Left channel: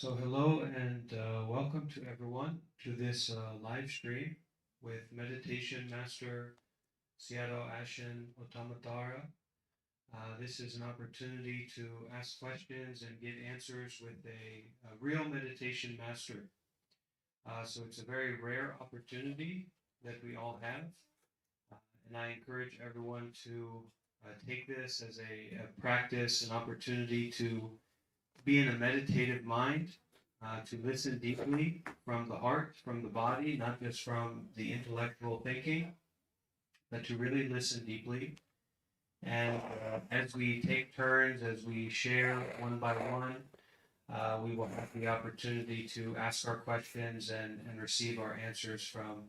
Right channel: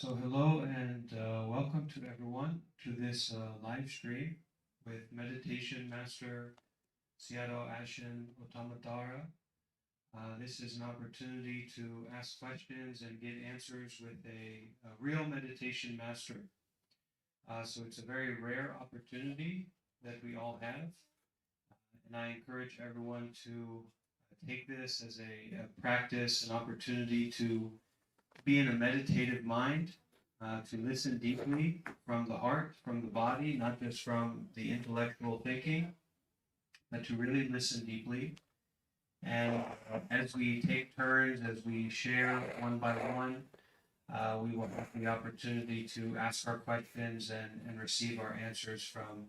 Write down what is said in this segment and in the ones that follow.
So hello and welcome to everyone to this live stream with Meditation Master Sayadaw Ashin Ottamathara. This is an opportunity to ask questions and get answers with a real meditation master. So it's a very rare opportunity that we all have. And I encourage everyone to take this as a practice, an opportunity to be in a meditative mind, to listen deeply from the heart, from the body, not just from the intellectual thinking, but to really listen deeply. And as we take turns, as we share one by one, we will have the opportunity to ask our questions and receive our answers from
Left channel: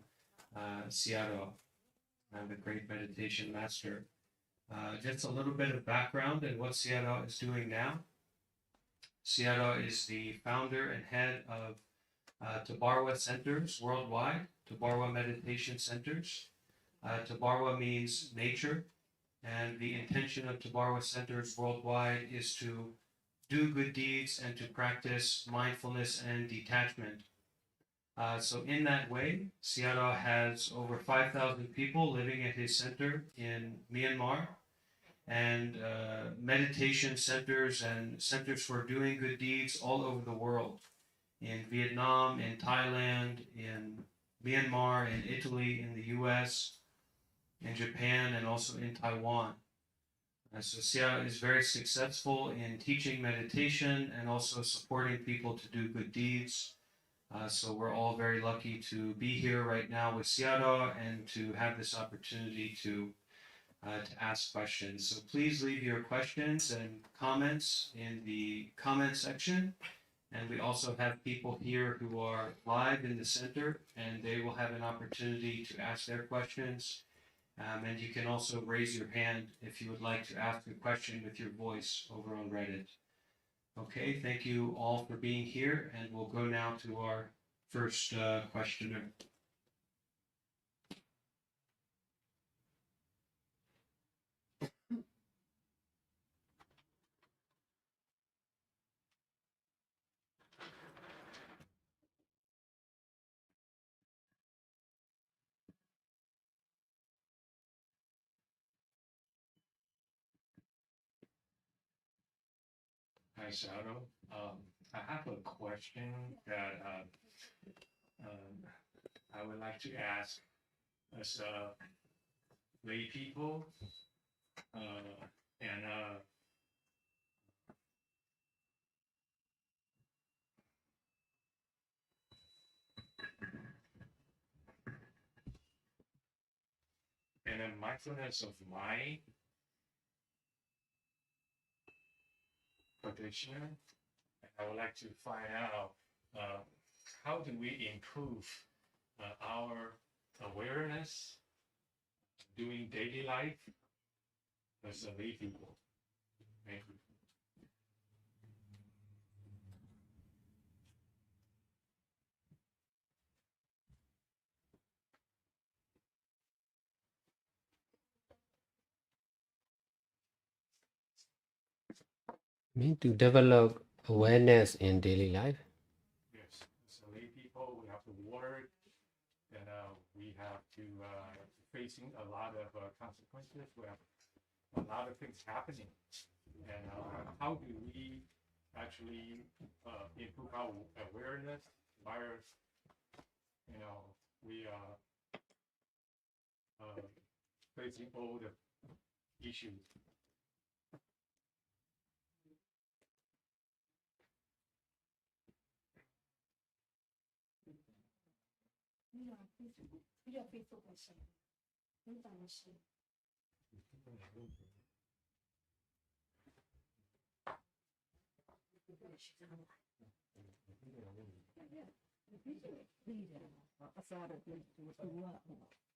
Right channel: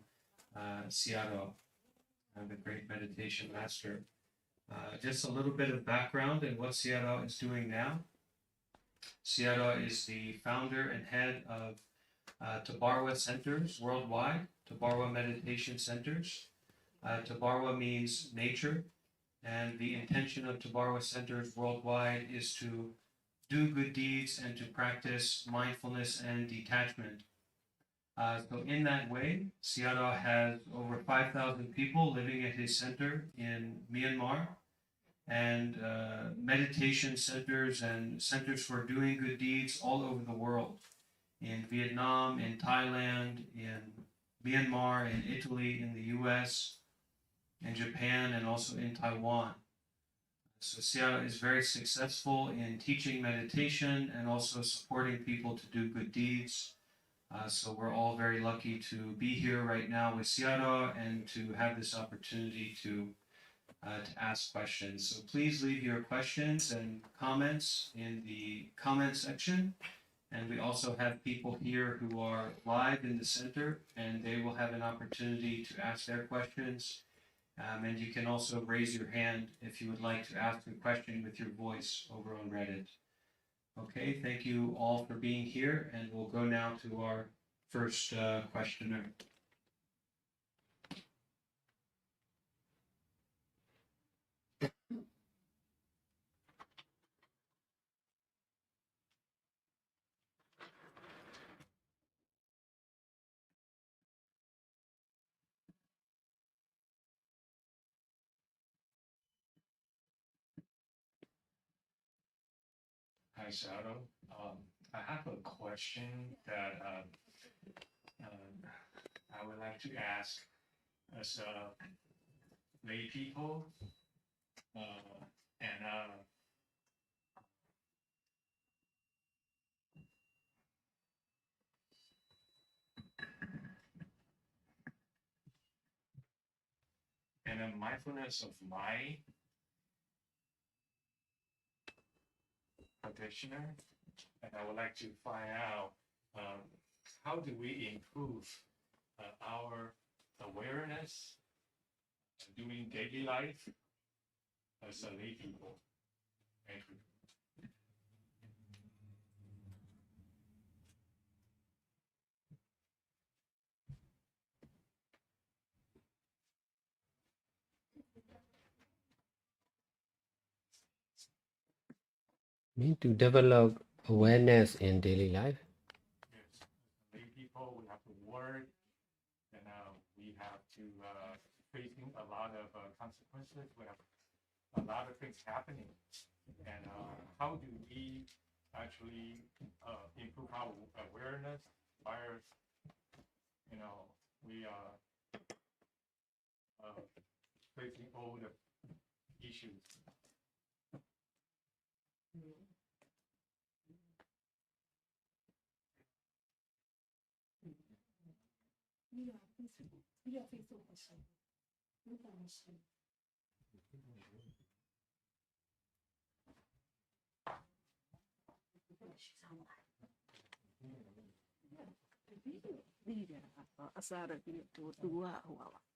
Sayadaw, the great meditation master. Just a little bit of background and what Sayadaw is doing now. Sayadaw is the founder and head of Tabarwa centers worldwide, Tabarwa meditation centers. Tabarwa means nature, and the intention of Tabarwa centers worldwide is to do good deeds and to practice mindfulness and detachment. So in that way, Sayadaw has over 5,000 people living at his center in Myanmar, and meditation centers and centers for doing good deeds all over the world, in Vietnam, in Thailand, in Myanmar, in Italy, in the US, in Japan, and also in Taiwan. And so Sayadaw is very successful in teaching meditation and also supporting people to do good deeds. So we're all very lucky to be here right now with Sayadaw and to have this opportunity to ask questions. So please leave your questions and comments in the comment section. And we also have people here who are live in the center, and they will have an opportunity to ask their questions. And you can also raise your hand if you would like to ask a question with your voice over on Reddit. Okay, thank you all for being here, and we'll go now to our first questioner. Hi, Sayadaw. I have a question that I would like to ask as lay people, and a mindfulness of mind practitioner, and I would like to find out how do we improve our awareness doing daily life as a lay people. Thank you. Mean to develop awareness in daily life. Yes, as a lay people, we have to work, and we have to facing a lot of consequences. We have a lot of things happening, and how do we actually improve our awareness while we are facing all the issues?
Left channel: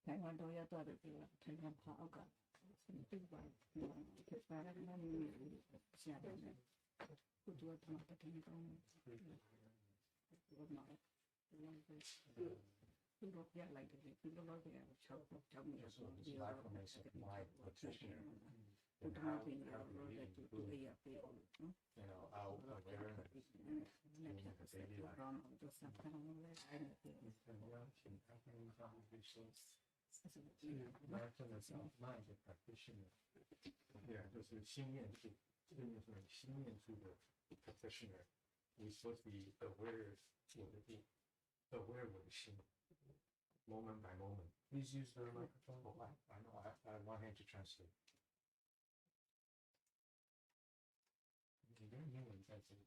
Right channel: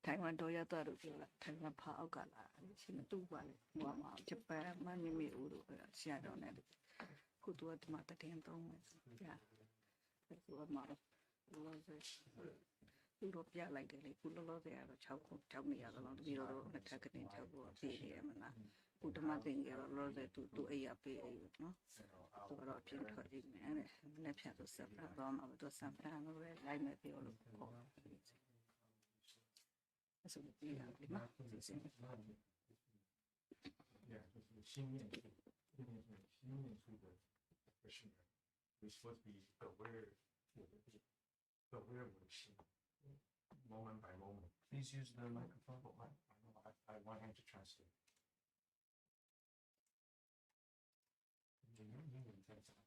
Taiwan Toyota Taiwan Paokala, Sinatuan, Mama, Japan, Manimi Uru, Shadow Net, Kutua Mata Tentong, yeah, that's what mother was Europea like the Pulo there, Chako, Chamia, along the Euro, attack in Chako, Tiamana, Uttamasara, Rose to AAP, no? To European and နေ့ဖြတ်တော့ဆက်တော့မှာတော့ဆက်ဖန်လို့ပဲလိုက်နေပြောလို့ပေါ့ဆိုပြီးလာပြီမှာ Mind practitioner. Yeah, 就是心念处，心念处的 practitioner. We supposed to be aware 我的心 aware 我的心 moment by moment. Please use the microphone. I know I have one hand to translate. 你用英文在讲。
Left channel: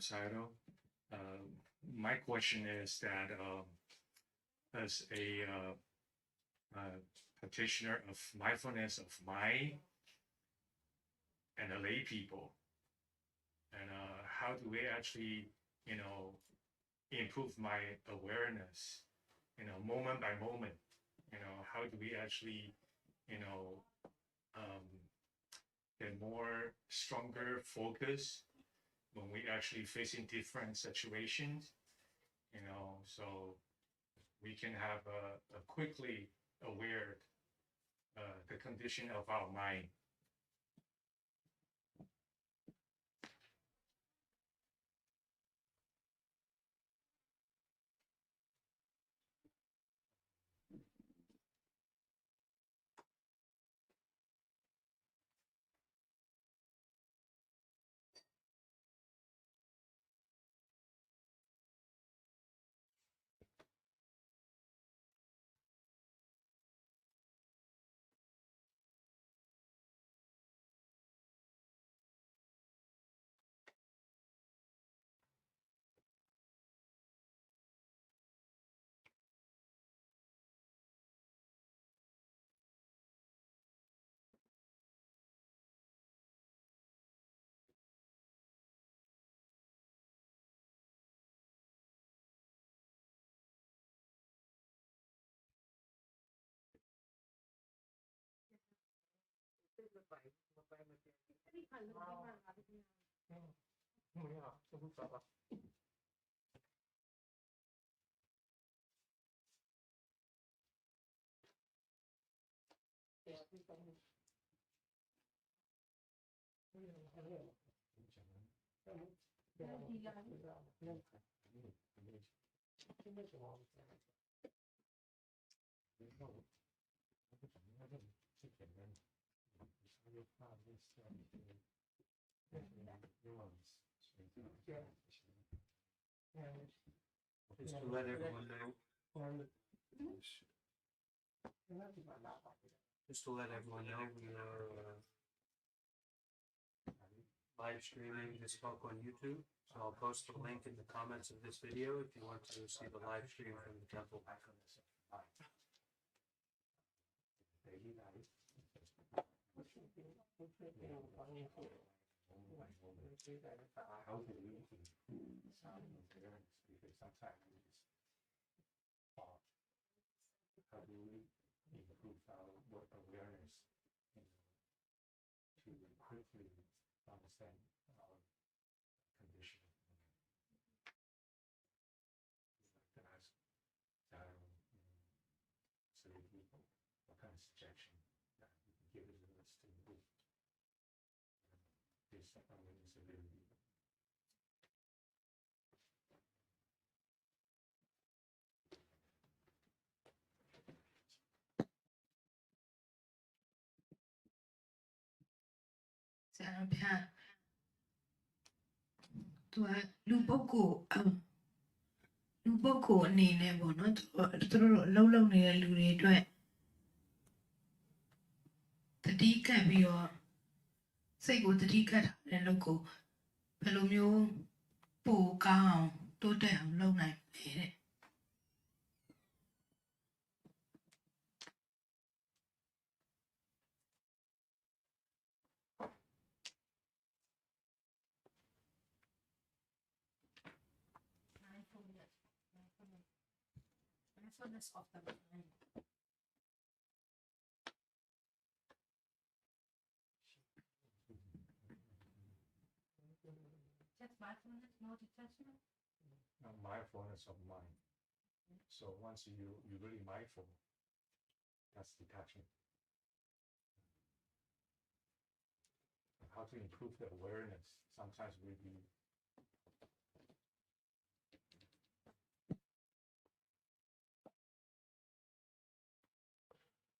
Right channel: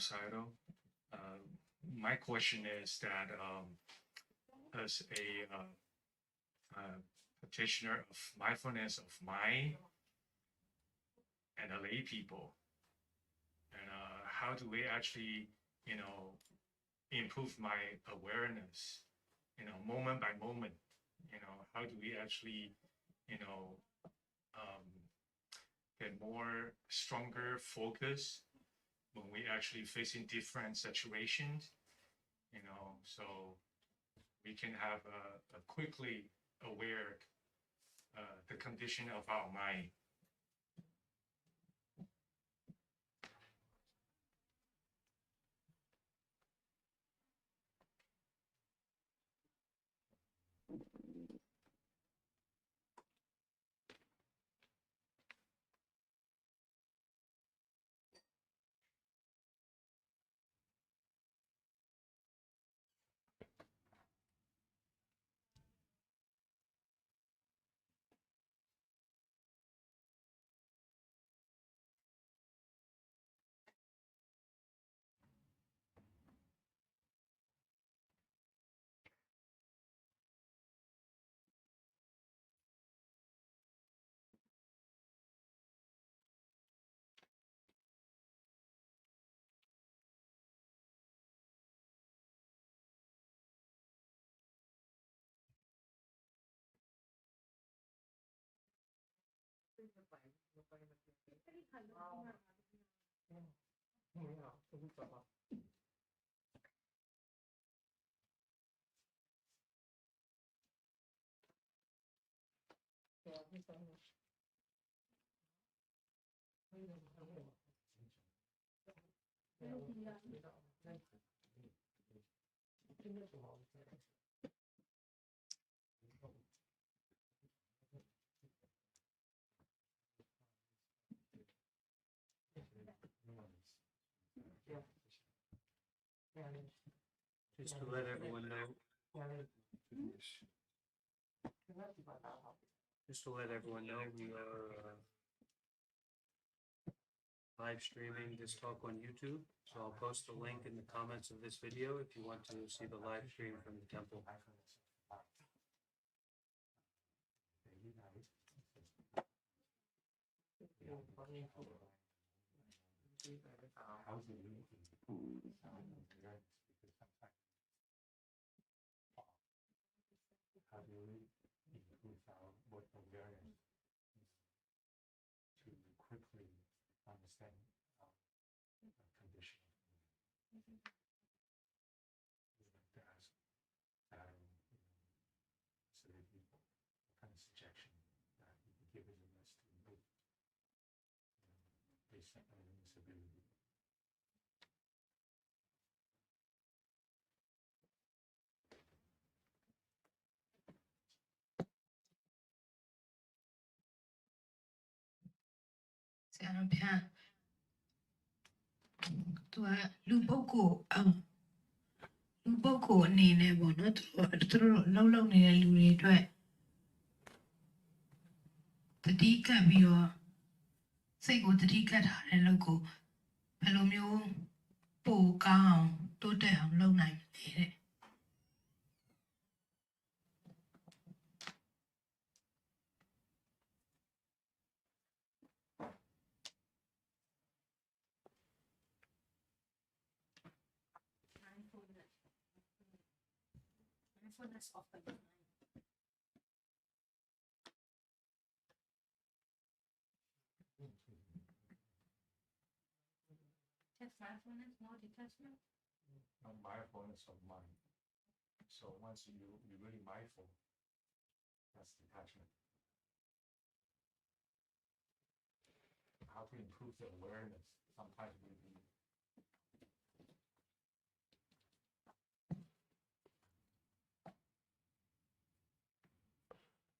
Sayadaw, my question is that as a practitioner of mindfulness of mind and a lay people, and how do we actually, improve my awareness, moment by moment, how do we actually, get more stronger focus when we actually facing different situations, so we can have a quickly aware the condition of our mind. Just to let everyone know. Just to let everyone know, we are live streaming this talk on YouTube. So I'll post the link in the comments of this video if you want to see the live stream from the temple. How do we improve our awareness to quickly understand our condition? To ask certain people what kind of suggestion that you can give us to improve this awareness ability. To Luboko, Luboko, Nina, not through Lolo near Luri Dry. The D can be your say what the D cat and loco. Pelomio, Po, Cow, do down, low night. Mindfulness of the mind. Just mindfulness, no detachment. No mindfulness of mind. So once you're really mindful, that's detachment. How to improve the awareness? Sometimes we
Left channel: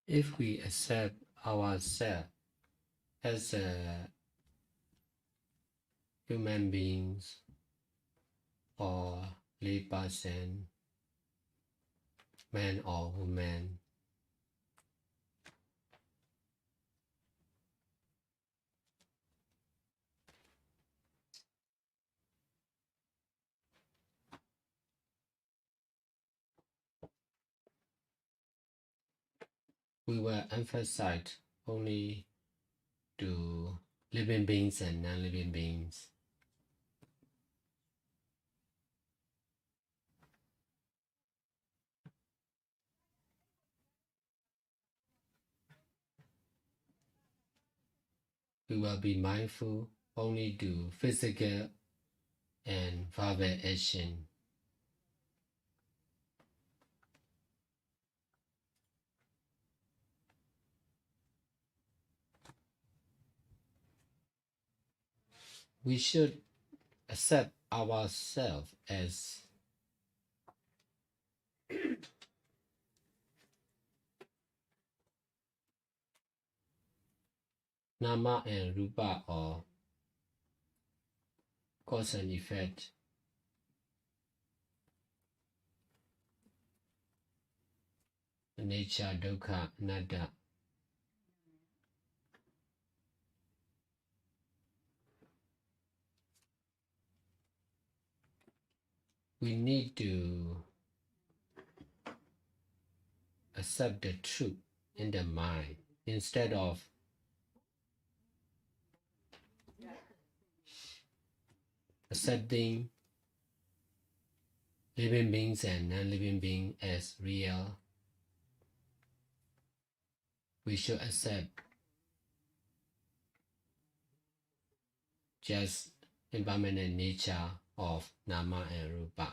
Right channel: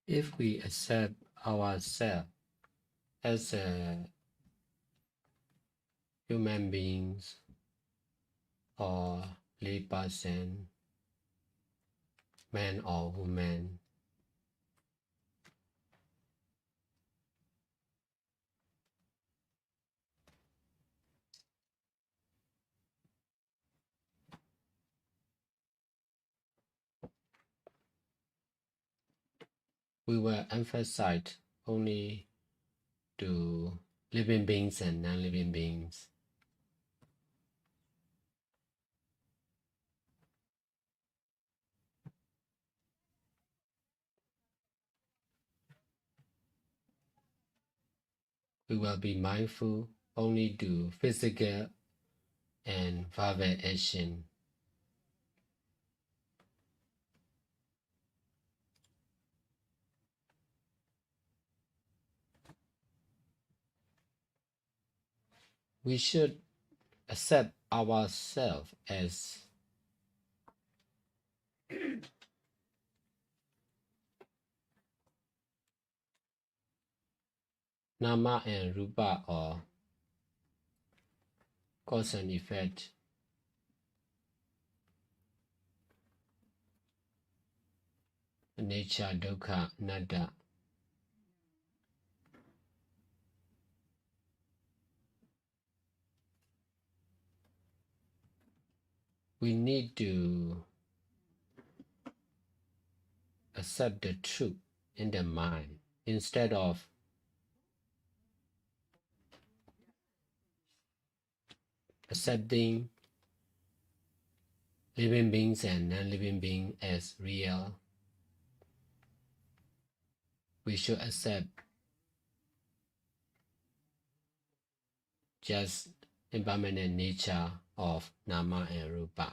If we accept ourselves as a human beings or lay person, man or woman, we will emphasize only to living beings and non-living beings. We will be mindful only to physical and verbal action. We should accept ourselves as Nama and Rupa, or cause and effect. Nature, dukkha, anatta. We need to accept the truth in the mind instead of accepting living beings and non-living beings as real. We should accept just impermanent nature of Nama and Rupa.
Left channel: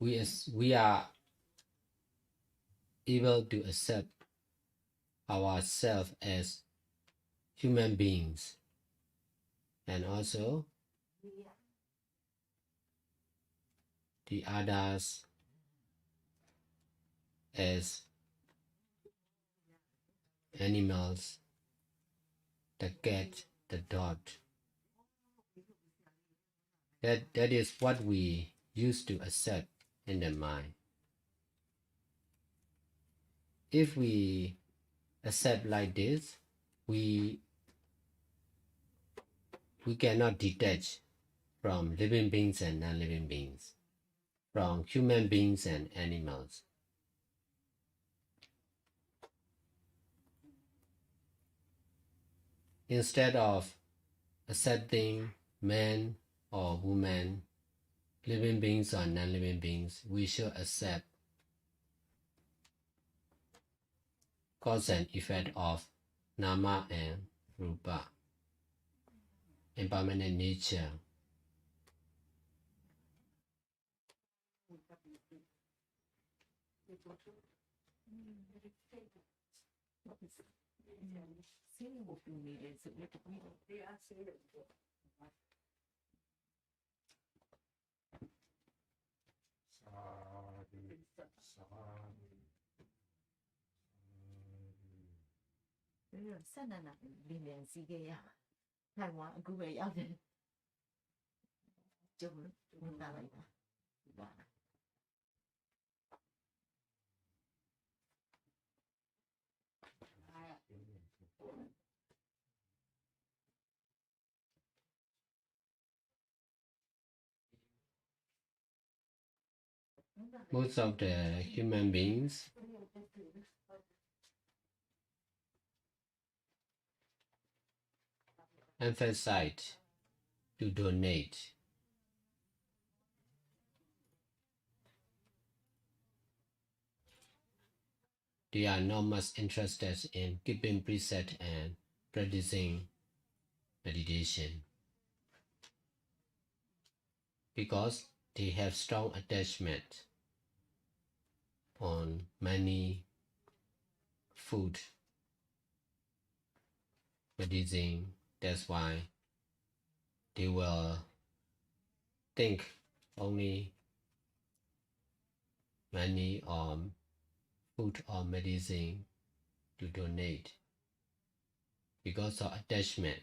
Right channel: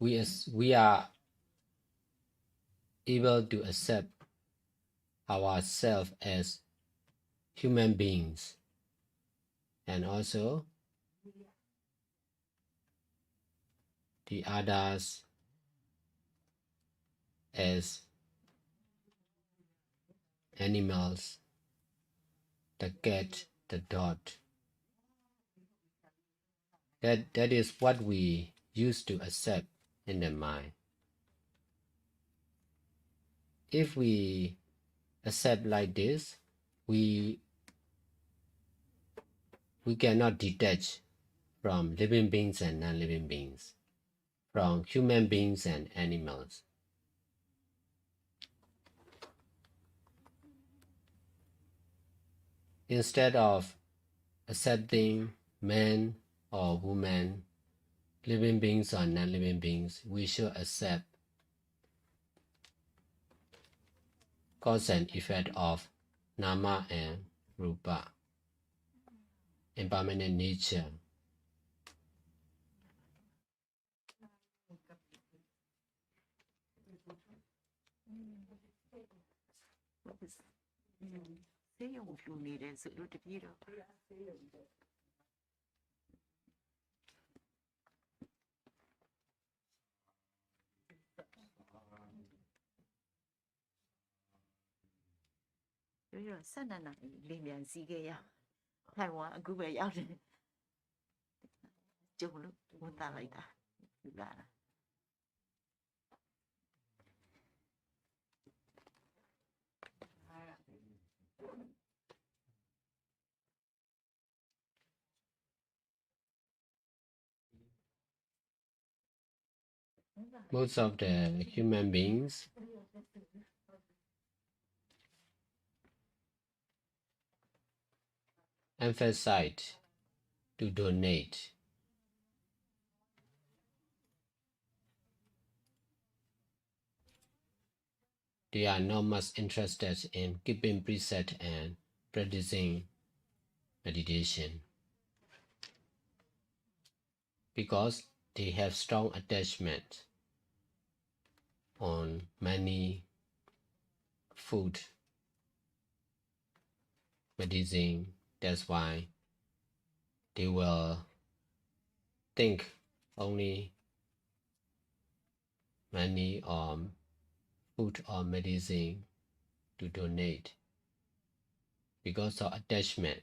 We are able to accept ourselves as human beings and also the others as animals, the cat, the dog. That is what we used to accept in the mind. If we accept like this, we cannot detach from living beings and non-living beings, from human beings and animals. Instead of accepting man or woman, living beings or non-living beings, we should accept cause and effect of Nama and Rupa, impermanent nature. Most of the human beings emphasize to donate. They are not much interested in keeping precept and practicing meditation because they have strong attachment on many food, medicine. That's why they will think only money or food or medicine to donate because of attachment.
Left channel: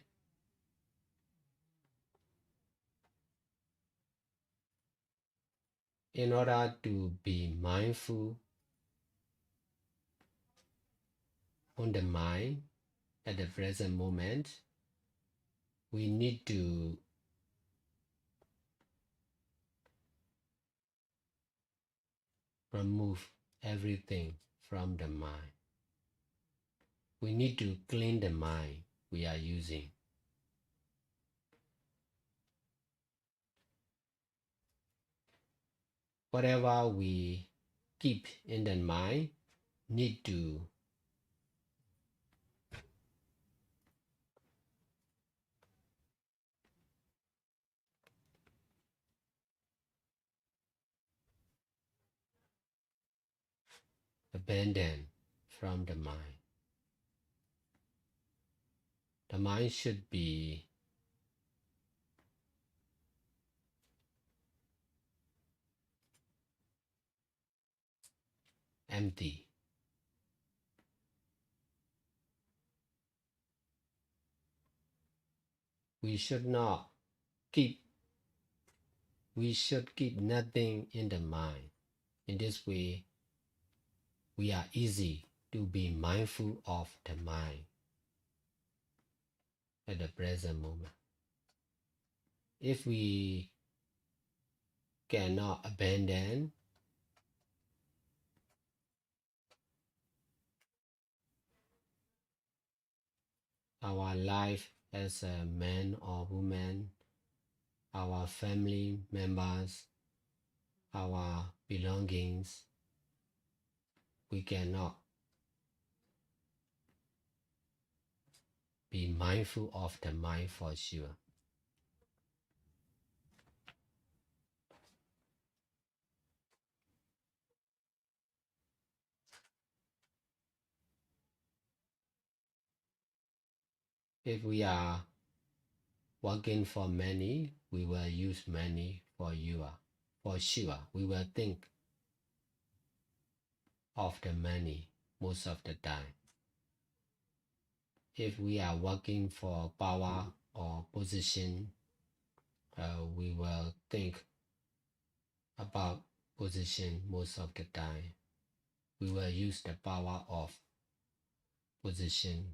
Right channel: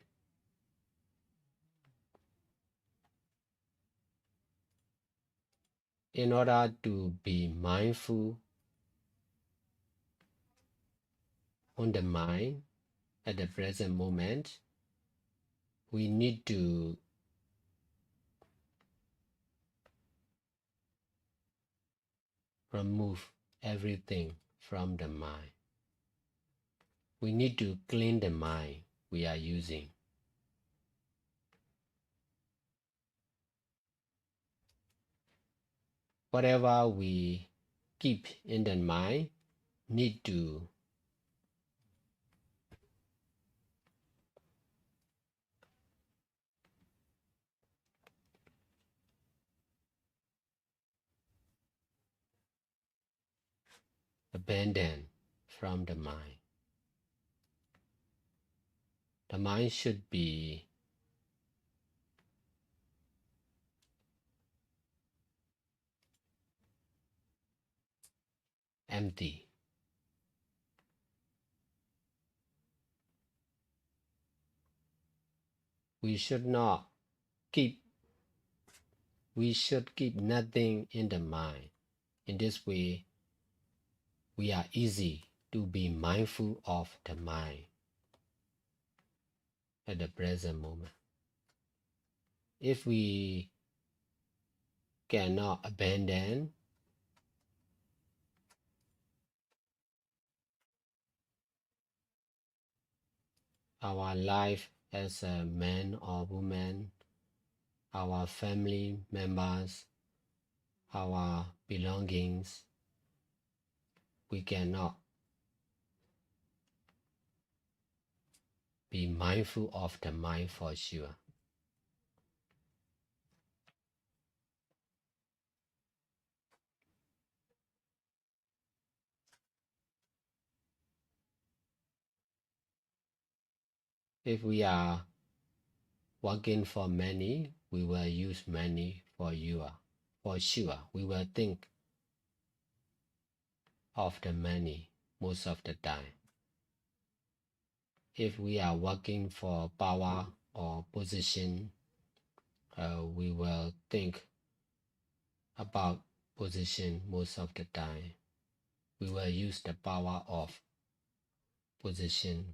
In order to be mindful on the mind at the present moment, we need to remove everything from the mind. We need to clean the mind we are using. Whatever we keep in the mind need to abandon from the mind. The mind should be empty. We should keep nothing in the mind. In this way, we are easy to be mindful of the mind at the present moment. If we cannot abandon our life as a man or woman, our family members, our belongings, we cannot be mindful of the mind for sure. If we are working for money, we will use money for sure. We will think of the money most of the time. If we are working for power or position, we will think about position most of the time. We will use the power of position.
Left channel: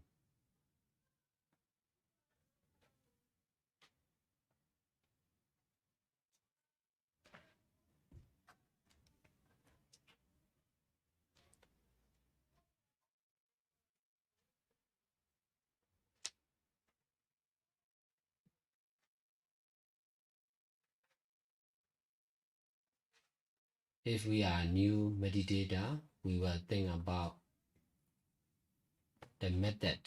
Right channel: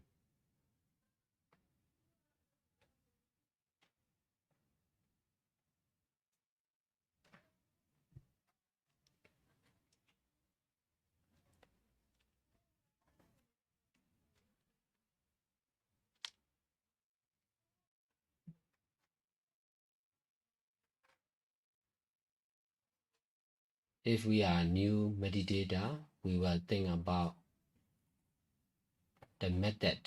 If we are new meditator, we will think about the method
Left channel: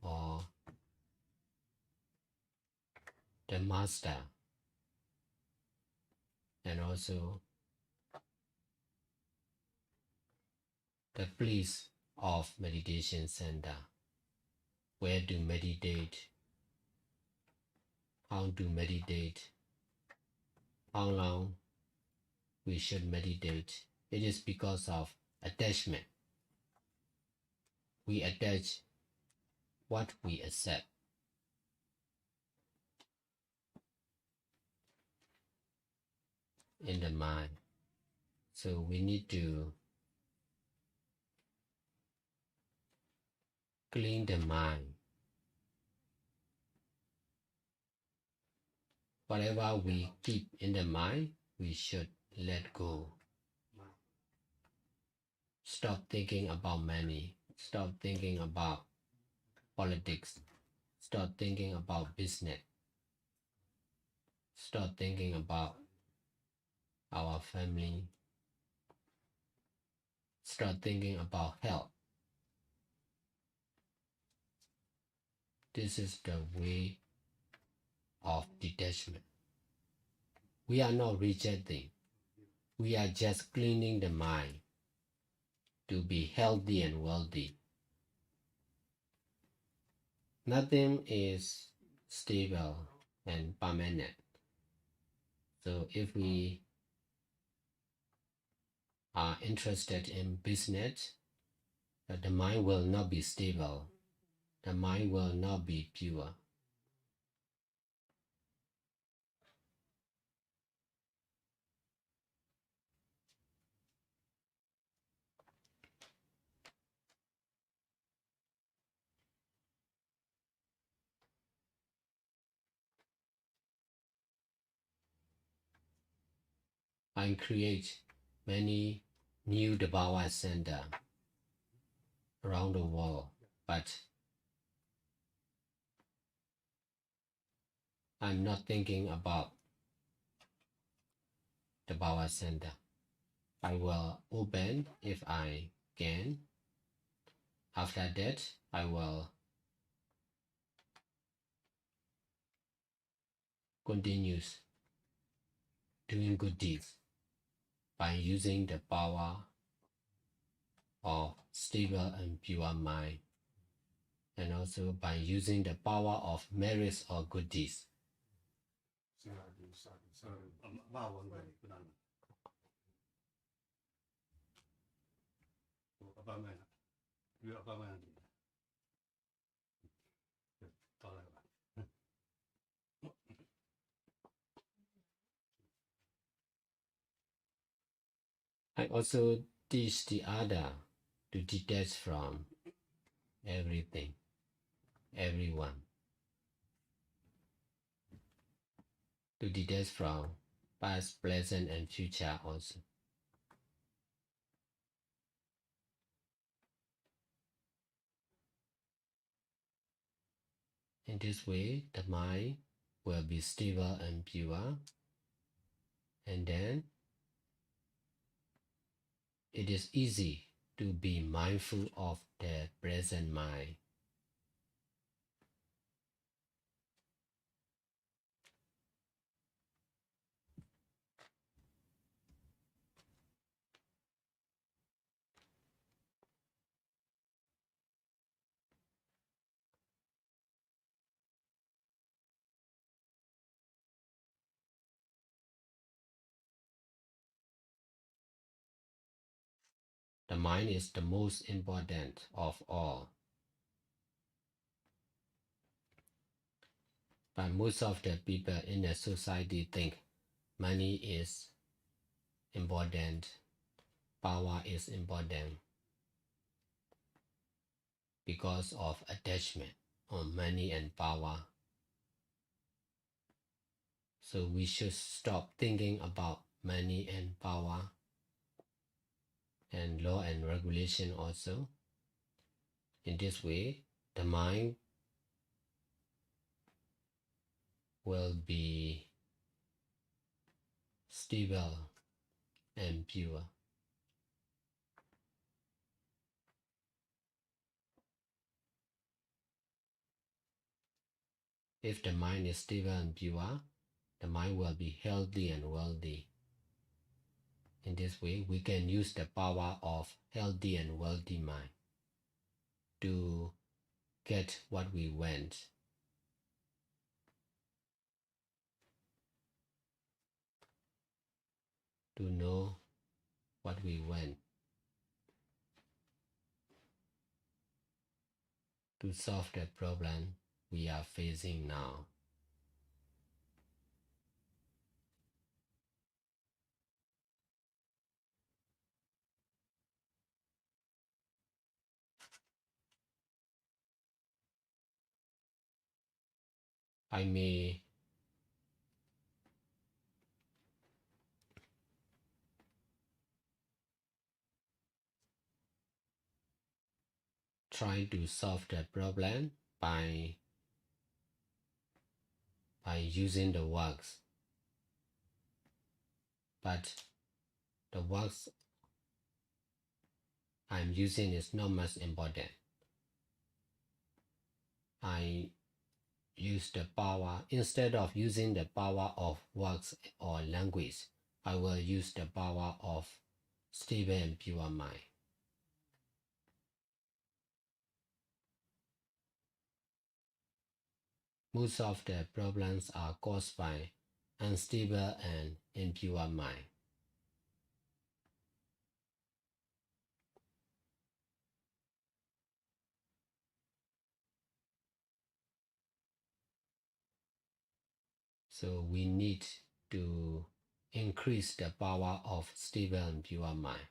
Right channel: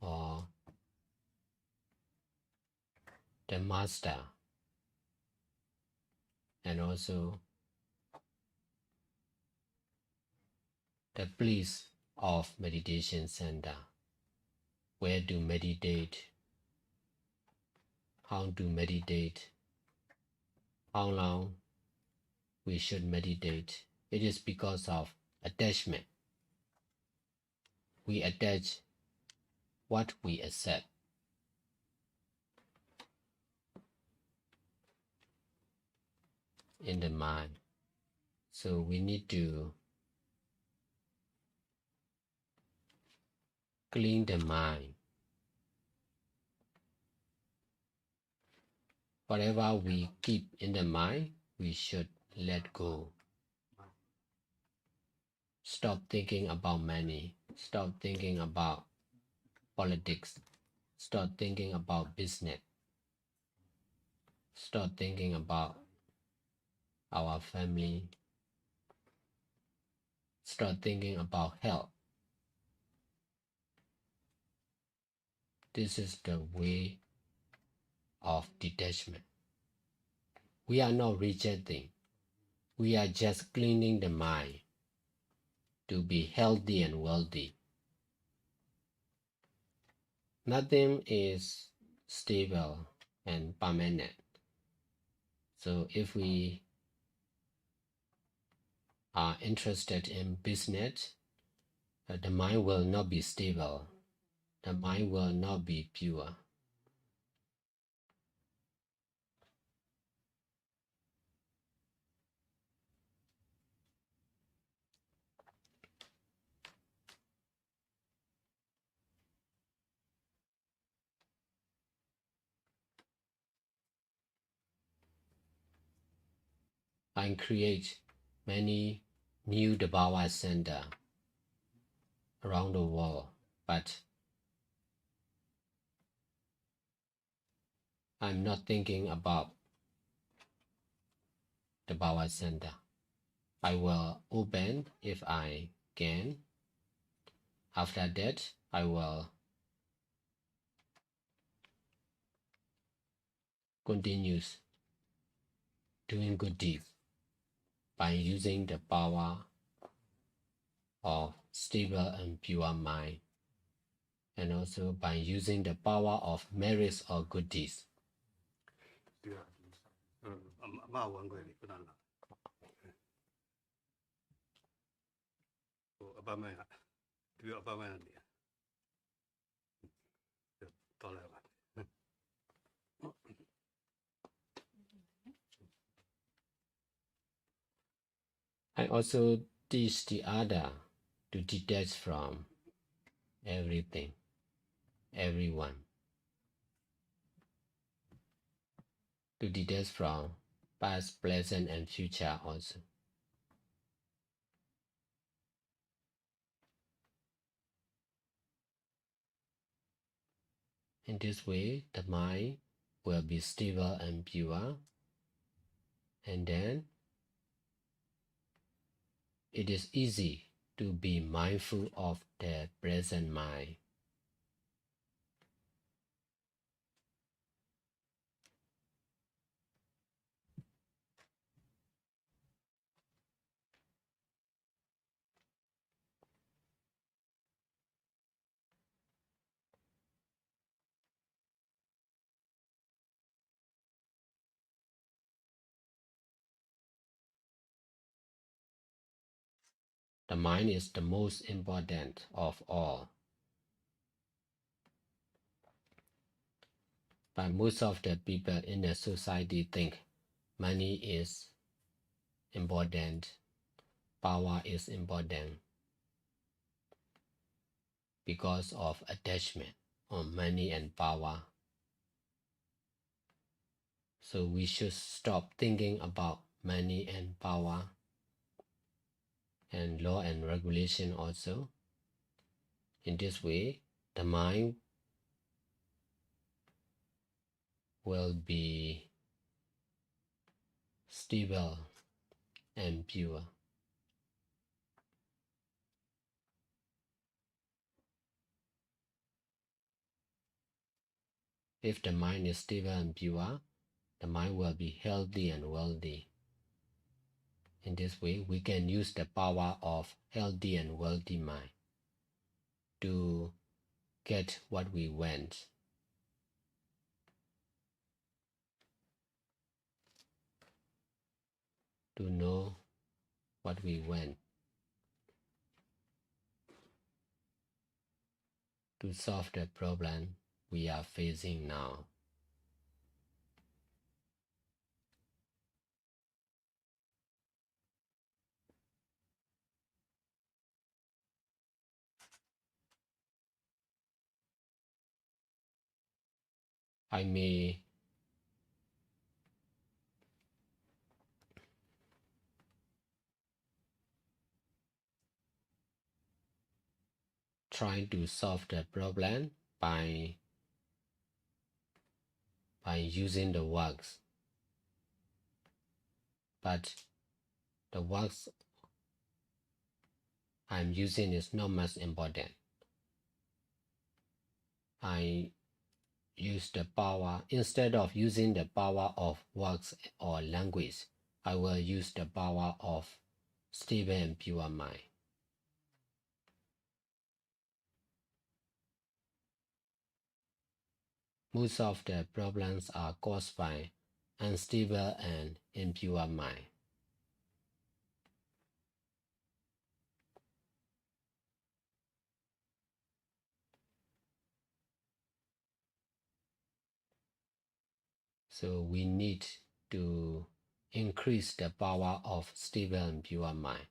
or the master and also the place of meditation center, where to meditate, how to meditate, how long we should meditate. It is because of attachment. We attach what we accept. In the mind. So we need to clean the mind. Whatever we keep in the mind, we should let go. Stop thinking about money. Stop thinking about politics. Stop thinking about business. Stop thinking about our family. Start thinking about health. this is the way of detachment. We are not rejecting. We are just cleaning the mind to be healthy and wealthy. Nothing is stable and permanent. So if we are interested in business, the mind will not be stable. The mind will not be pure. I create many new Dhamma centers around the world, but I'm not thinking about the Dhamma center. I will open if I can. After that, I will continue doing good deeds by using the power of stable and pure mind, and also by using the power of merits or good deeds. I also teach the other to detach from everything, everyone, to detach from past, present, and future also. In this way, the mind will be stable and pure, and then it is easy to be mindful of the present mind. The mind is the most important of all. But most of the people in the society think money is important, power is important, because of attachment on money and power. So we should stop thinking about money and power and law and regulation also. In this way, the mind will be stable and pure. If the mind is stable and pure, the mind will be healthy and wealthy. In this way, we can use the power of healthy and wealthy mind to get what we want. To know what we want. To solve the problem we are facing now. I may try to solve the problem by using the works. But the works I'm using is not much important. I use the power, instead of using the power of works or language, I will use the power of stable and pure mind. Most of the problems are caused by unstable and impure mind. So we need to increase the power of stable and pure mind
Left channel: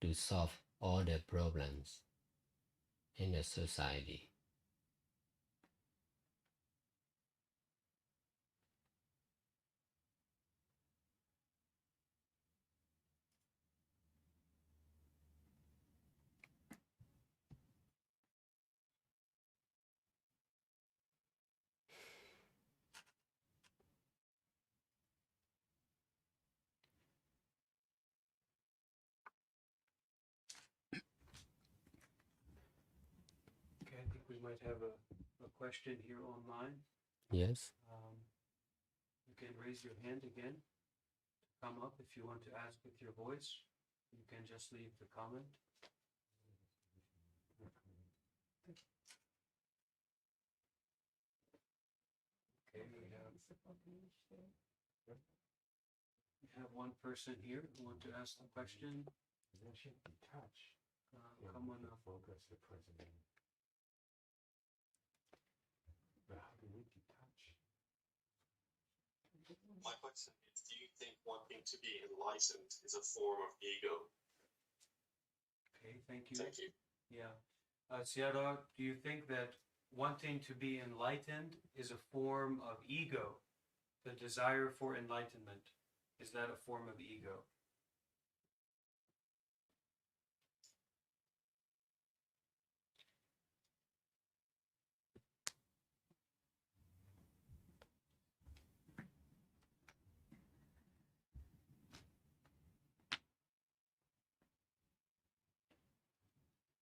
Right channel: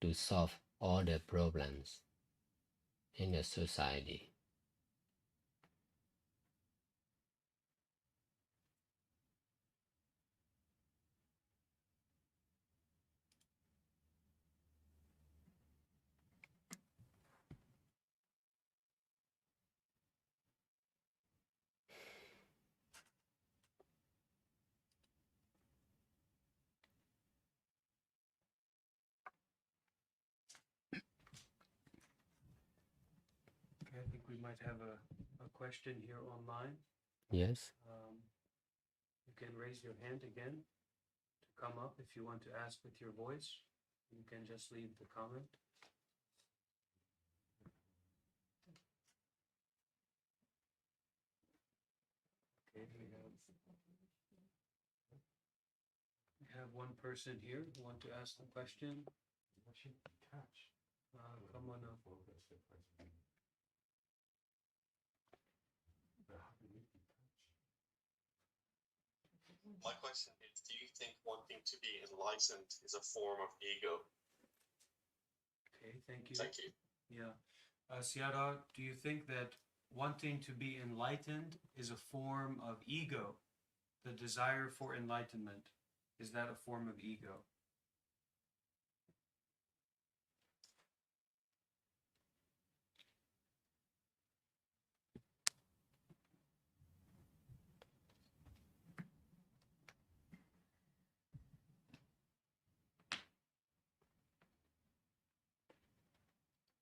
to solve all the problems in the society. Okay, I think we might have a question here online. Yes? You can raise your hand again to come up if you want to ask with your voice. You can just leave the comment. Okay, we have one person here who want to ask the question. Come on up. Focus the president. But how do we detach? My question is, do you think wanting to be enlightened is a form of ego? Okay, thank you. Thank you. Yeah. Sayadaw, do you think that wanting to be enlightened is a form of ego? The desire for enlightenment, is that a form of ego?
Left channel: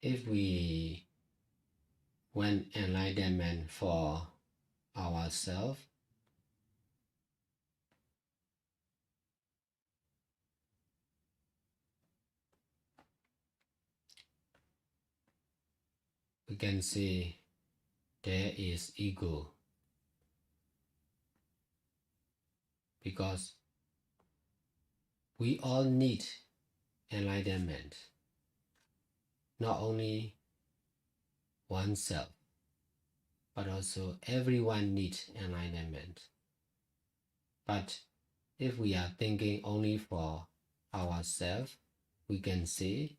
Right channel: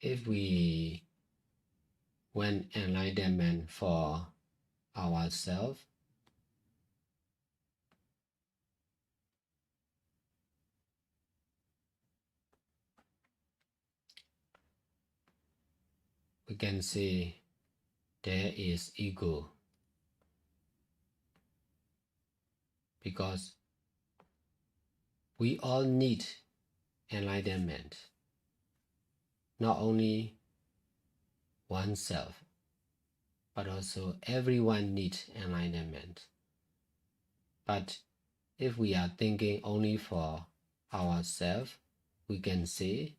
If we want enlightenment for ourselves, we can say there is ego, because we all need enlightenment, not only oneself, but also everyone needs enlightenment. But if we are thinking only for ourselves, we can say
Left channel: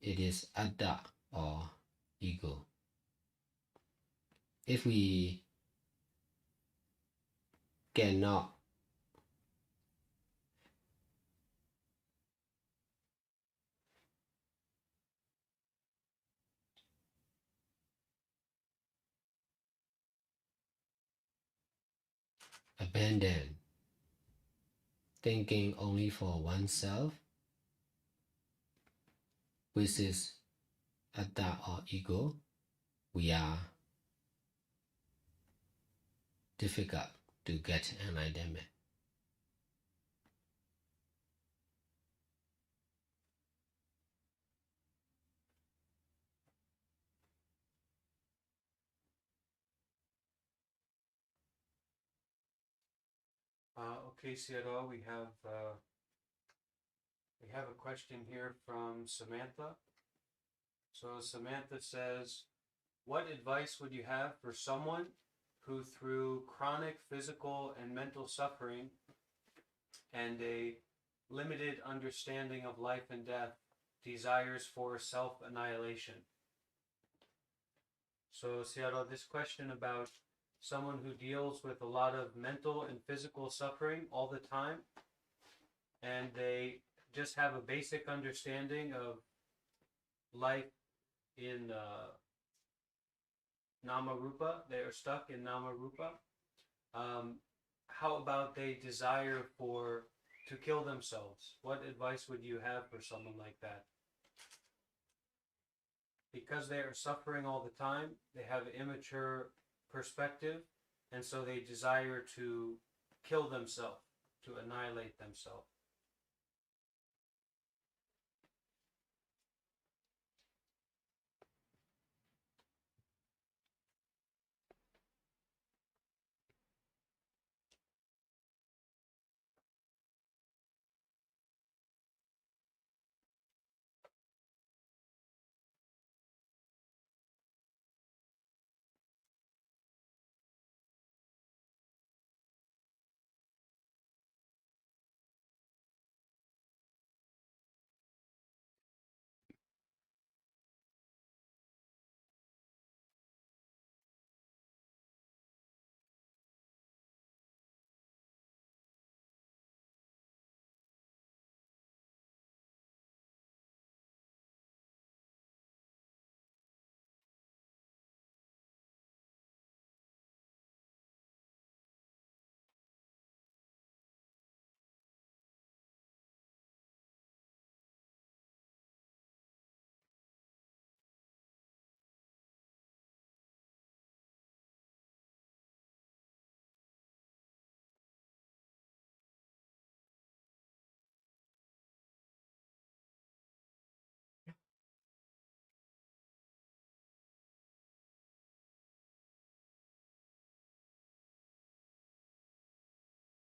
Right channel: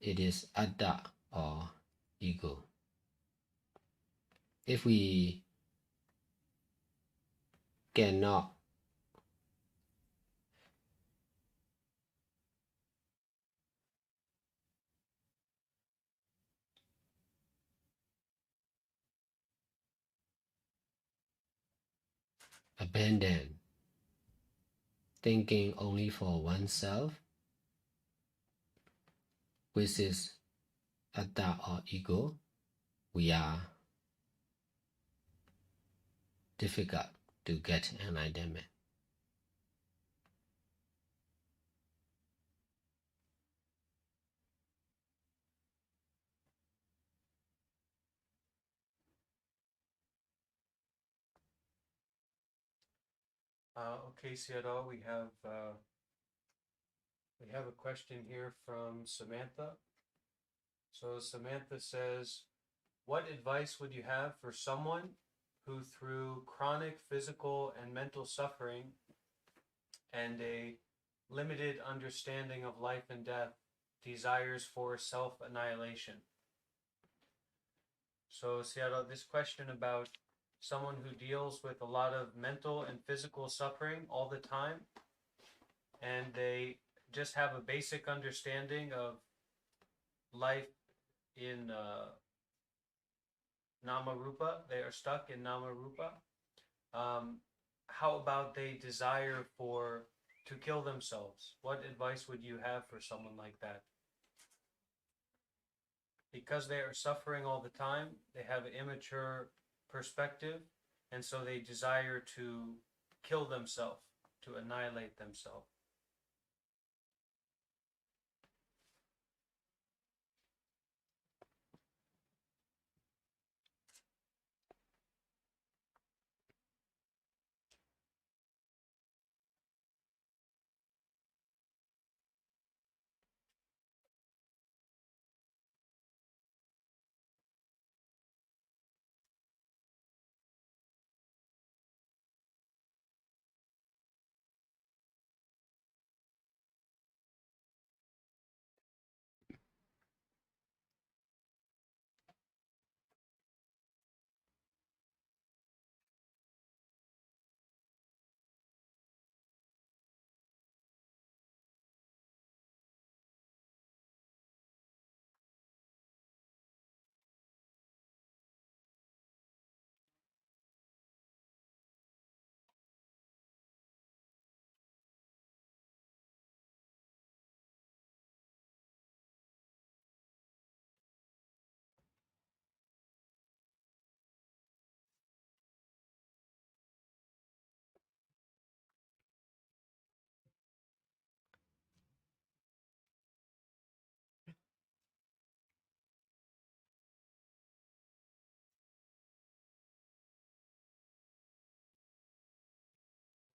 it is atta or ego. If we cannot abandon thinking only for oneself, which is atta or ego, we are difficult to get enlightenment. Okay, Sayadaw, we have a question here from Samantha. So Samantha says, what advice would you have for someone who, through chronic physical and mental suffering and a limited understanding of life and death, desires for self-annihilation? So Sayadaw, this question about someone who deals with a lot of mental and physical suffering all the time, and they just have a basic understanding of life in Nama Rupa, they are stuck in Nama Rupa. How about they desire to kill themselves? What advice would you have for someone like that? Because they are suffering all the time, they have immature perspective, and so they desire to kill themselves, to annihilate themselves.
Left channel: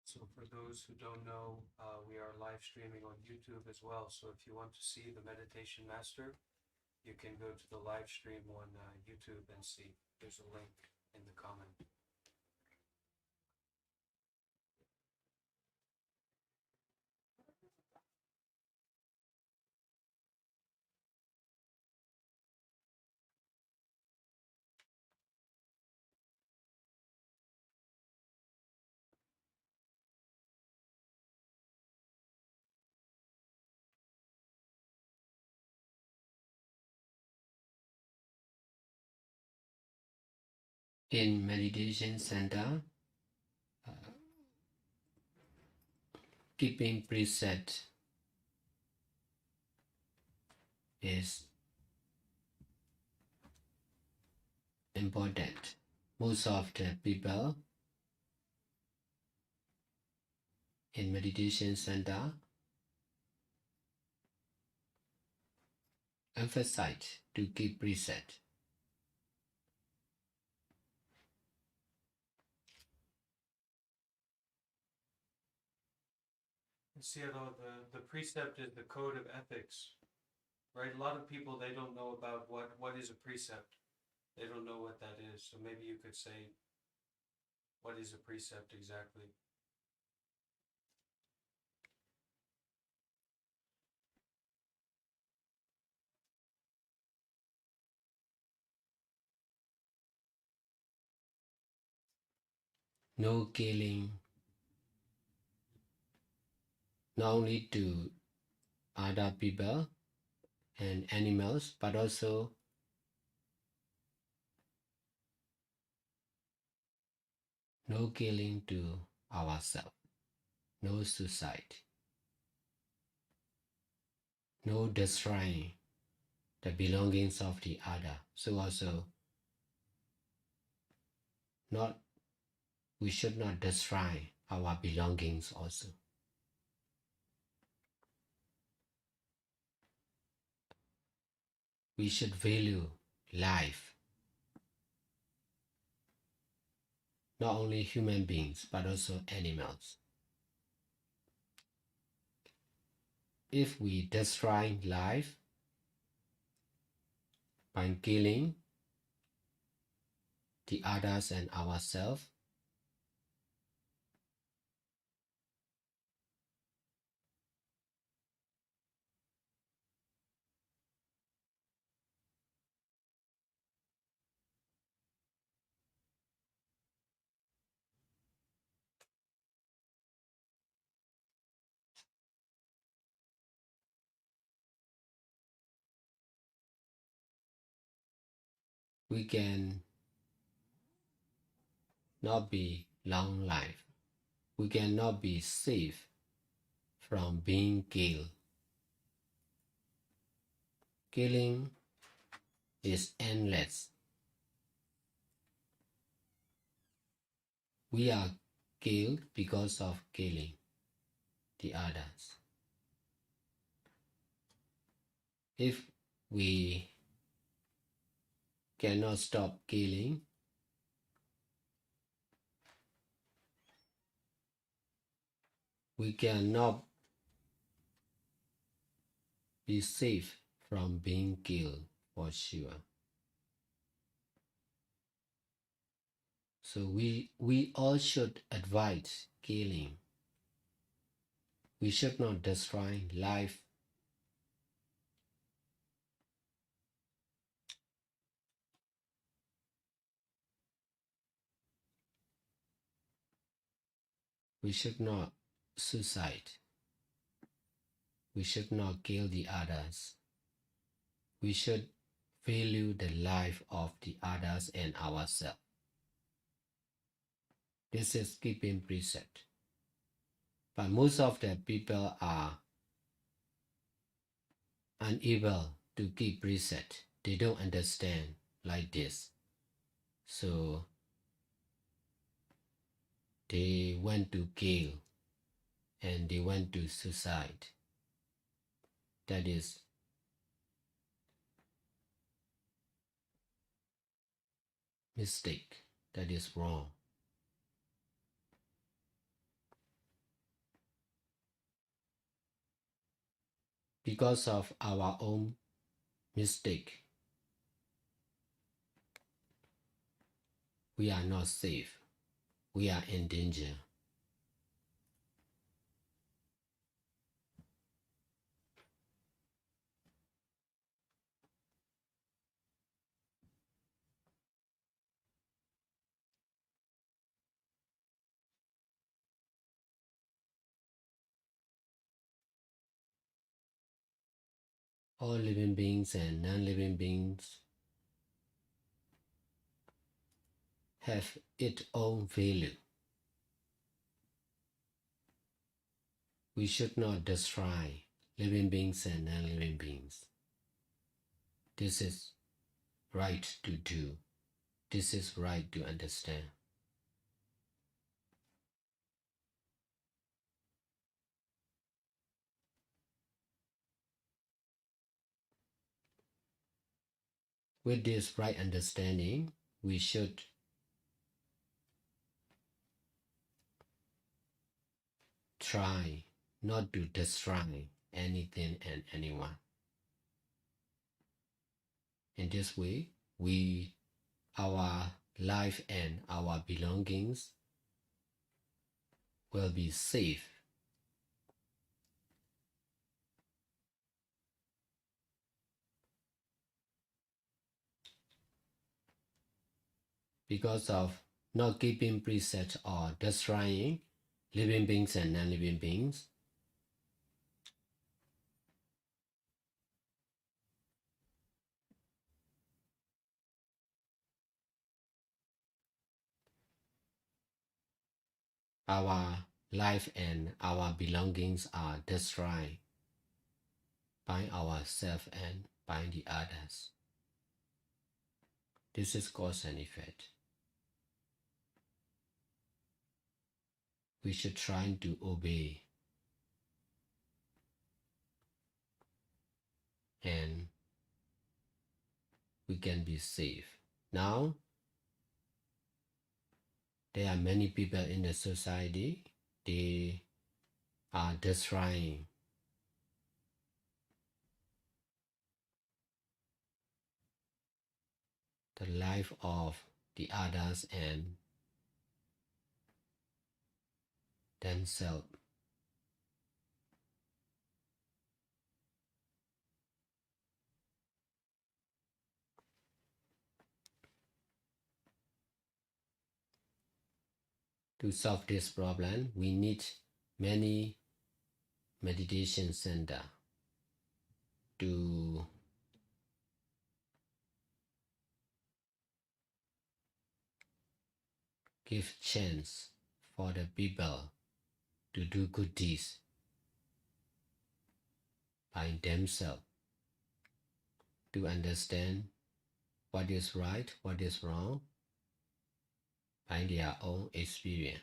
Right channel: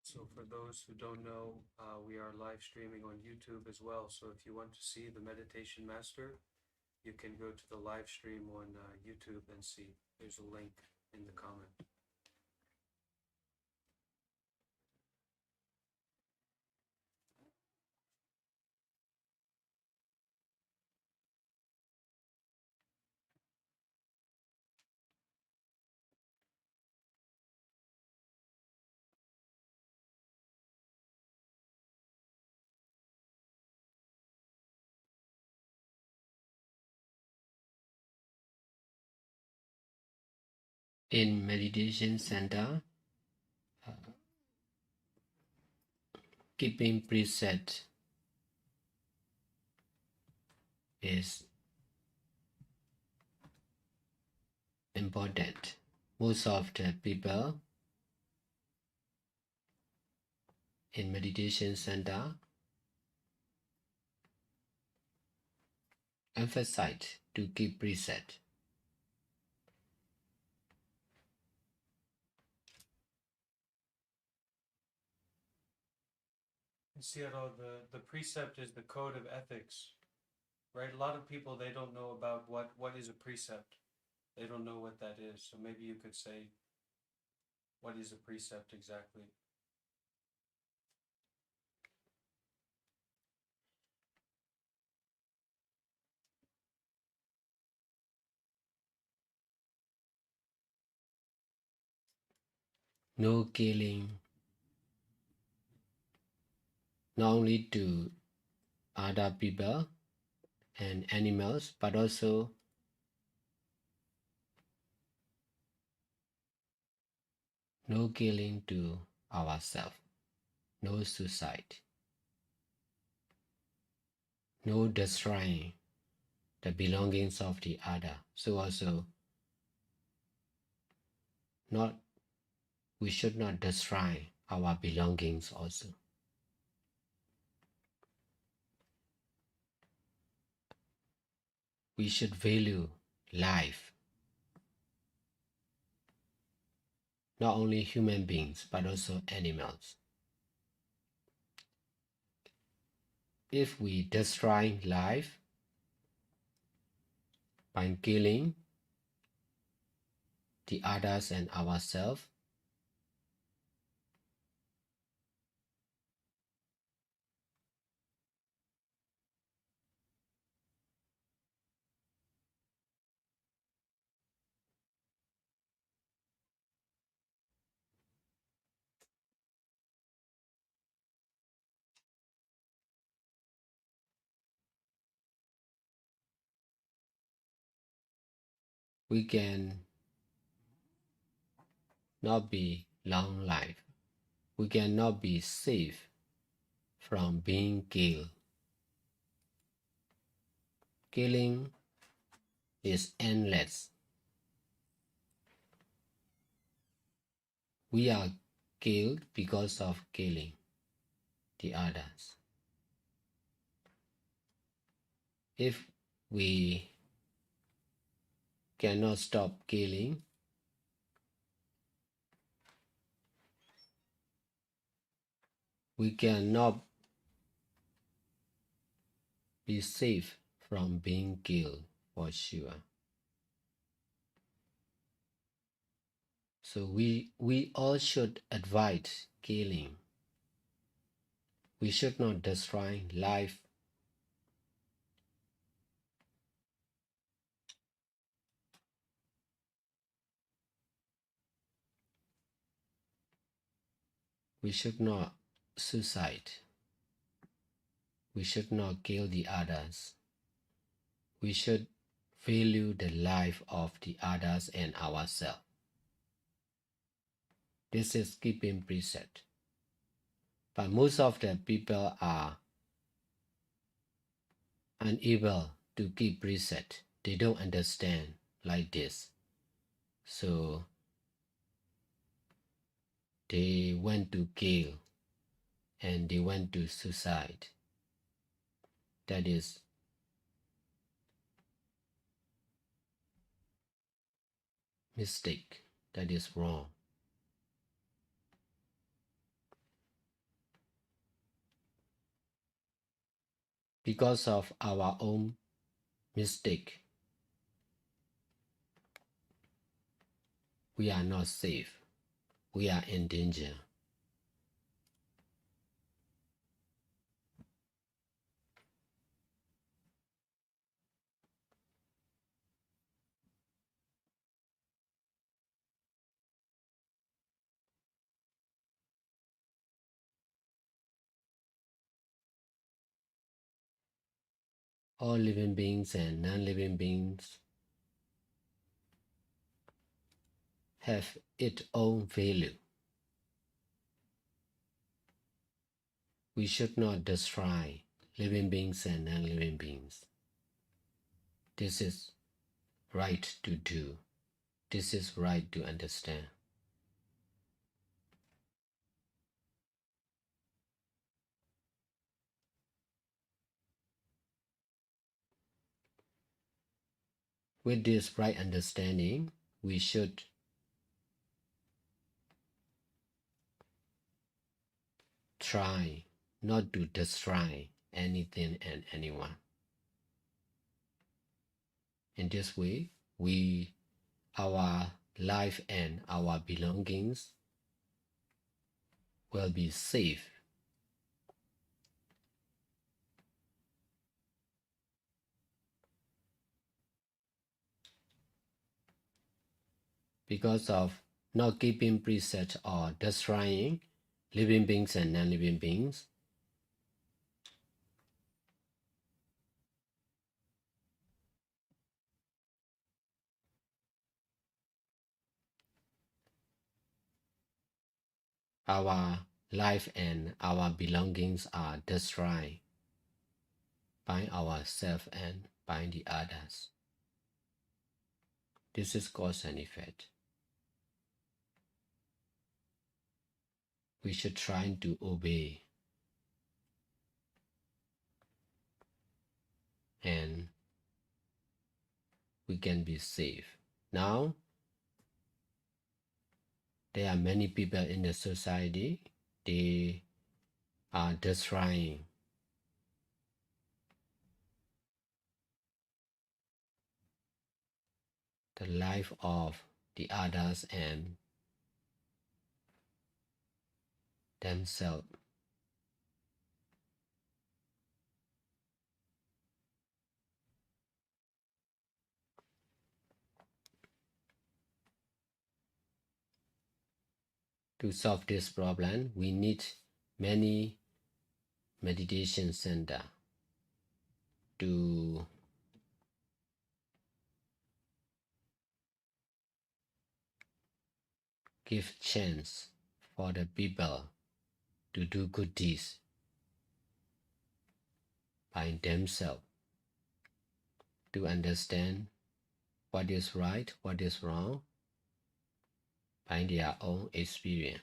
So for those who don't know, we are live streaming on YouTube as well. So if you want to see the meditation master, you can go to the live stream on YouTube and see. There's a link in the comment. In meditation center, keeping preset is important. Most of the people in meditation center emphasize to keep preset. Sayadaw, the precept is the code of ethics, right? A lot of people, they don't know about what is a precept. They don't know what that is. So maybe you could say, what is a precept exactly? No killing, not only to other people and animals, but also no killing to ourselves, no suicide, no destroying the belongings of the other. So also, we should not destroy our belongings also. We should value life, not only human beings, but also animals. If we destroy life by killing the others and ourselves, we can not be long life. We cannot be safe from being killed. Killing is endless. we are killed because of killing the others. If we cannot stop killing, we cannot be safe from being killed for sure. So we all should avoid killing. We should not destroy life. We should not suicide. We should not kill the others. We should value the life of the others and ourselves. This is keeping precept. But most of the people are unable to keep precept. They don't understand like this. So they went to kill and they went to suicide. That is mistake. That is wrong. Because of our own mistake, we are not safe. We are in danger. All living beings and non-living beings have its own value. We should not destroy living beings and non-living beings. This is right to do. This is right to understand. With this right understanding, we should try not to destroy anything and anyone. In this way, our life and our belongings will be safe. Because of not keeping precepts or destroying living beings and non-living beings, our life and our belongings are destroyed by ourselves and by the others. This is cause and effect. We should try to obey and we can be safe. Now, there are many people in the society, they are destroying the life of the others and themselves. To solve this problem, we need many meditation centers to give chance for the people to do good deeds by themselves, to understand what is right, what is wrong by by their own experience.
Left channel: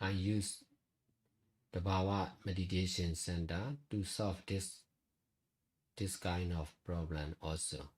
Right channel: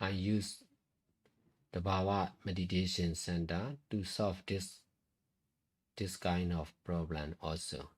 I use the Bhava Meditation Center to solve this kind of problem also.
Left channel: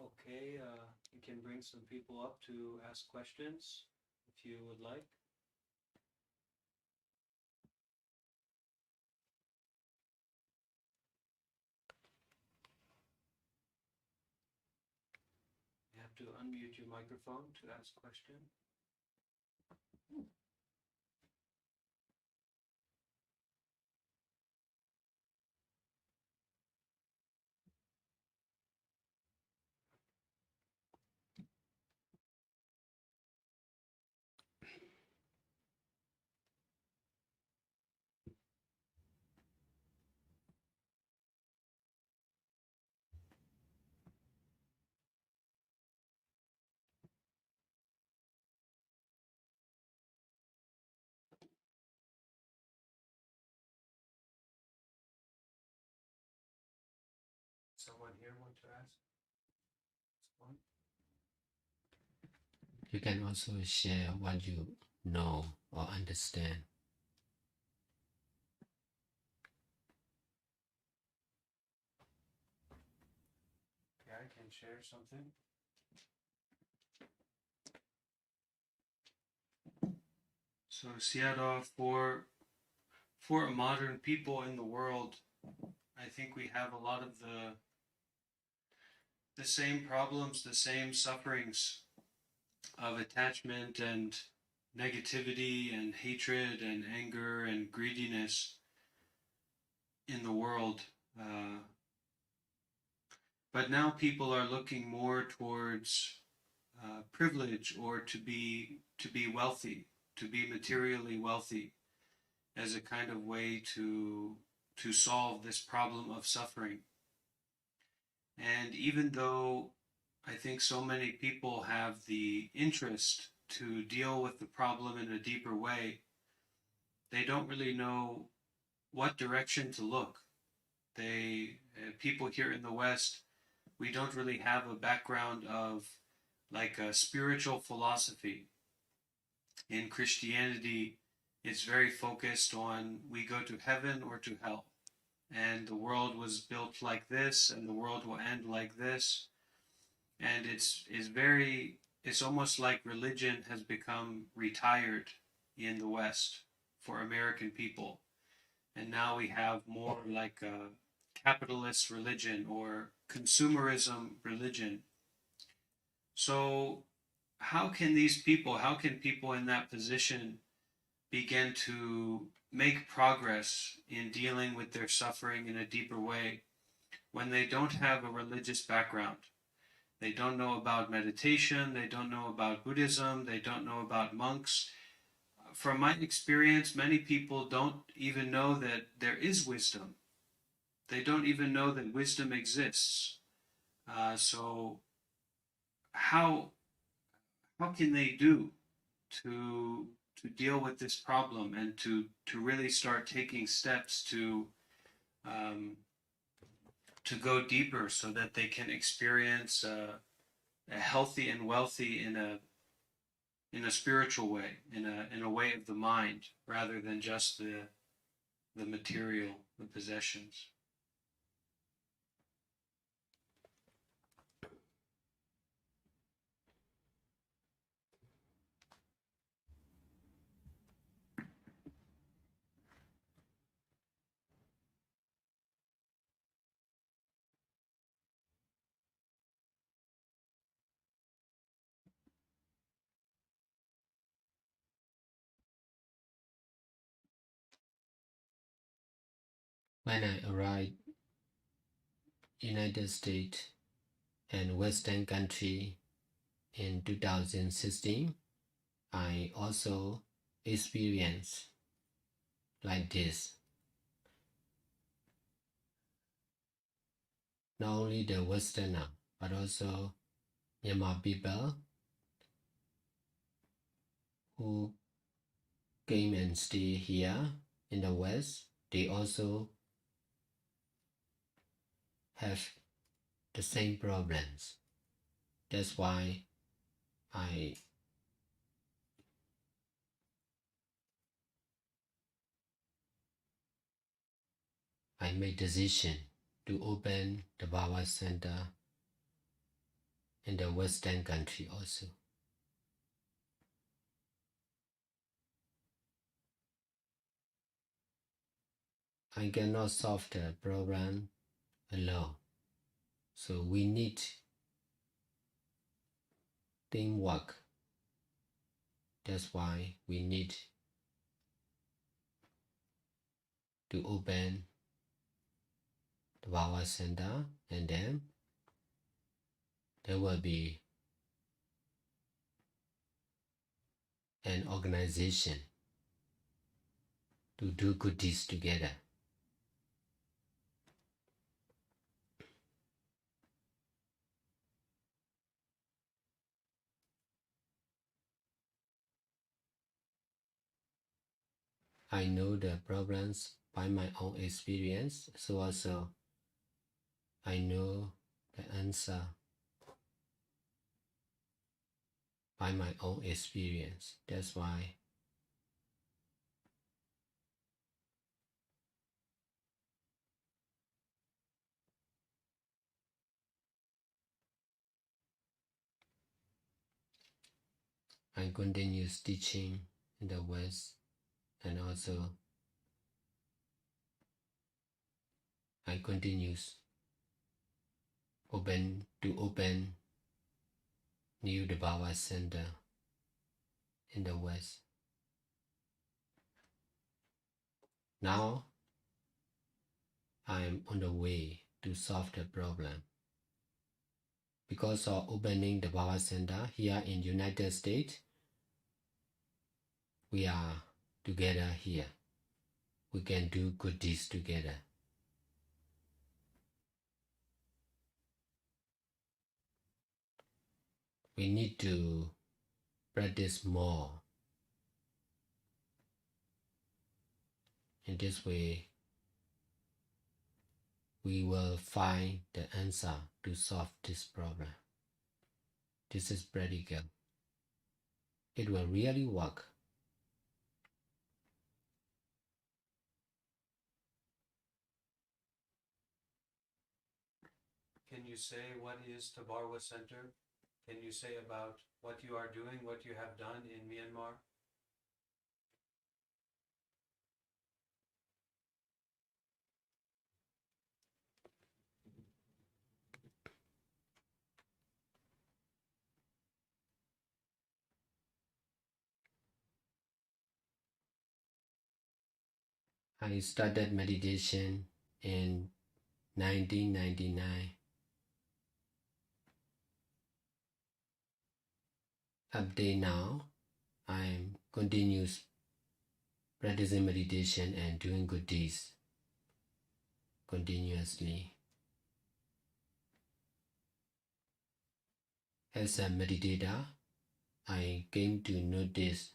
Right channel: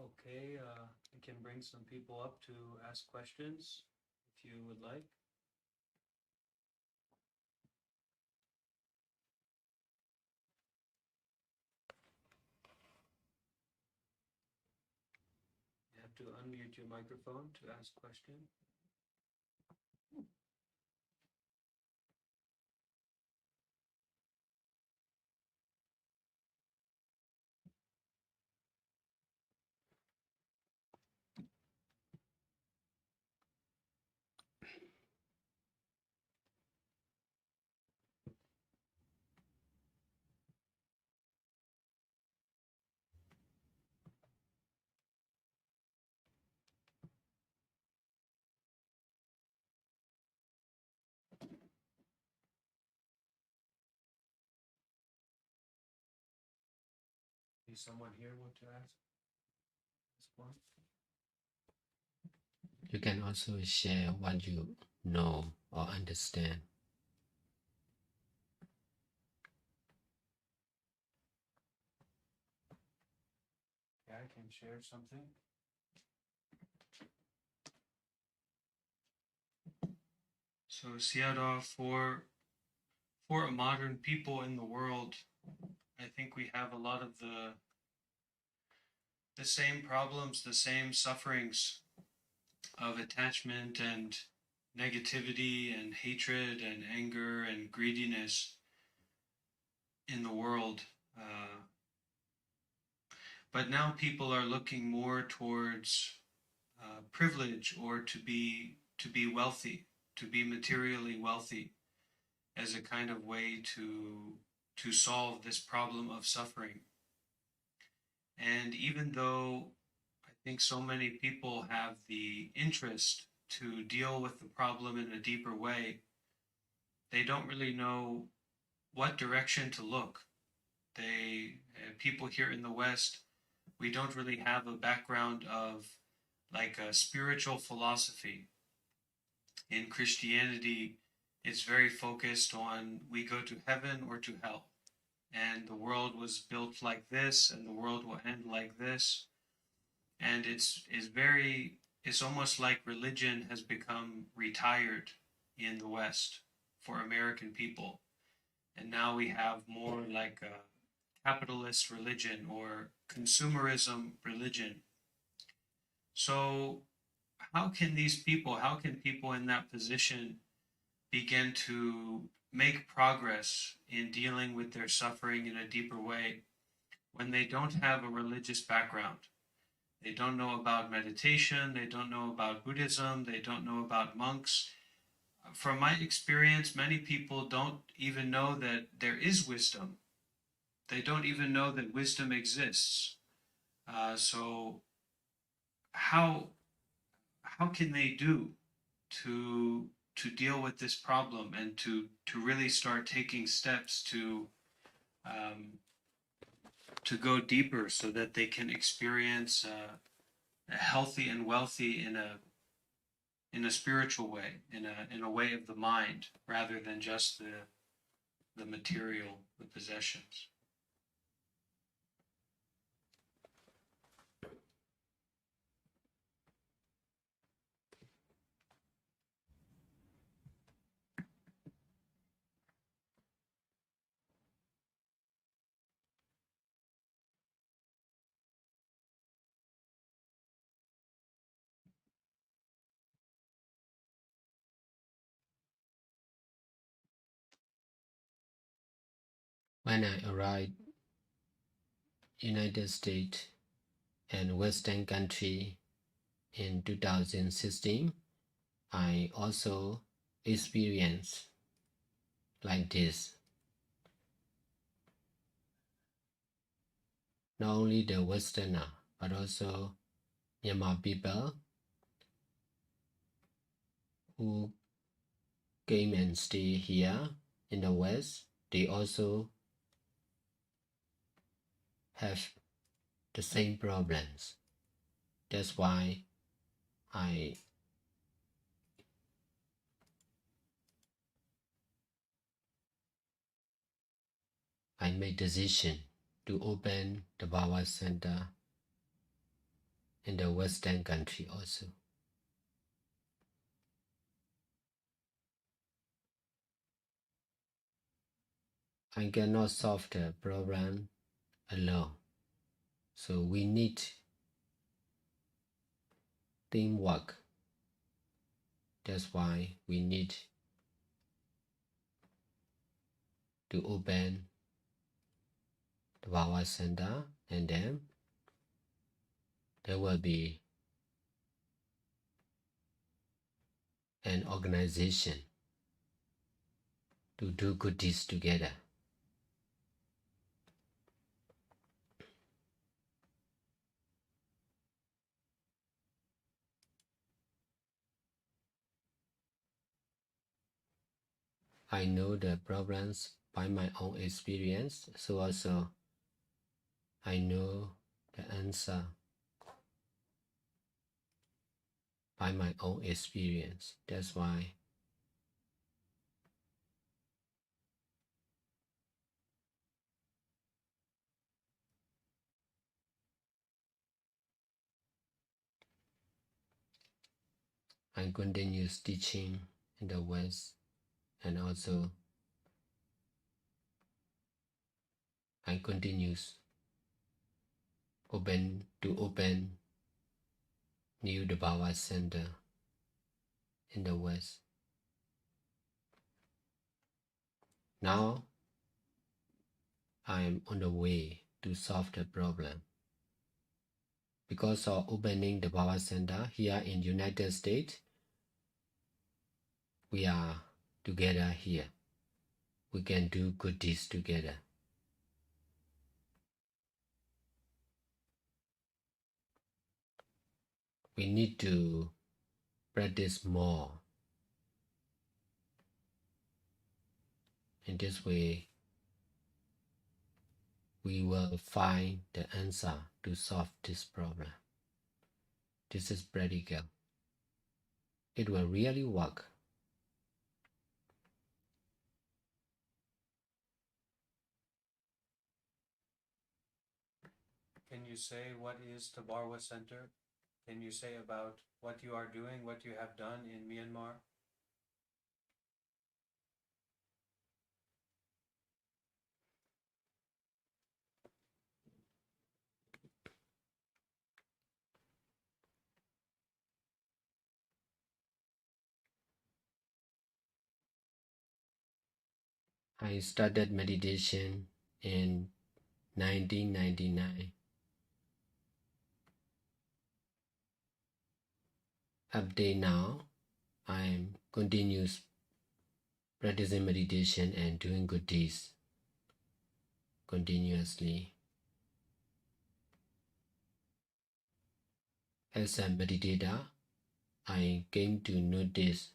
Okay, we can bring some people up to ask questions if you would like. You have to unmute your microphone to ask question. Does someone here want to ask one? You can also share what you know or understand. Okay, I can share something. So Sayadaw, for a modern people in the world, I think we have a lot of the same problems, the same sufferings of attachment and negativity and hatred and anger and greediness in the world. But now people are looking more towards privilege or to be wealthy, to be materially wealthy, as a kind of way to solve this problem of suffering. And even though I think so many people have the interest to deal with the problem in a deeper way, they don't really know what direction to look. People here in the West, we don't really have a background of like a spiritual philosophy. In Christianity, it's very focused on we go to heaven or to hell. And the world was built like this, and the world will end like this. And it's almost like religion has become retired in the West for American people. And now we have more like a capitalist religion or consumerism religion. So how can people in that position begin to make progress in dealing with their suffering in a deeper way when they don't have a religious background? They don't know about meditation, they don't know about Buddhism, they don't know about monks. From my experience, many people don't even know that there is wisdom. They don't even know that wisdom exists. So how can they do to deal with this problem and to really start taking steps to go deeper so that they can experience a healthy and wealthy in a spiritual way, in a way of the mind, rather than just the material, the possessions. When I arrived United States and Western country in 2016, I also experienced like this. Not only the Westerner, but also Myanmar people who came and stay here in the West, they also have the same problems. That's why I made decision to open the Bhava Center in the Western country also. I cannot solve the problem alone. So we need teamwork. That's why we need to open the Bhava Center, and then there will be an organization to do good deeds together. I know the problems by my own experience, so also I know the answer by my own experience. That's why I continue teaching in the West, and also I continue open new Dhamma Center in the West. Now I am on the way to solve the problem. Because of opening the Bhava Center here in United States, we are together here. We can do good deeds together. We need to practice more. In this way, we will find the answer to solve this problem. This is practical. It will really work. Can you say what is Tabarwa Center? Can you say about what you are doing, what you have done in Myanmar? I started meditation in 1999. Up to now, I am continuous practicing meditation and doing good deeds continuously. As a meditator, I came to notice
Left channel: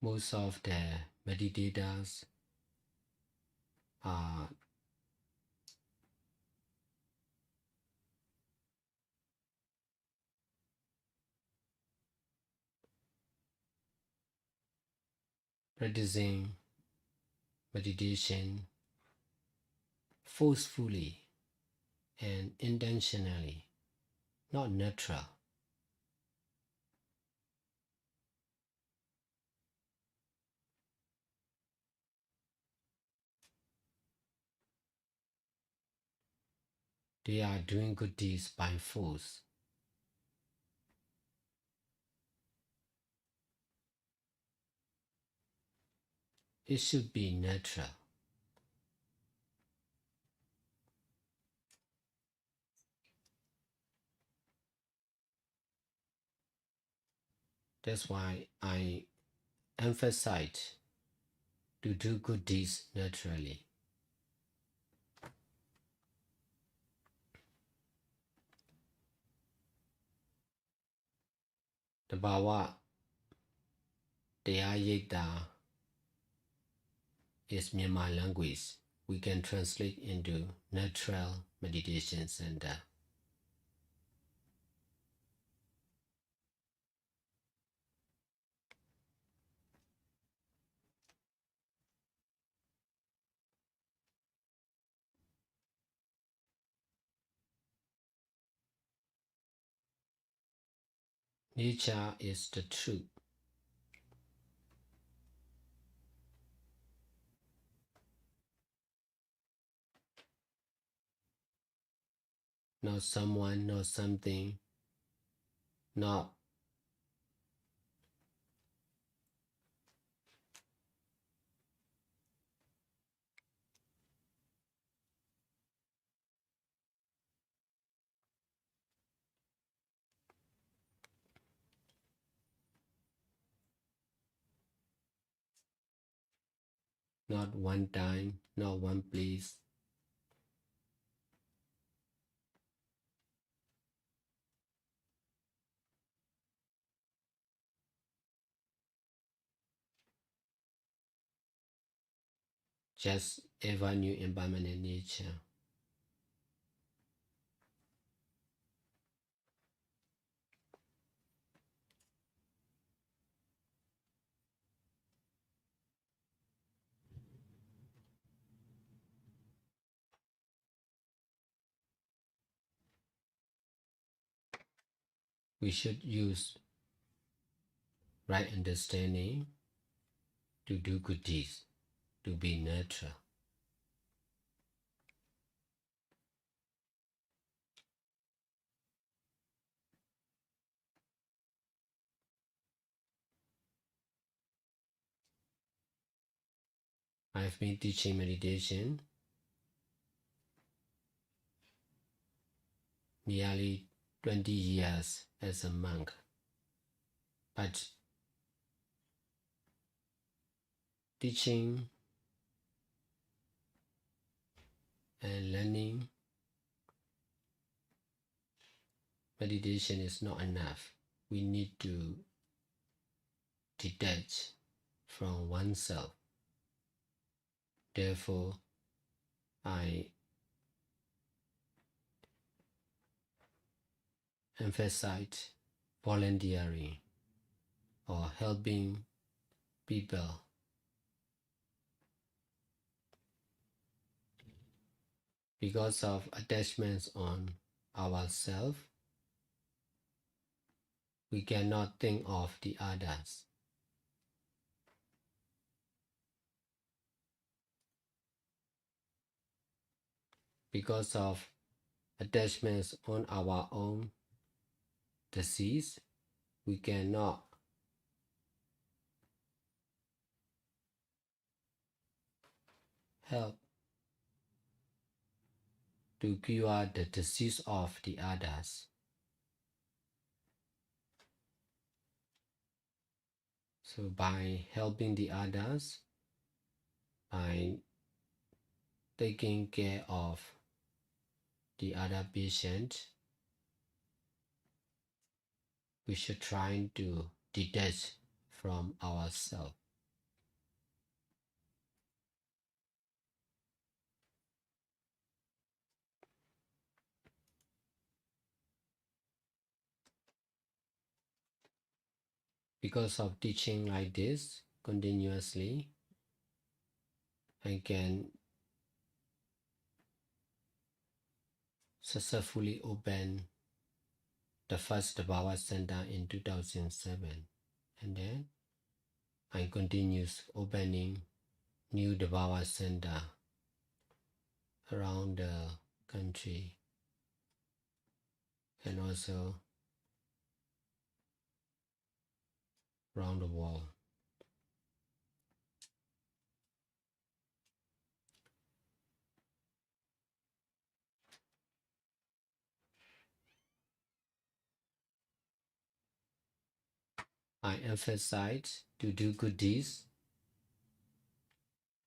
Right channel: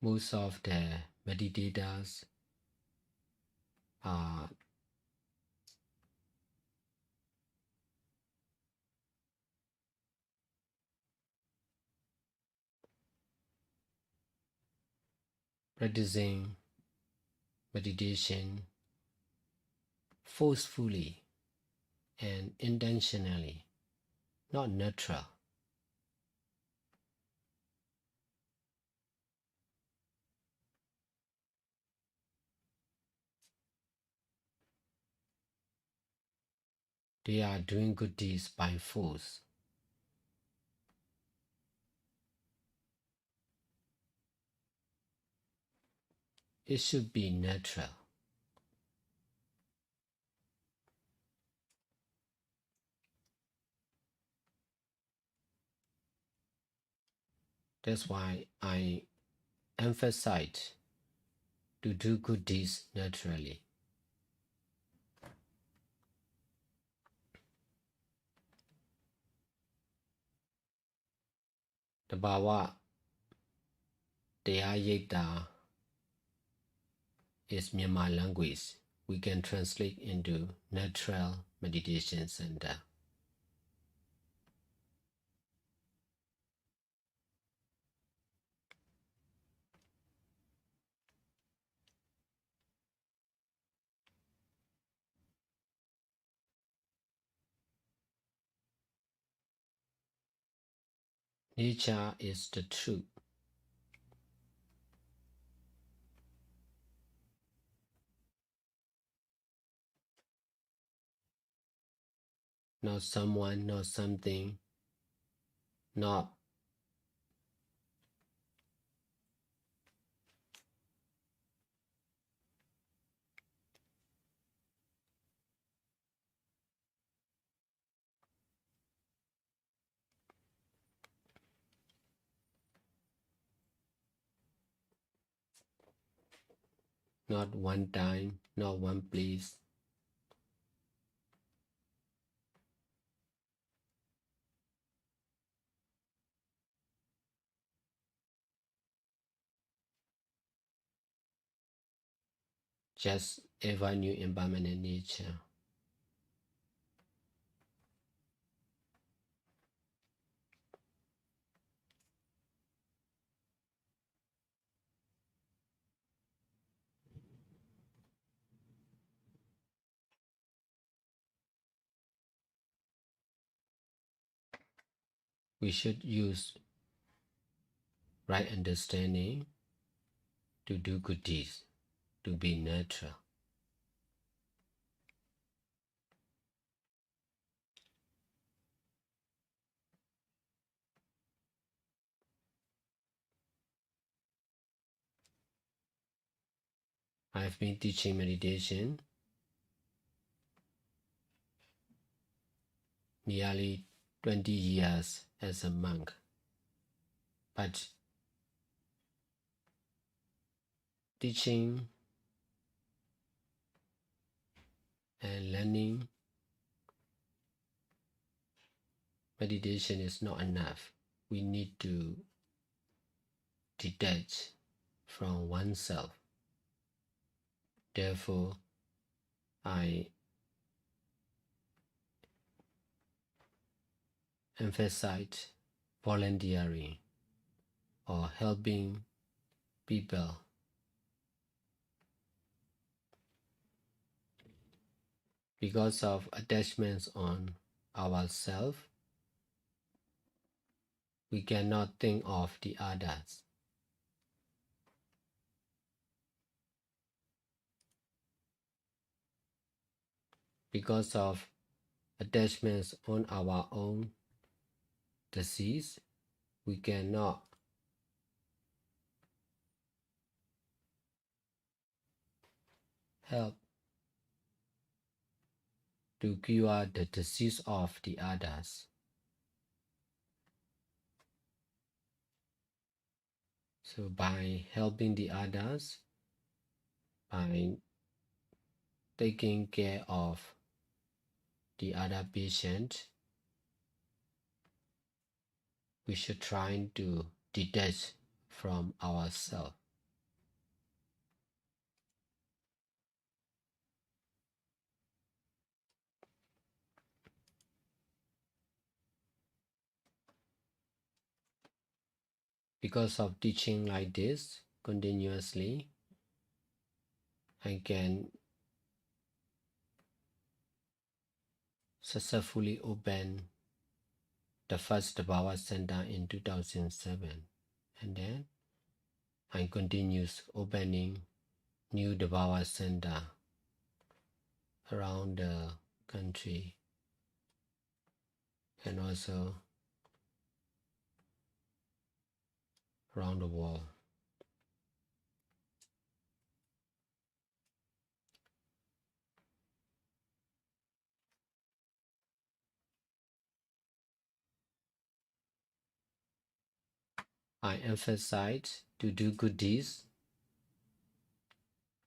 most of the meditators are practicing meditation forcefully and intentionally, not natural. They are doing good deeds by force. It should be natural. That's why I emphasize to do good deeds naturally. The Bawa Deyayita is Myanmar language. We can translate into Natural Meditation Center. Nature is the truth. Not someone, not something, not one time, not one place. Just ever new impermanent nature. We should use right understanding to do good deeds, to be natural. I've been teaching meditation nearly 20 years as a monk, but teaching and learning meditation is not enough. We need to detach from oneself. Therefore, I emphasize volunteering or helping people. Because of attachments on ourselves, we cannot think of the others. Because of attachments on our own disease, we cannot help to cure the disease of the others. So by helping the others, by taking care of the other patient, we should try to detach from ourselves. Because of teaching like this continuously, I can successfully opened the first Dhamma Center in 2007, and then I continues opening new Dhamma Center around the country and also around the world. I emphasize to do good deeds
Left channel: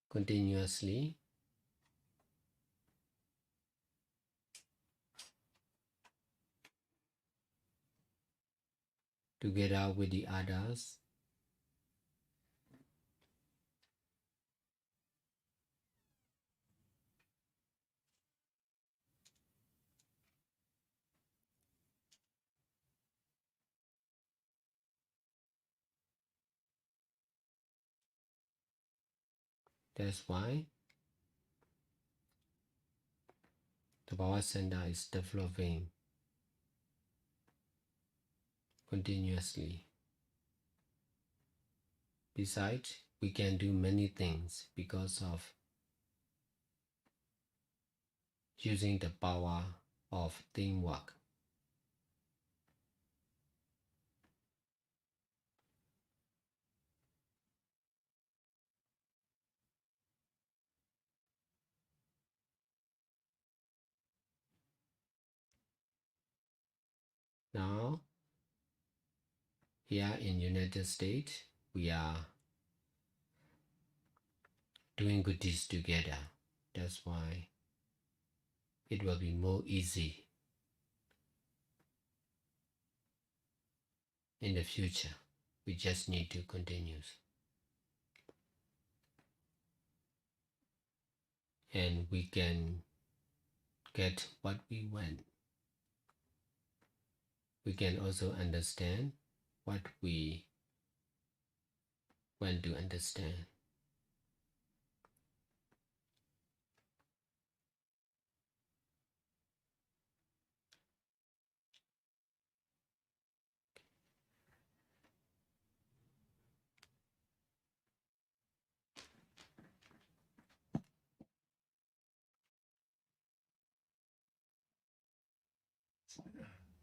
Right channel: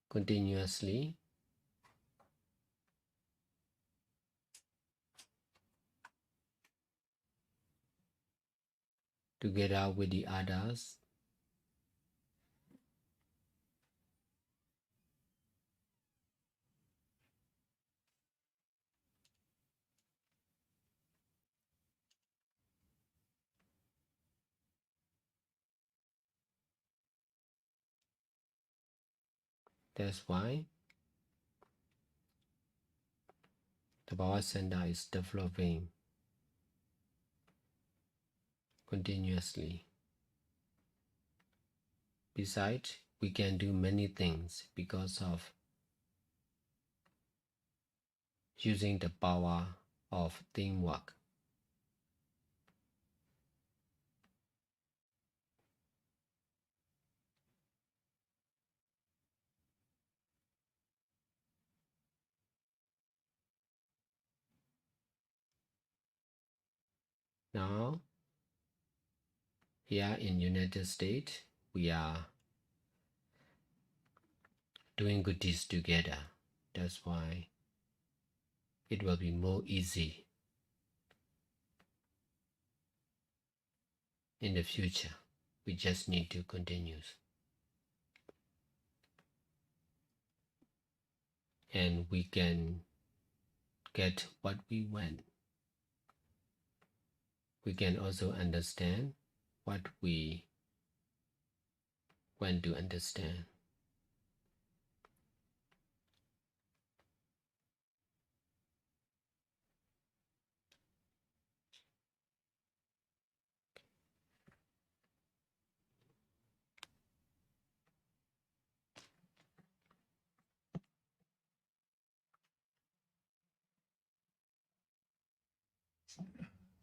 continuously, together with the others, that's why the Dhamma Center is developing continuously. Besides, we can do many things because of using the power of teamwork. Now, here in United States, we are doing good deeds together. That's why it will be more easy in the future. We just need to continue. And we can get what we want. We can also understand what we want to understand.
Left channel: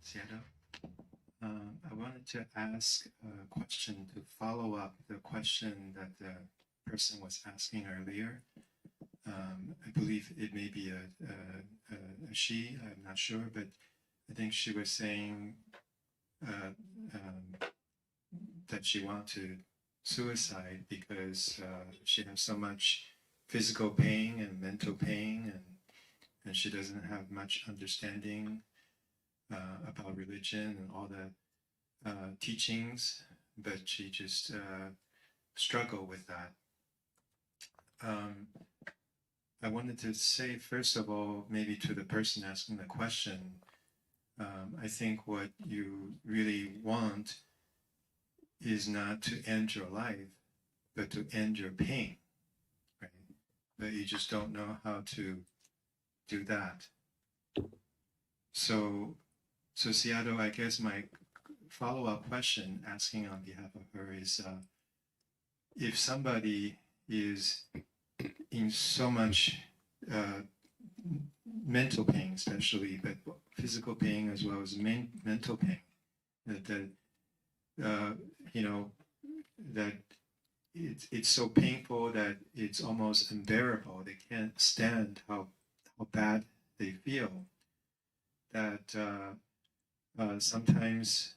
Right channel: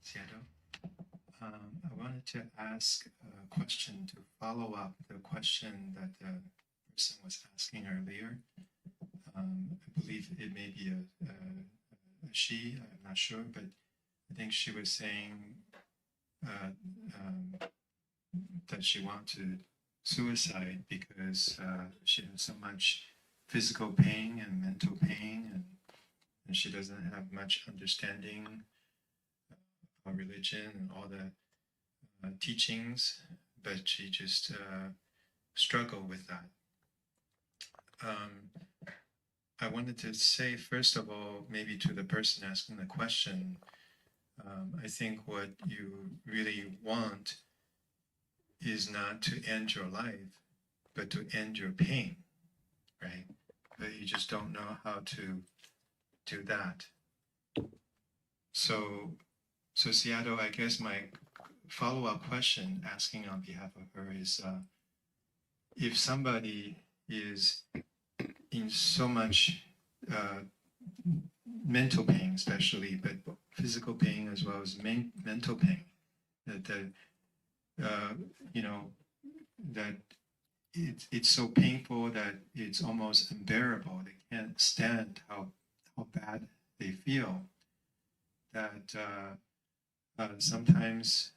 Sayadaw, I wanted to ask a question to follow up the question that the person was asking earlier. I believe it may be a she, I'm not sure, but I think she was saying that she wanted to suicide because she has so much physical pain and mental pain, and she doesn't have much understanding about religion and all the teachings, but she just struggled with that. I wanted to say, first of all, maybe to the person asking the question, I think what you really want is not to end your life, but to end your pain, right? But you just don't know how to do that. So Sayadaw, I guess my follow-up question asking on behalf of her is, if somebody is in so much mental pain, especially, but physical pain as well as mental pain, that that it's so painful that it's almost unbearable. They can't stand how bad they feel. That sometimes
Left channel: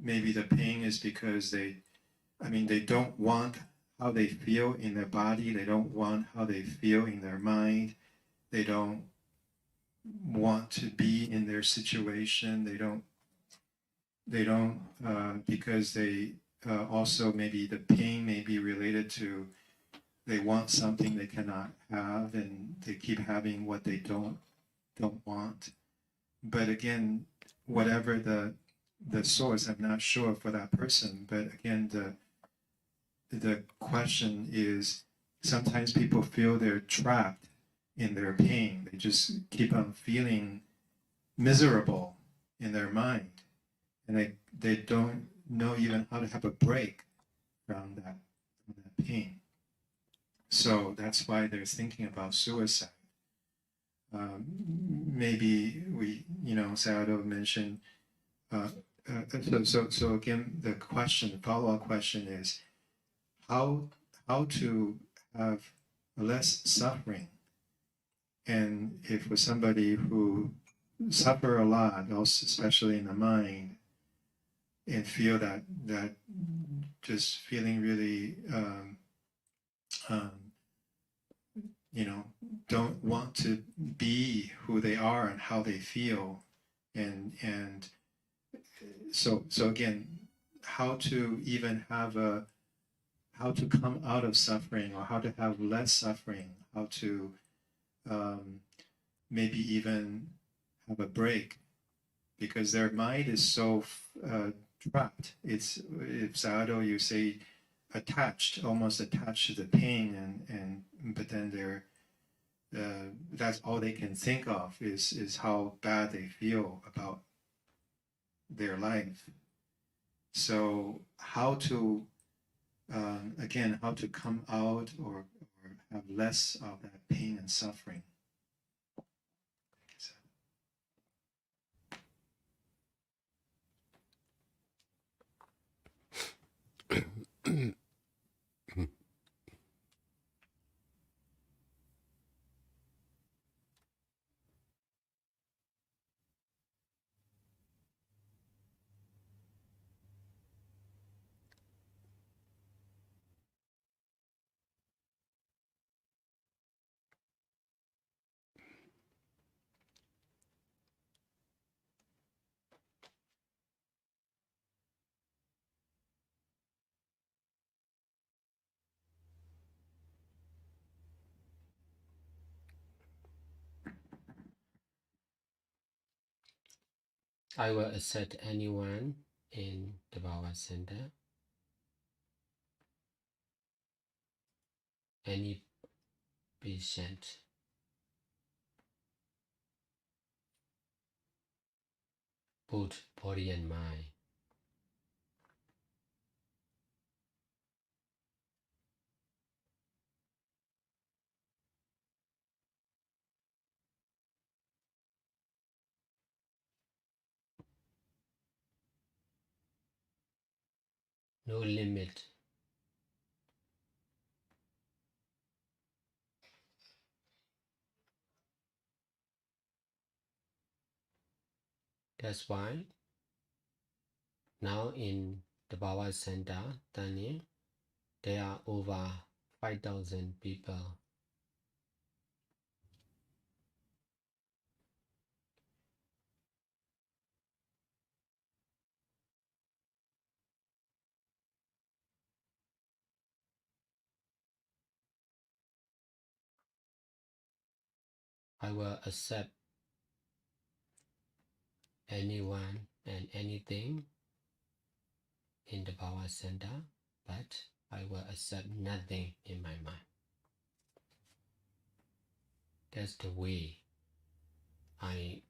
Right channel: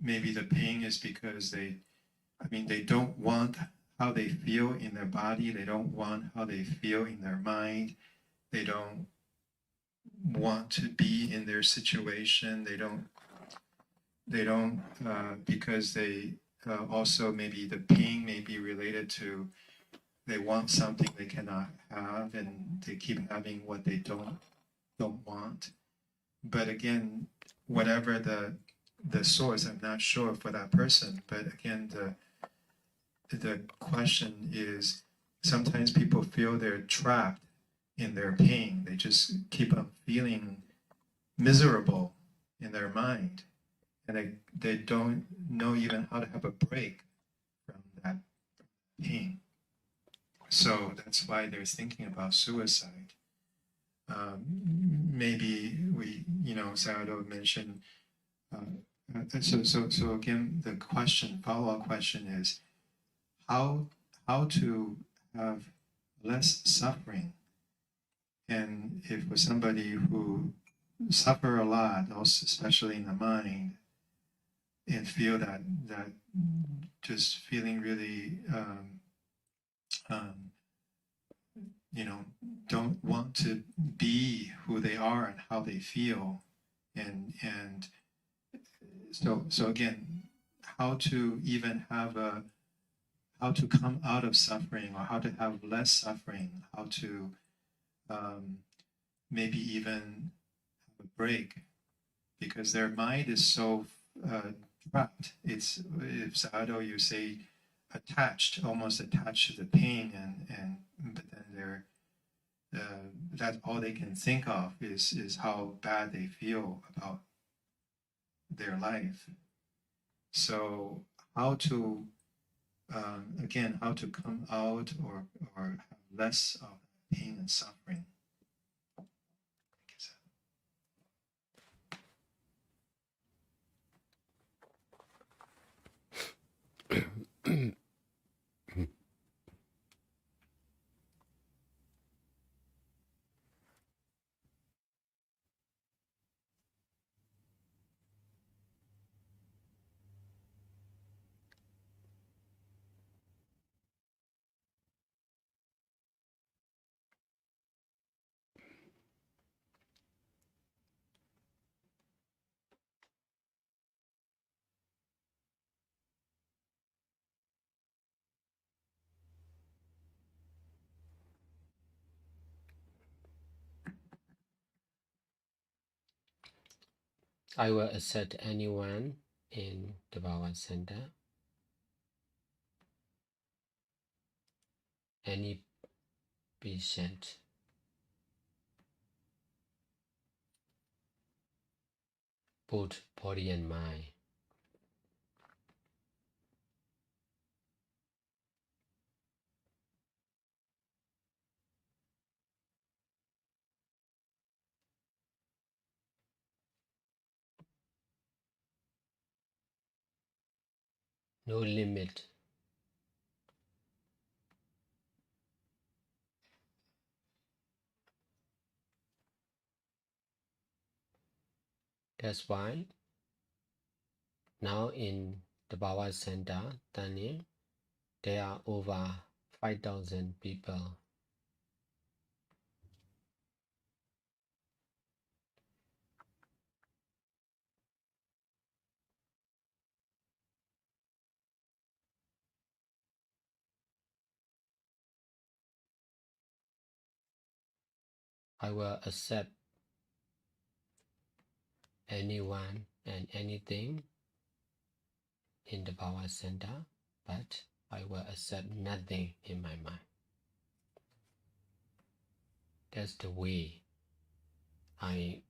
maybe the pain is because they don't want how they feel in their body. They don't want how they feel in their mind. They don't want to be in their situation. They don't because they also maybe the pain may be related to they want something they cannot have, and they keep having what they don't want. But again, whatever the source, I'm not sure for that person. But again, the question is, sometimes people feel they're trapped in their pain. They just keep on feeling miserable in their mind, and they don't know even how to have a break from that pain. So that's why they're thinking about suicide. Maybe Sayadaw mentioned. So again, the follow-up question is how to have less suffering. And if for somebody who suffer a lot, also especially in the mind, and feel that just feeling really don't want to be who they are and how they feel, and so again, how to even have how to come out of suffering, or how to have less suffering, how to maybe even have a break, because their mind is so trapped. It's, if Sayadaw, you say, almost attached to the pain, but then they're that's all they can think of is how bad they feel about their life. So how to again, how to come out or have less of that pain and suffering. I will accept anyone in the Bhava Center, any patient, both body and mind. No limit. That's why now in the Bhava Center, Tani, there are over 5,000 people. I will accept anyone and anything in the Bhava Center, but I will accept nothing in my mind. That's the way I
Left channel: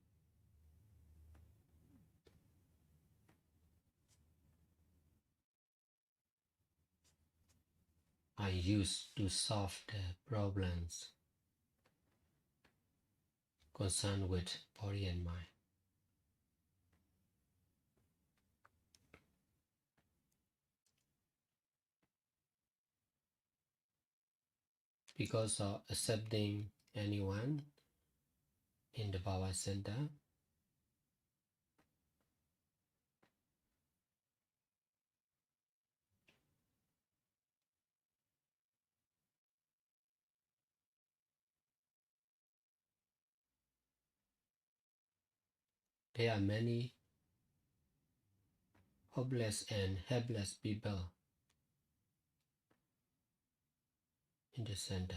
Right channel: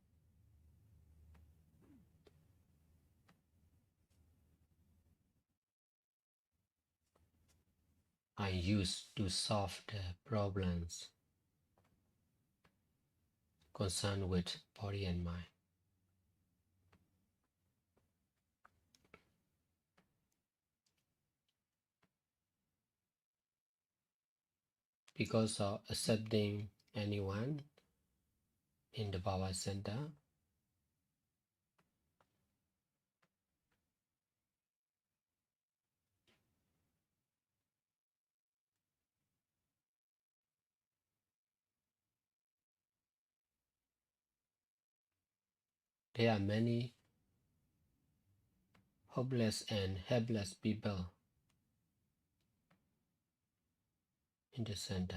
use to solve the problems concerned with body and mind. Because of accepting anyone in the Bhava Center, there are many hopeless and helpless people in the center.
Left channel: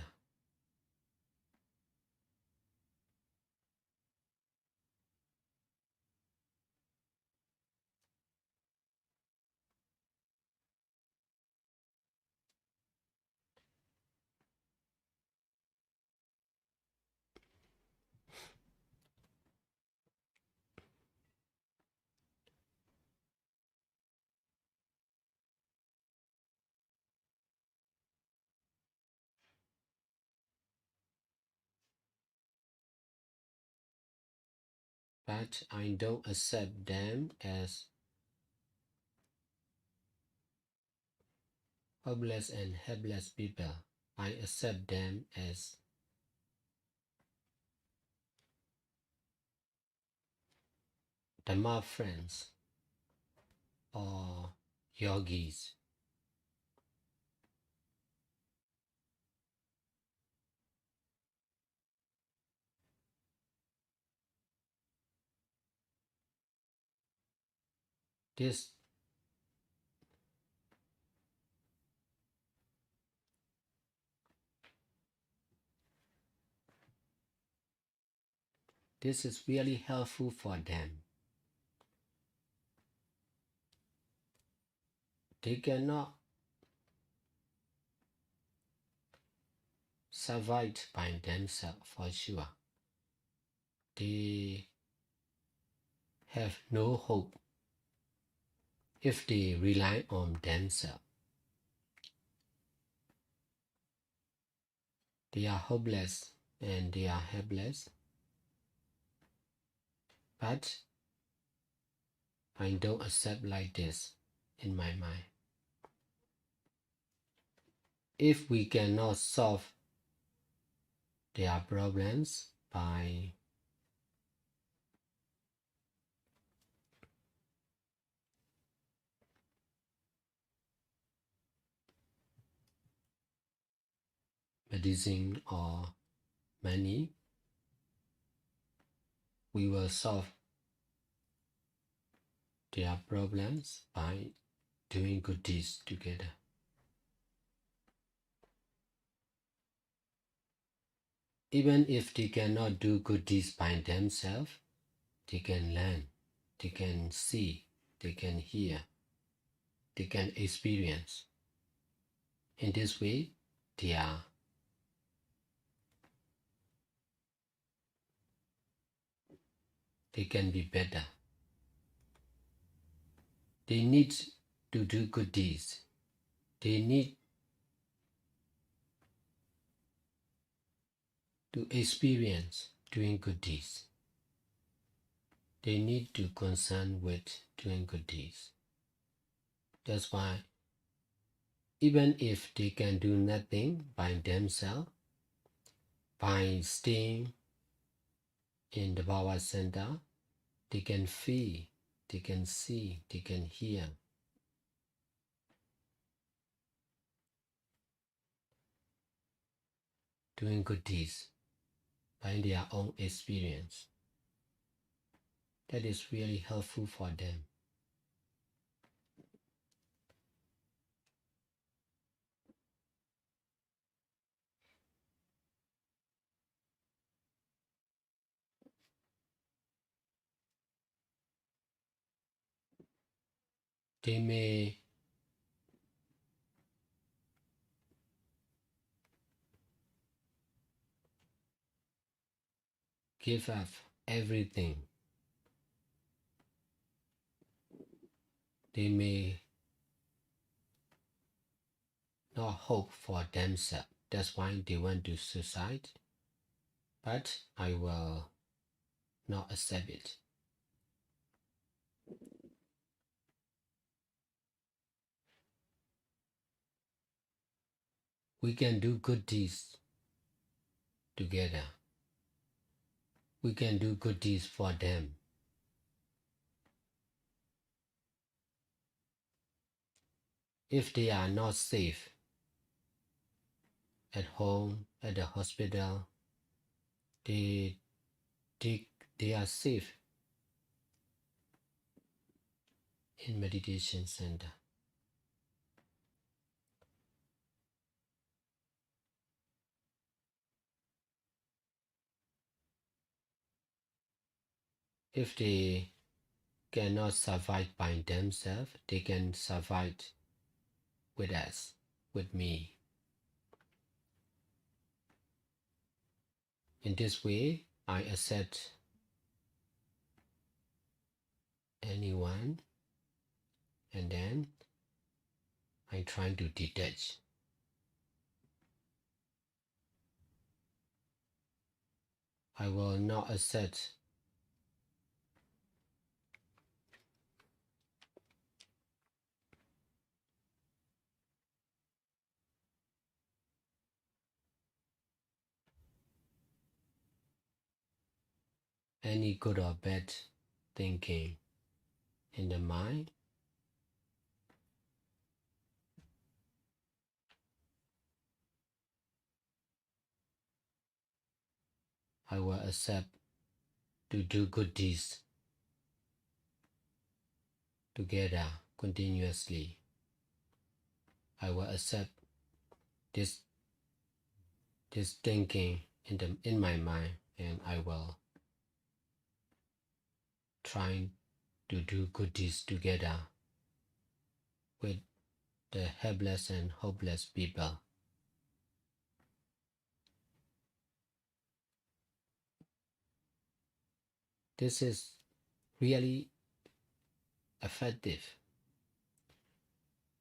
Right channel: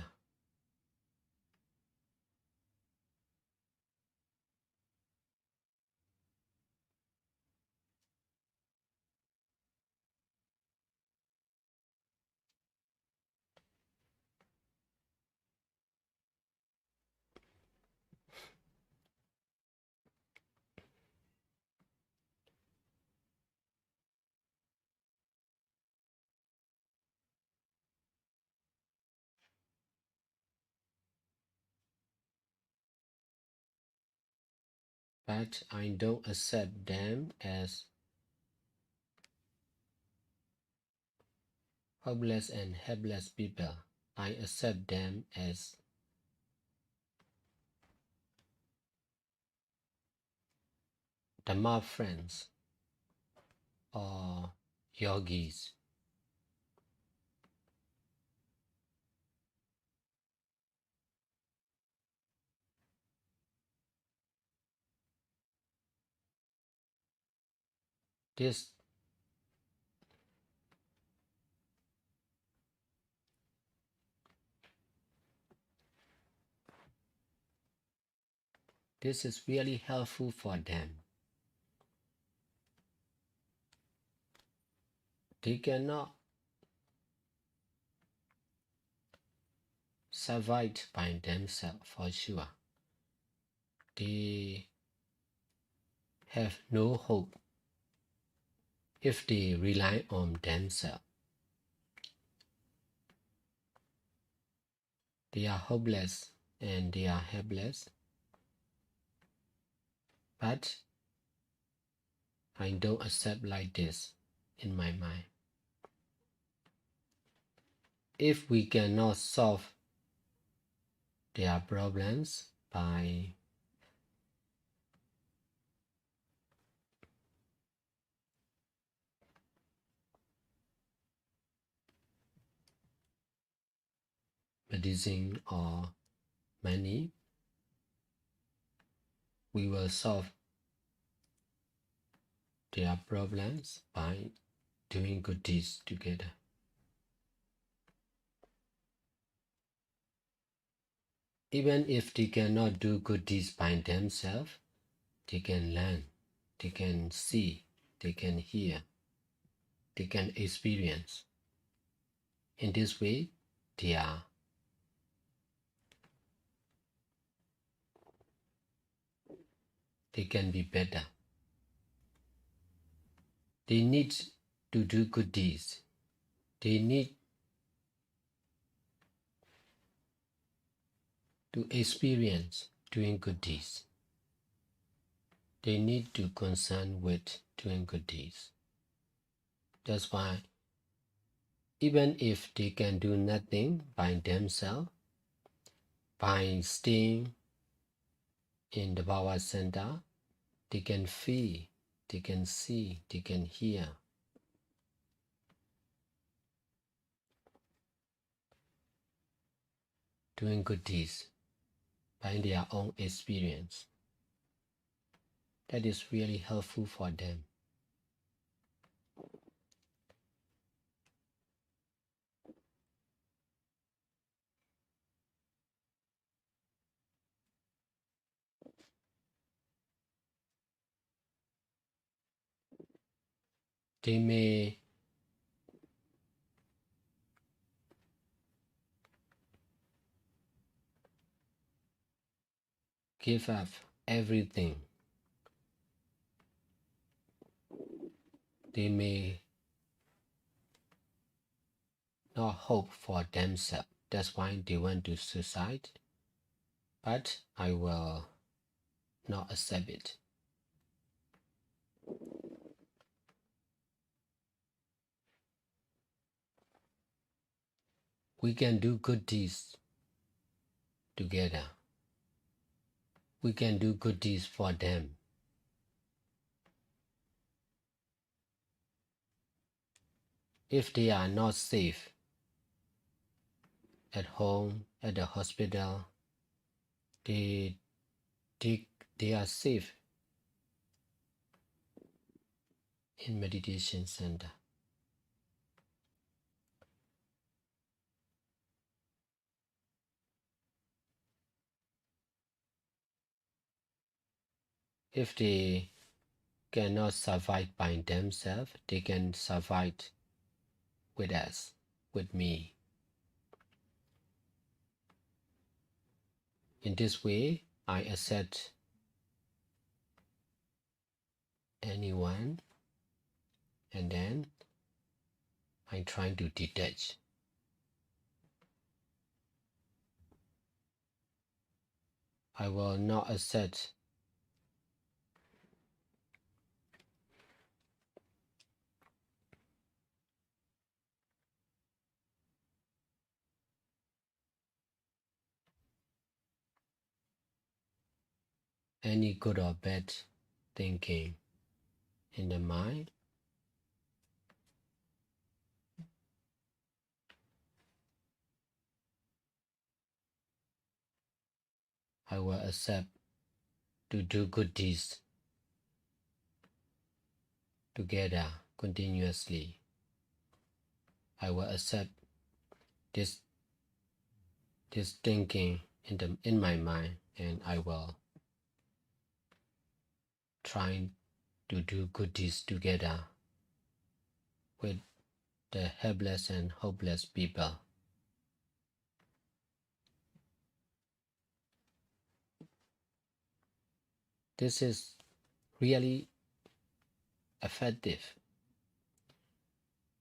but I don't accept them as hopeless and helpless people. I accept them as Dhamma friends or yogis. This is really helpful for them. They cannot survive by themselves for sure. They have no hope if they rely on themselves. They are hopeless and they are helpless. But I don't accept like this in my mind. If we cannot solve their problems by medicine or money, we will solve their problems by doing good deeds together. Even if they cannot do good deeds by themselves, they can learn, they can see, they can hear, they can experience. In this way, they can be better. They need to do good deeds. They need to experience doing good deeds. They need to concern with doing good deeds. That's why even if they can do nothing by themselves, by staying in the Bhava Center, they can feel, they can see, they can hear. Doing good deeds by their own experience. That is really helpful for them. They may give up everything. They may not hope for themselves. That's why they went to suicide. But I will not accept it. We can do good deeds together. We can do good deeds for them. If they are not safe at home, at the hospital, they are safe in meditation center. If they cannot survive by themselves, they can survive with us, with me. In this way, I accept anyone, and then I try to detach. I will not accept any good or bad thinking in the mind, I will accept to do good deeds together continuously. I will accept this thinking in my mind, and I will try to do good deeds together with the helpless and hopeless people. This is really effective.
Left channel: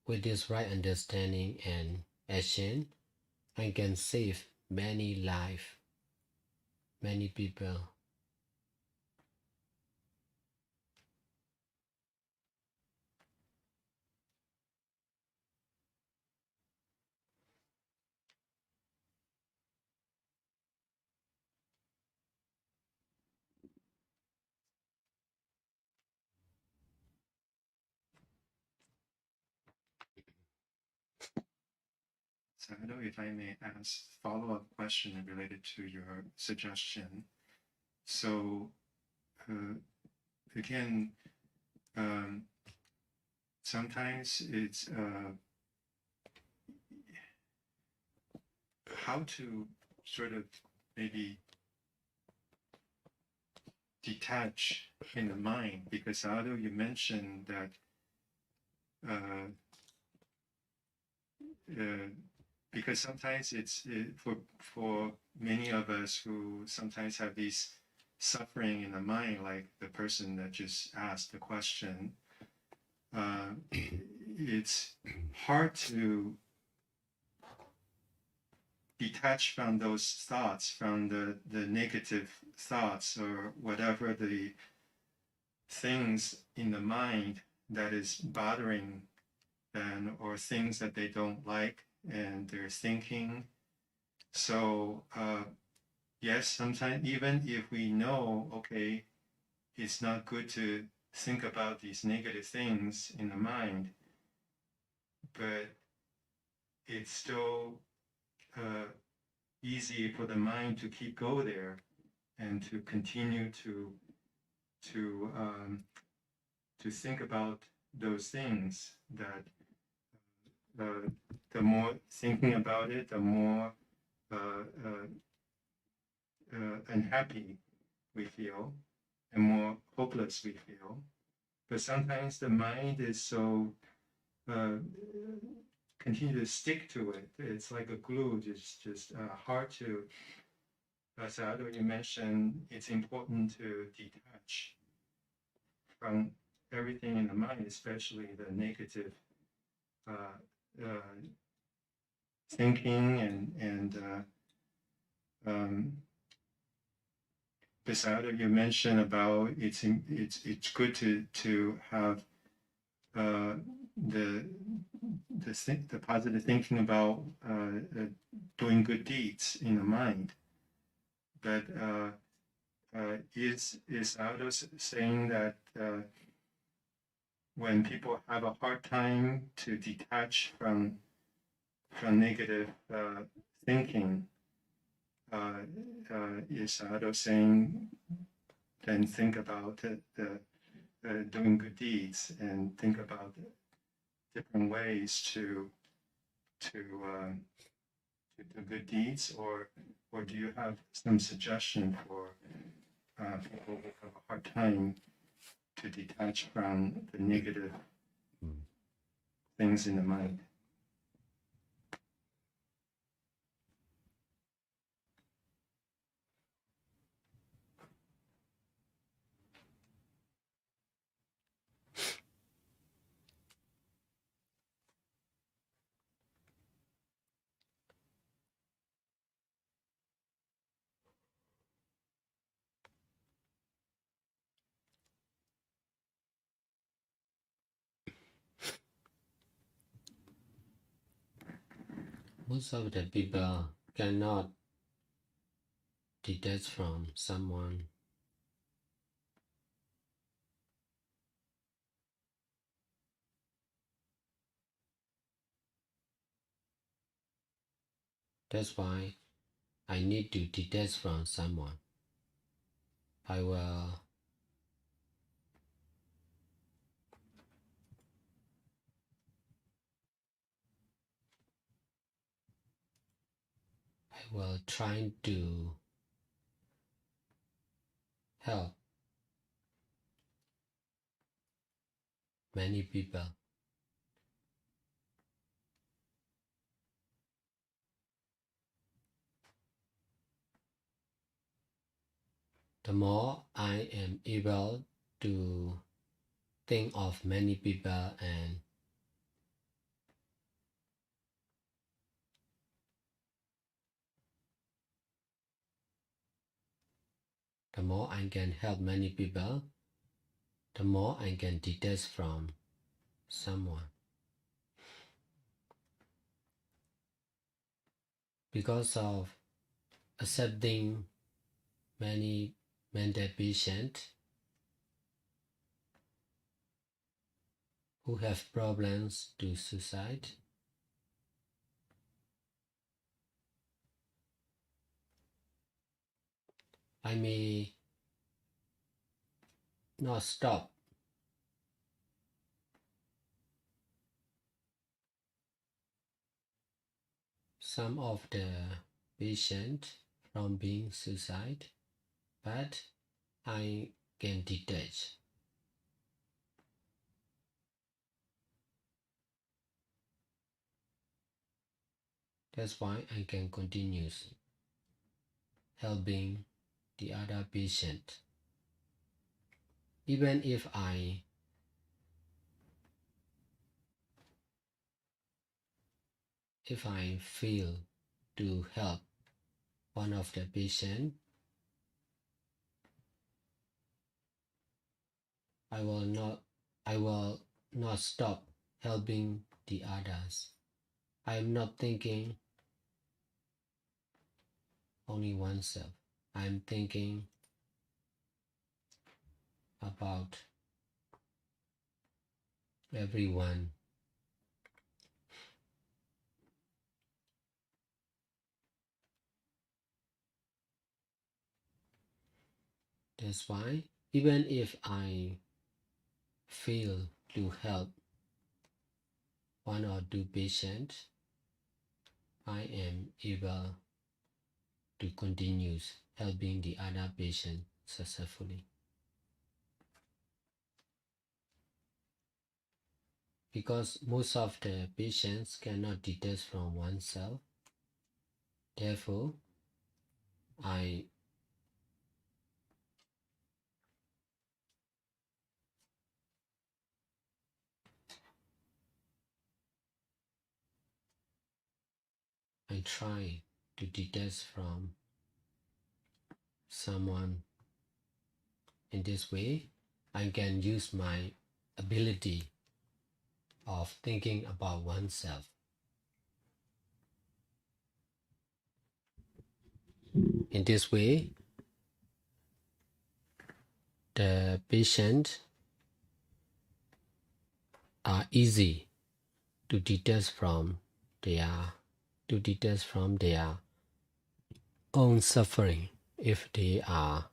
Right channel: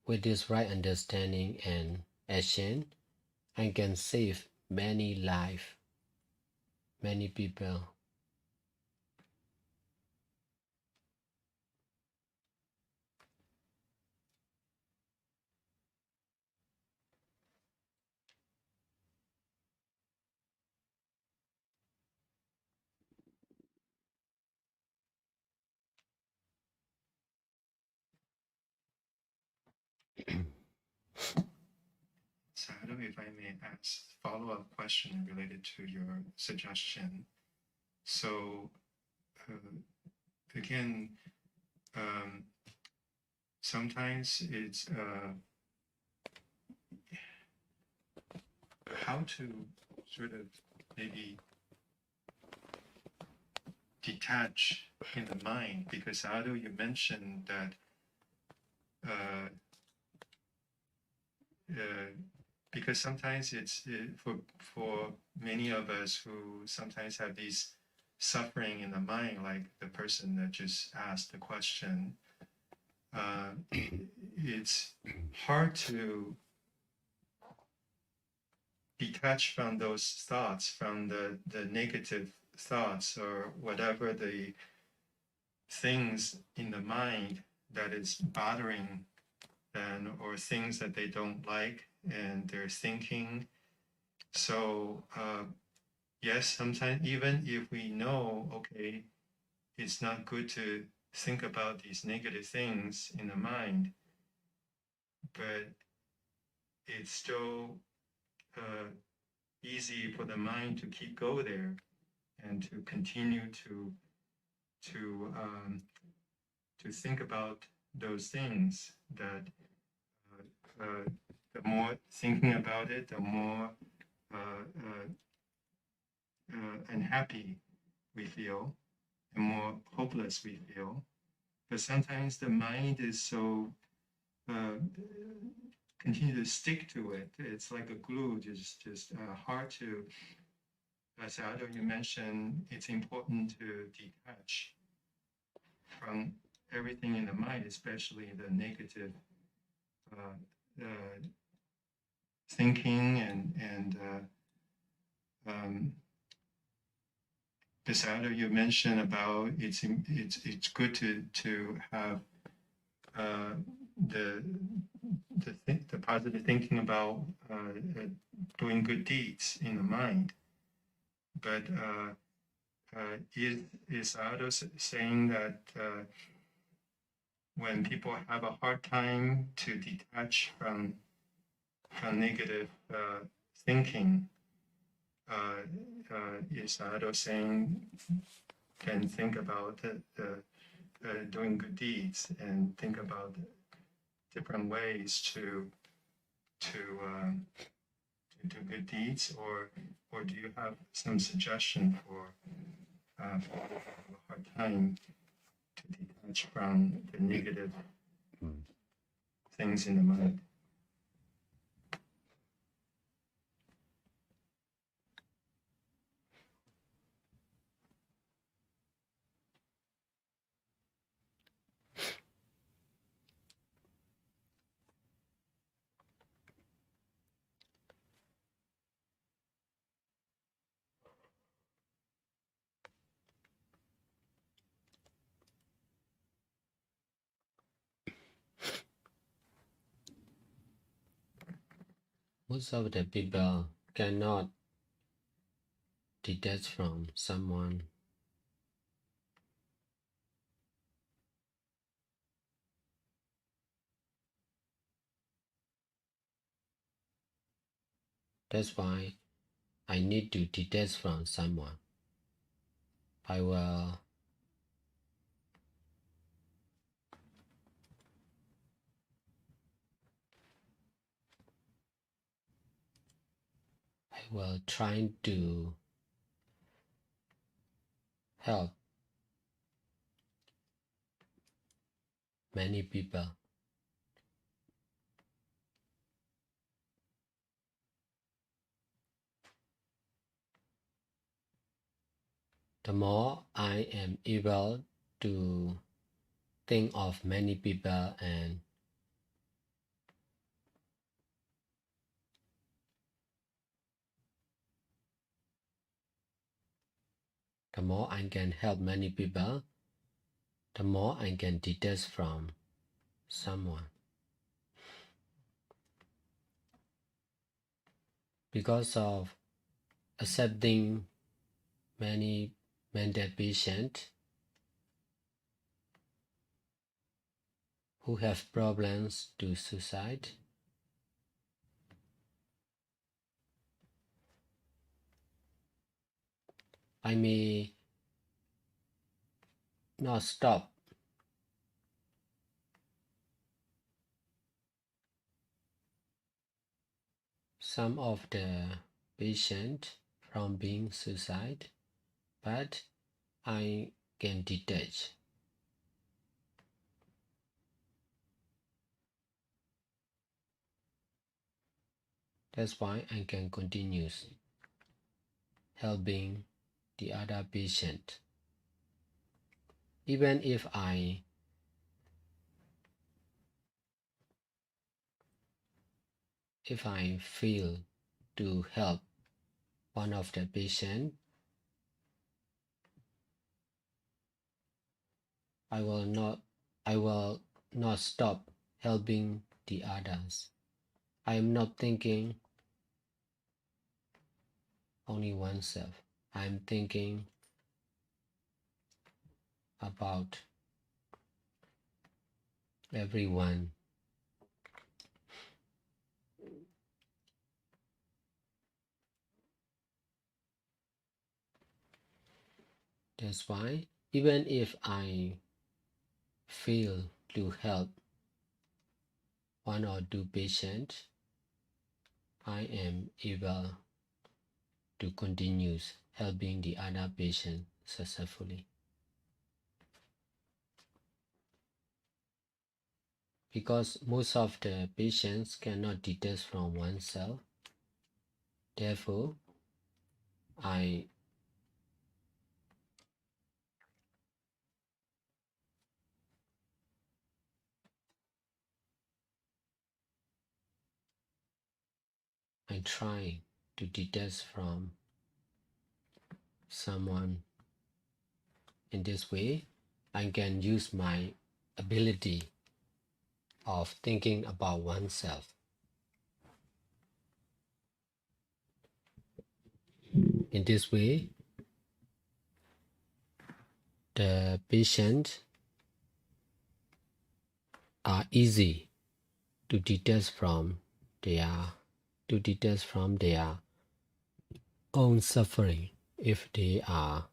With this right understanding and action, I can save many lives, many people. Sayadaw, if I may ask follow-up question related to your suggestion. So, again, sometimes it's how to sort of maybe detach in the mind, because Sayadaw, you mentioned that because sometimes it's for many of us who sometimes have these suffering in the mind, like the person that just asked the question, it's hard to detach from those thoughts, from the negative thoughts or whatever the things in the mind that is bothering them, or things that they don't like and they're thinking. So yes, sometimes even if we know, okay, it's not good to think about these negative things in the mind, but it's still easy for the mind to keep go there and to continue to think about those things. That the more thinking about it, the more unhappy we feel, and more hopeless we feel. But sometimes the mind is so continue to stick to it. It's like a glue. It's just hard to. As Sayadaw, you mentioned, it's important to detach from everything in the mind, especially the negative thinking and Sayadaw, you mentioned about it's good to have the positive thinking about doing good deeds in the mind. But is Sayadaw saying that when people have a hard time to detach from negative thinking, is Sayadaw saying can think about doing good deeds and think about different ways to do good deeds, or do you have some suggestion for people who have a hard time to detach from the negative things in the mind? Most of the people cannot detach from someone That's why I need to detach from someone. I will try to help many people. The more I am able to think of many people, and the more I can help many people, the more I can detach from someone. Because of accepting many mental patients who have problems to suicide, I may not stop some of the patients from being suicide, but I can detach. That's why I can continue helping the other patient. Even if I fail to help one of the patient, I will not stop helping the others. I am not thinking only oneself. I am thinking about everyone. That's why even if I fail to help one or two patients, I am able to continue helping the other patient successfully. Because most of the patients cannot detach from oneself, therefore I try to detach from someone. In this way, I can use my ability of thinking about oneself. In this way, the patients are easy to detach from their own suffering if they are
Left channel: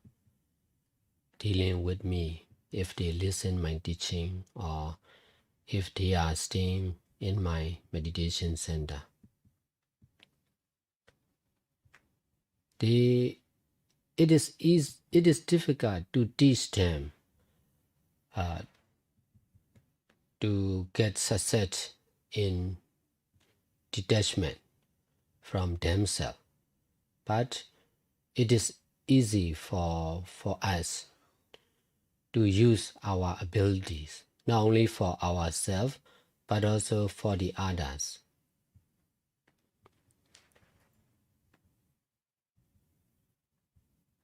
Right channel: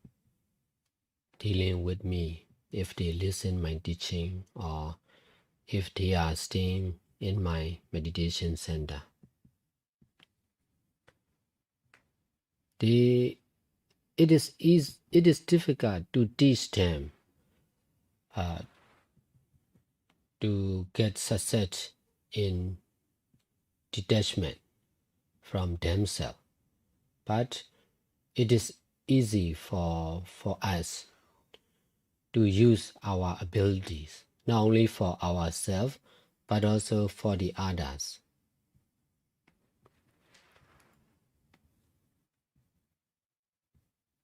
dealing with me, if they listen my teaching, or if they are staying in my meditation center. It is difficult to teach them to get success in detachment from themselves, but it is easy for us to use our abilities, not only for ourselves, but also for the others.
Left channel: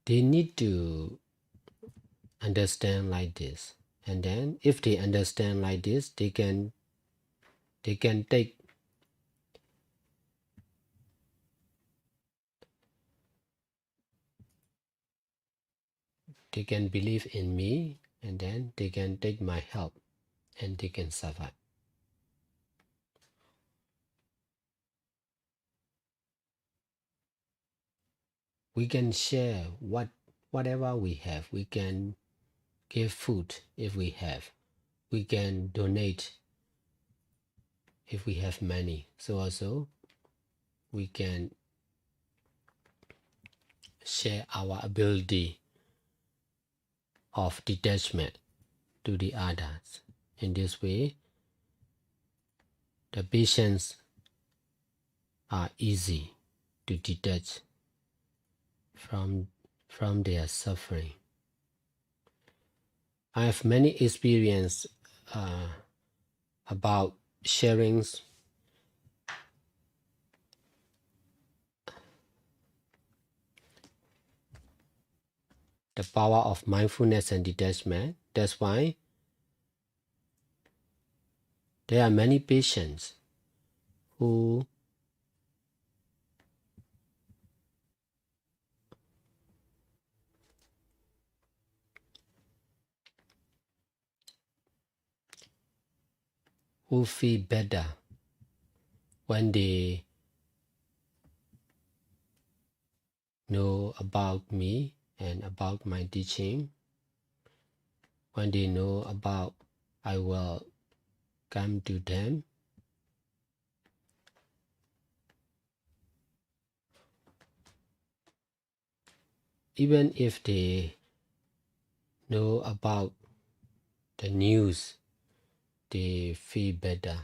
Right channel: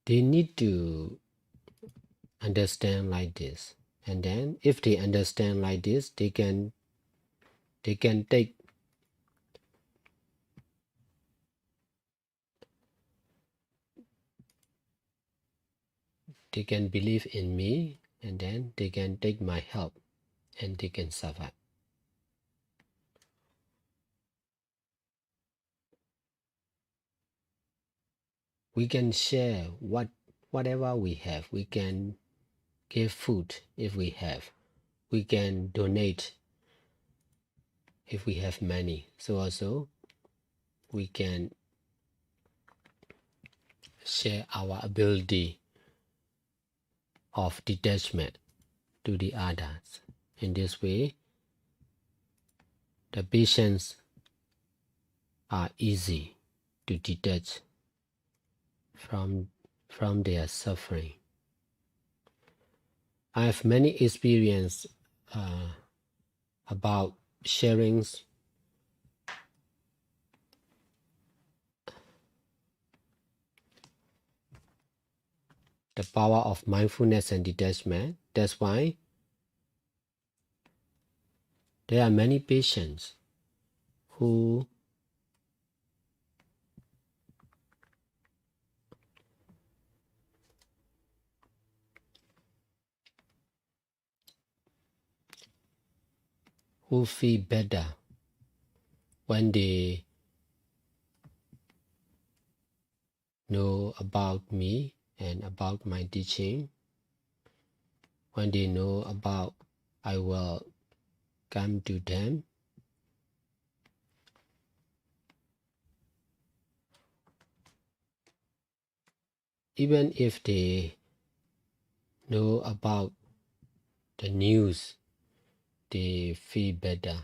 They need to understand like this, and then if they understand like this, they can take they can believe in me, and then they can take my help, and they can survive. we can share whatever we have. We can give food if we have. We can donate if we have money. So also we can share our ability of detachment to the others. In this way, the patients are easy to detach from their suffering. I have many experience about sharing the power of mindfulness and detachment. That's why there are many patients who feel better when they know about me and about my teaching. When they know about, I will come to them. Even if they know about the news, they feel better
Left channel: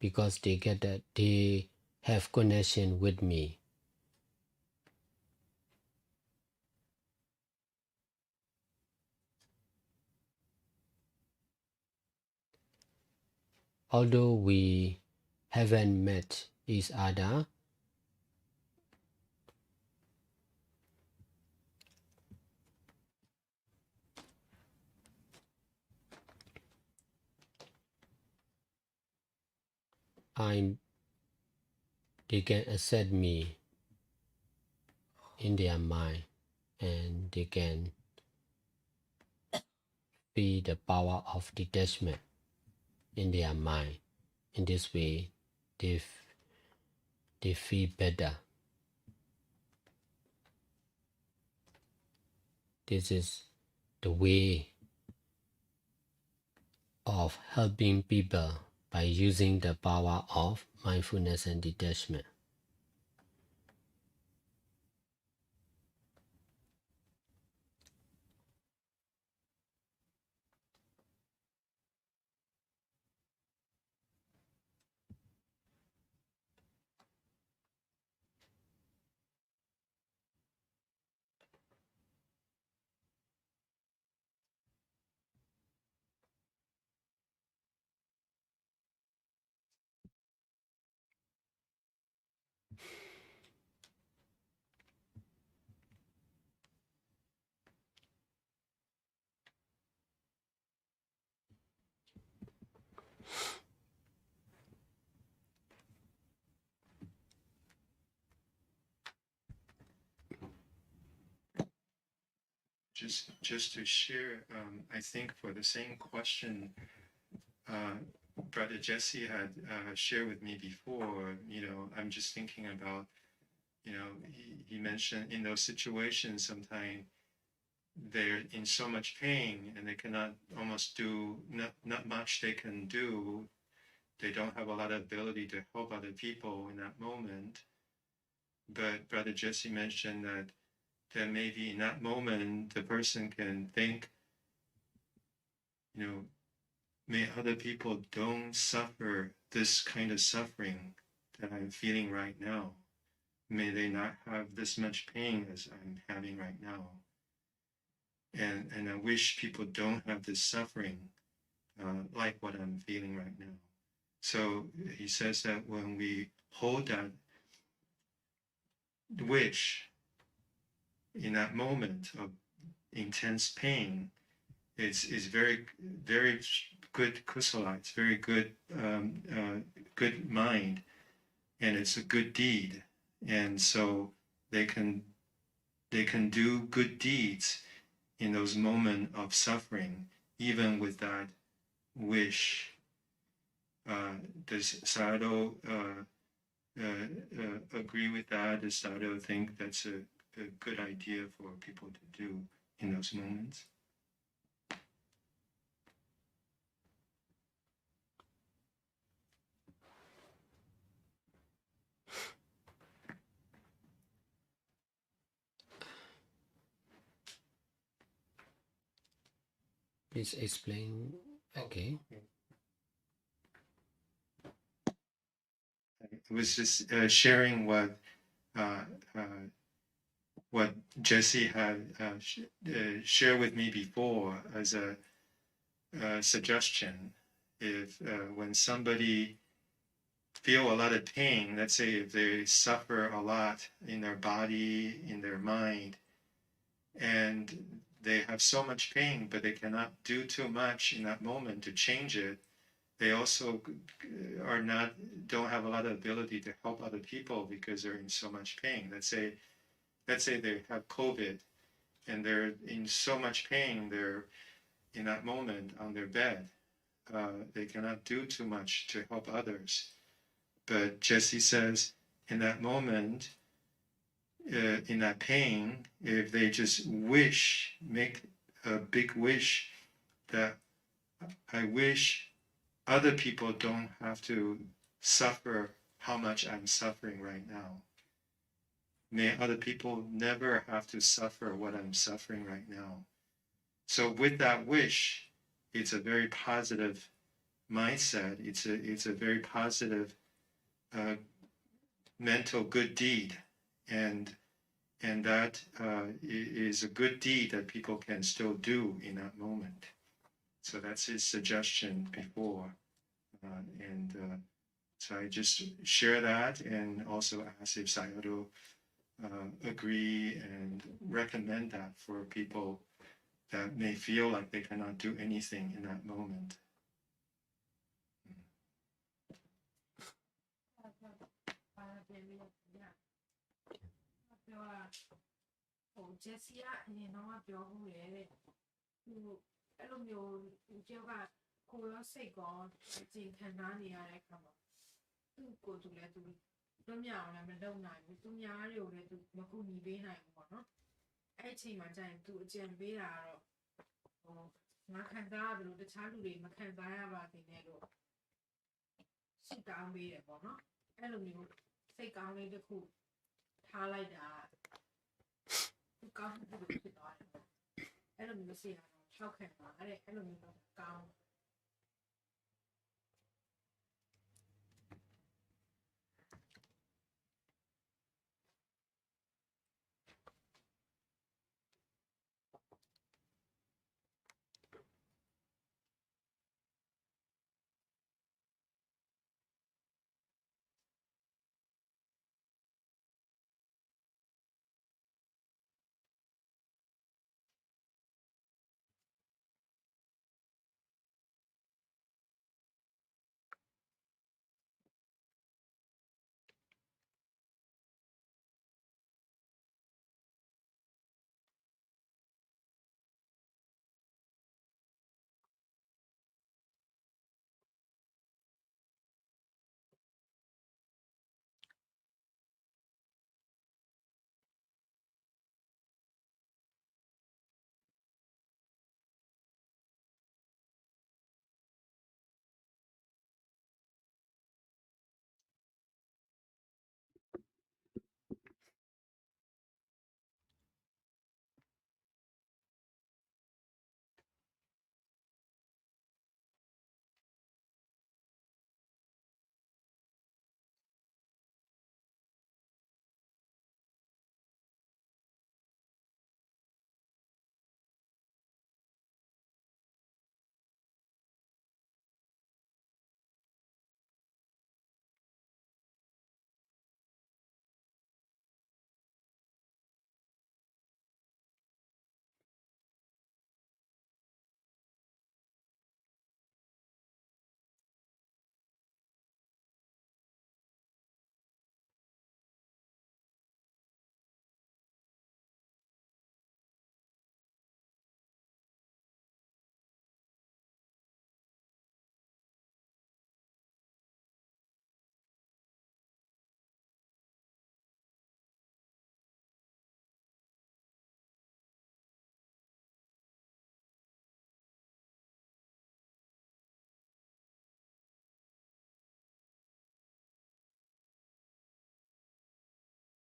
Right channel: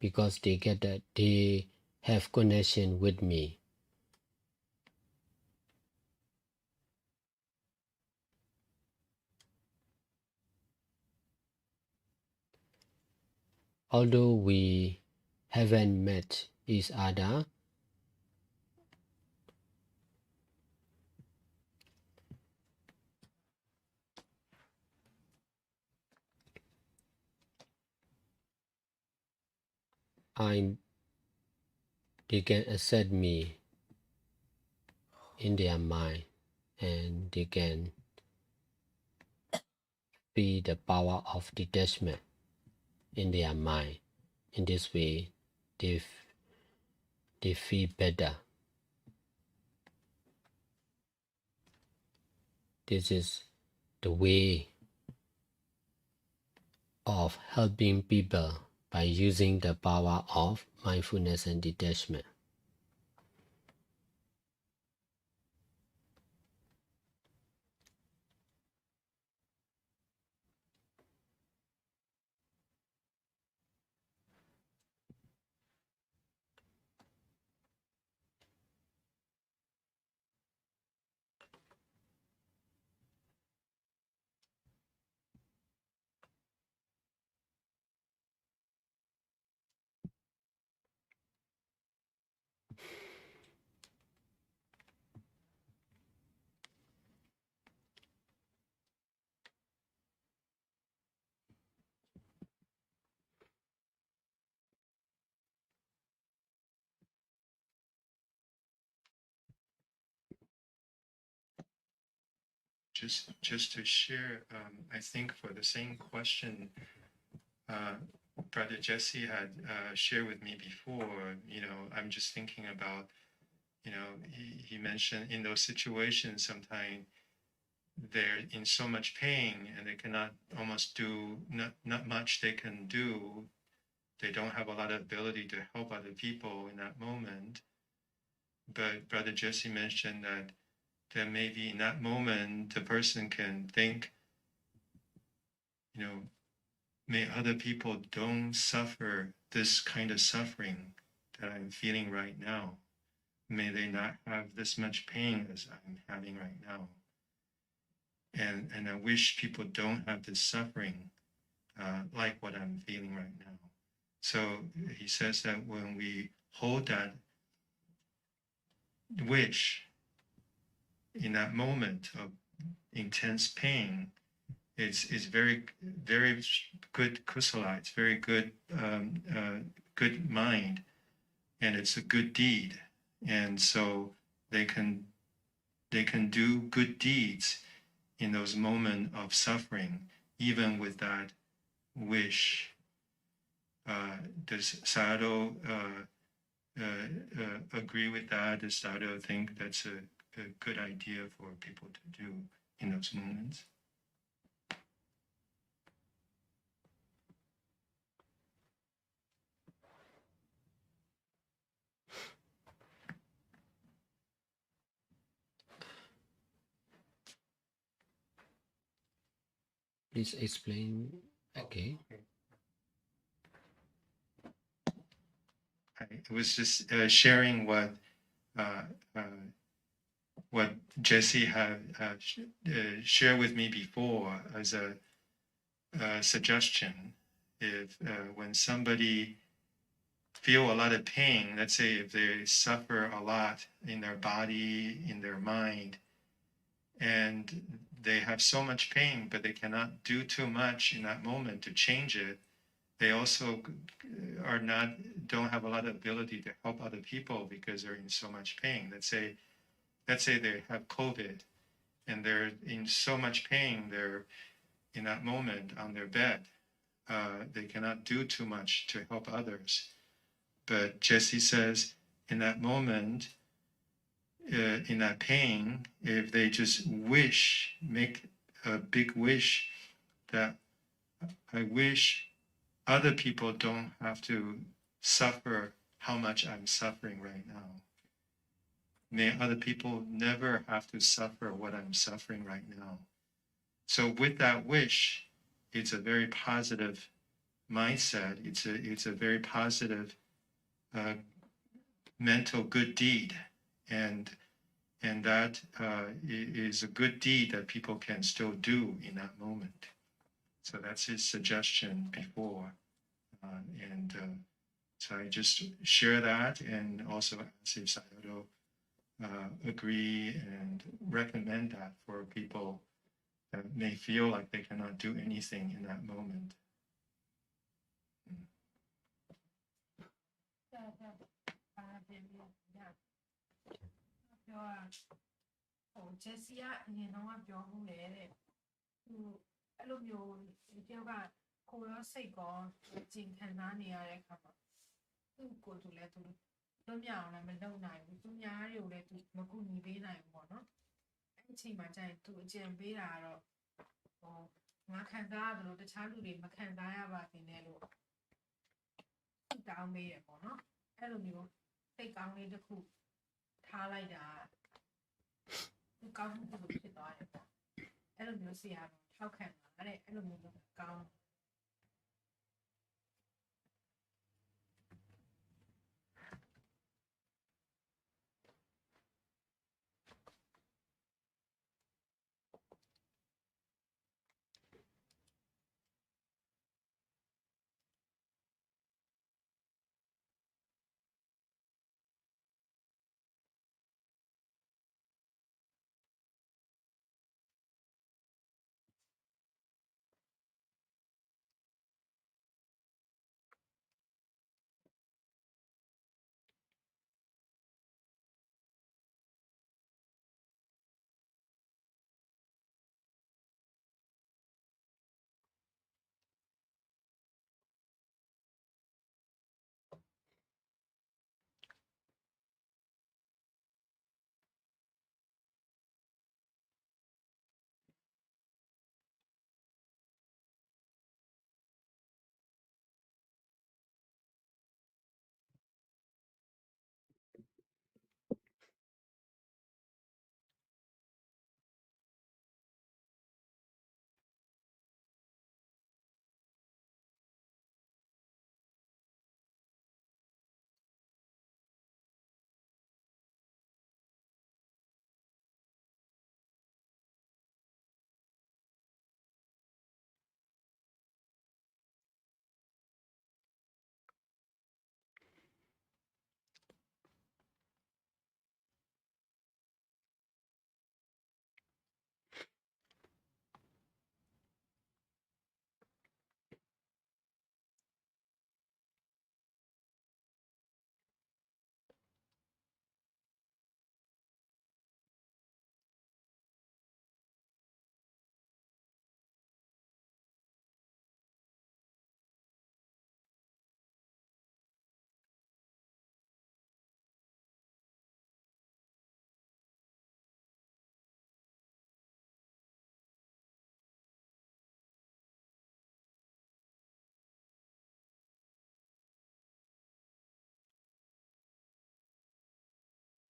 because they get that they have connection with me. Although we haven't met each other, they can accept me in their mind, and they can feel the power of detachment in their mind. In this way, they feel better. This is the way of helping people by using the power of mindfulness and detachment. Just to share, I think for the same question, Brother Jesse had shared with me before. I'm just thinking about, he mentioned in those situations sometimes they're in so much pain and they cannot almost do not much they can do. They don't have a lot of ability to help other people in that moment. But Brother Jesse mentioned that maybe in that moment the person can think, may other people don't suffer this kind of suffering that I'm feeling right now. May they not have this much pain as I'm having right now. And I wish people don't have this suffering like what I'm feeling right now. So he says that when we hold that wish in that moment of intense pain, it's very, very good kusala. It's very good, good mind, and it's a good deed. And so they can do good deeds in those moments of suffering, even with that wish. Does Sayadaw agree with that? why does Sayadaw think that's a good idea for people to do in those moments? Please explain again. I was just sharing what Jesse had shared with me before as a suggestion. If when somebody feel a lot of pain, let's say if they suffer a lot in their body, in their mind, and they have so much pain, but they cannot do too much in that moment to change it, they also don't have a lot of ability to help other people because they're in so much pain. Let's say they have COVID and they're in so much pain, they're in that moment on their bed. They cannot do too much to help others. But Jesse says, in that moment, in that pain, if they just make a big wish that I wish other people don't have to suffer how much I'm suffering right now. May other people never have to suffer what I'm suffering right now. So with that wish, it's a very positive mindset. It's a very positive mental good deed, and that is a good deed that people can still do in that moment. So that's his suggestion before, so I just share that and also ask if Sayadaw agree and recommend that for people that may feel like they cannot do anything in that moment. ဂျက်စီကအရင်တော့ပြောဘူးလေတဲ့သူအဲ့လိုမျိုးတယောက်ကကိုရောစိတ်ကောကြင်ခံစားနေရတဲ့အခါမှာသူ့ကိုယ်သူလည်းသူလွတ်မြောက်အောင်လည်းမလုပ်နိုင်ဘူးသူများတွေကိုလည်းသူမကူညီပေးနိုင်ဘူးပေါ့နော်အဲ့အချိန်မှာကျရင်သူအကြံပေးတာကတော့ငါခံစားရတယ်လို့တခြားလူတွေမခံစားရပါစေနဲ့လို့ဆုတောင်းပေးရပေါ့နော်အဲ့လိုမျိုးစိတ်ကောင်းလေးတစ်ခုထားလိုက်တာသူကောင်းမှုတစ်ခုဖြစ်သွားတယ်ပေါ့အဲ့လိုမျိုးဆရာတော်ထောက်ခံတာတဲ့အဲ့လိုမျိုးကောင်း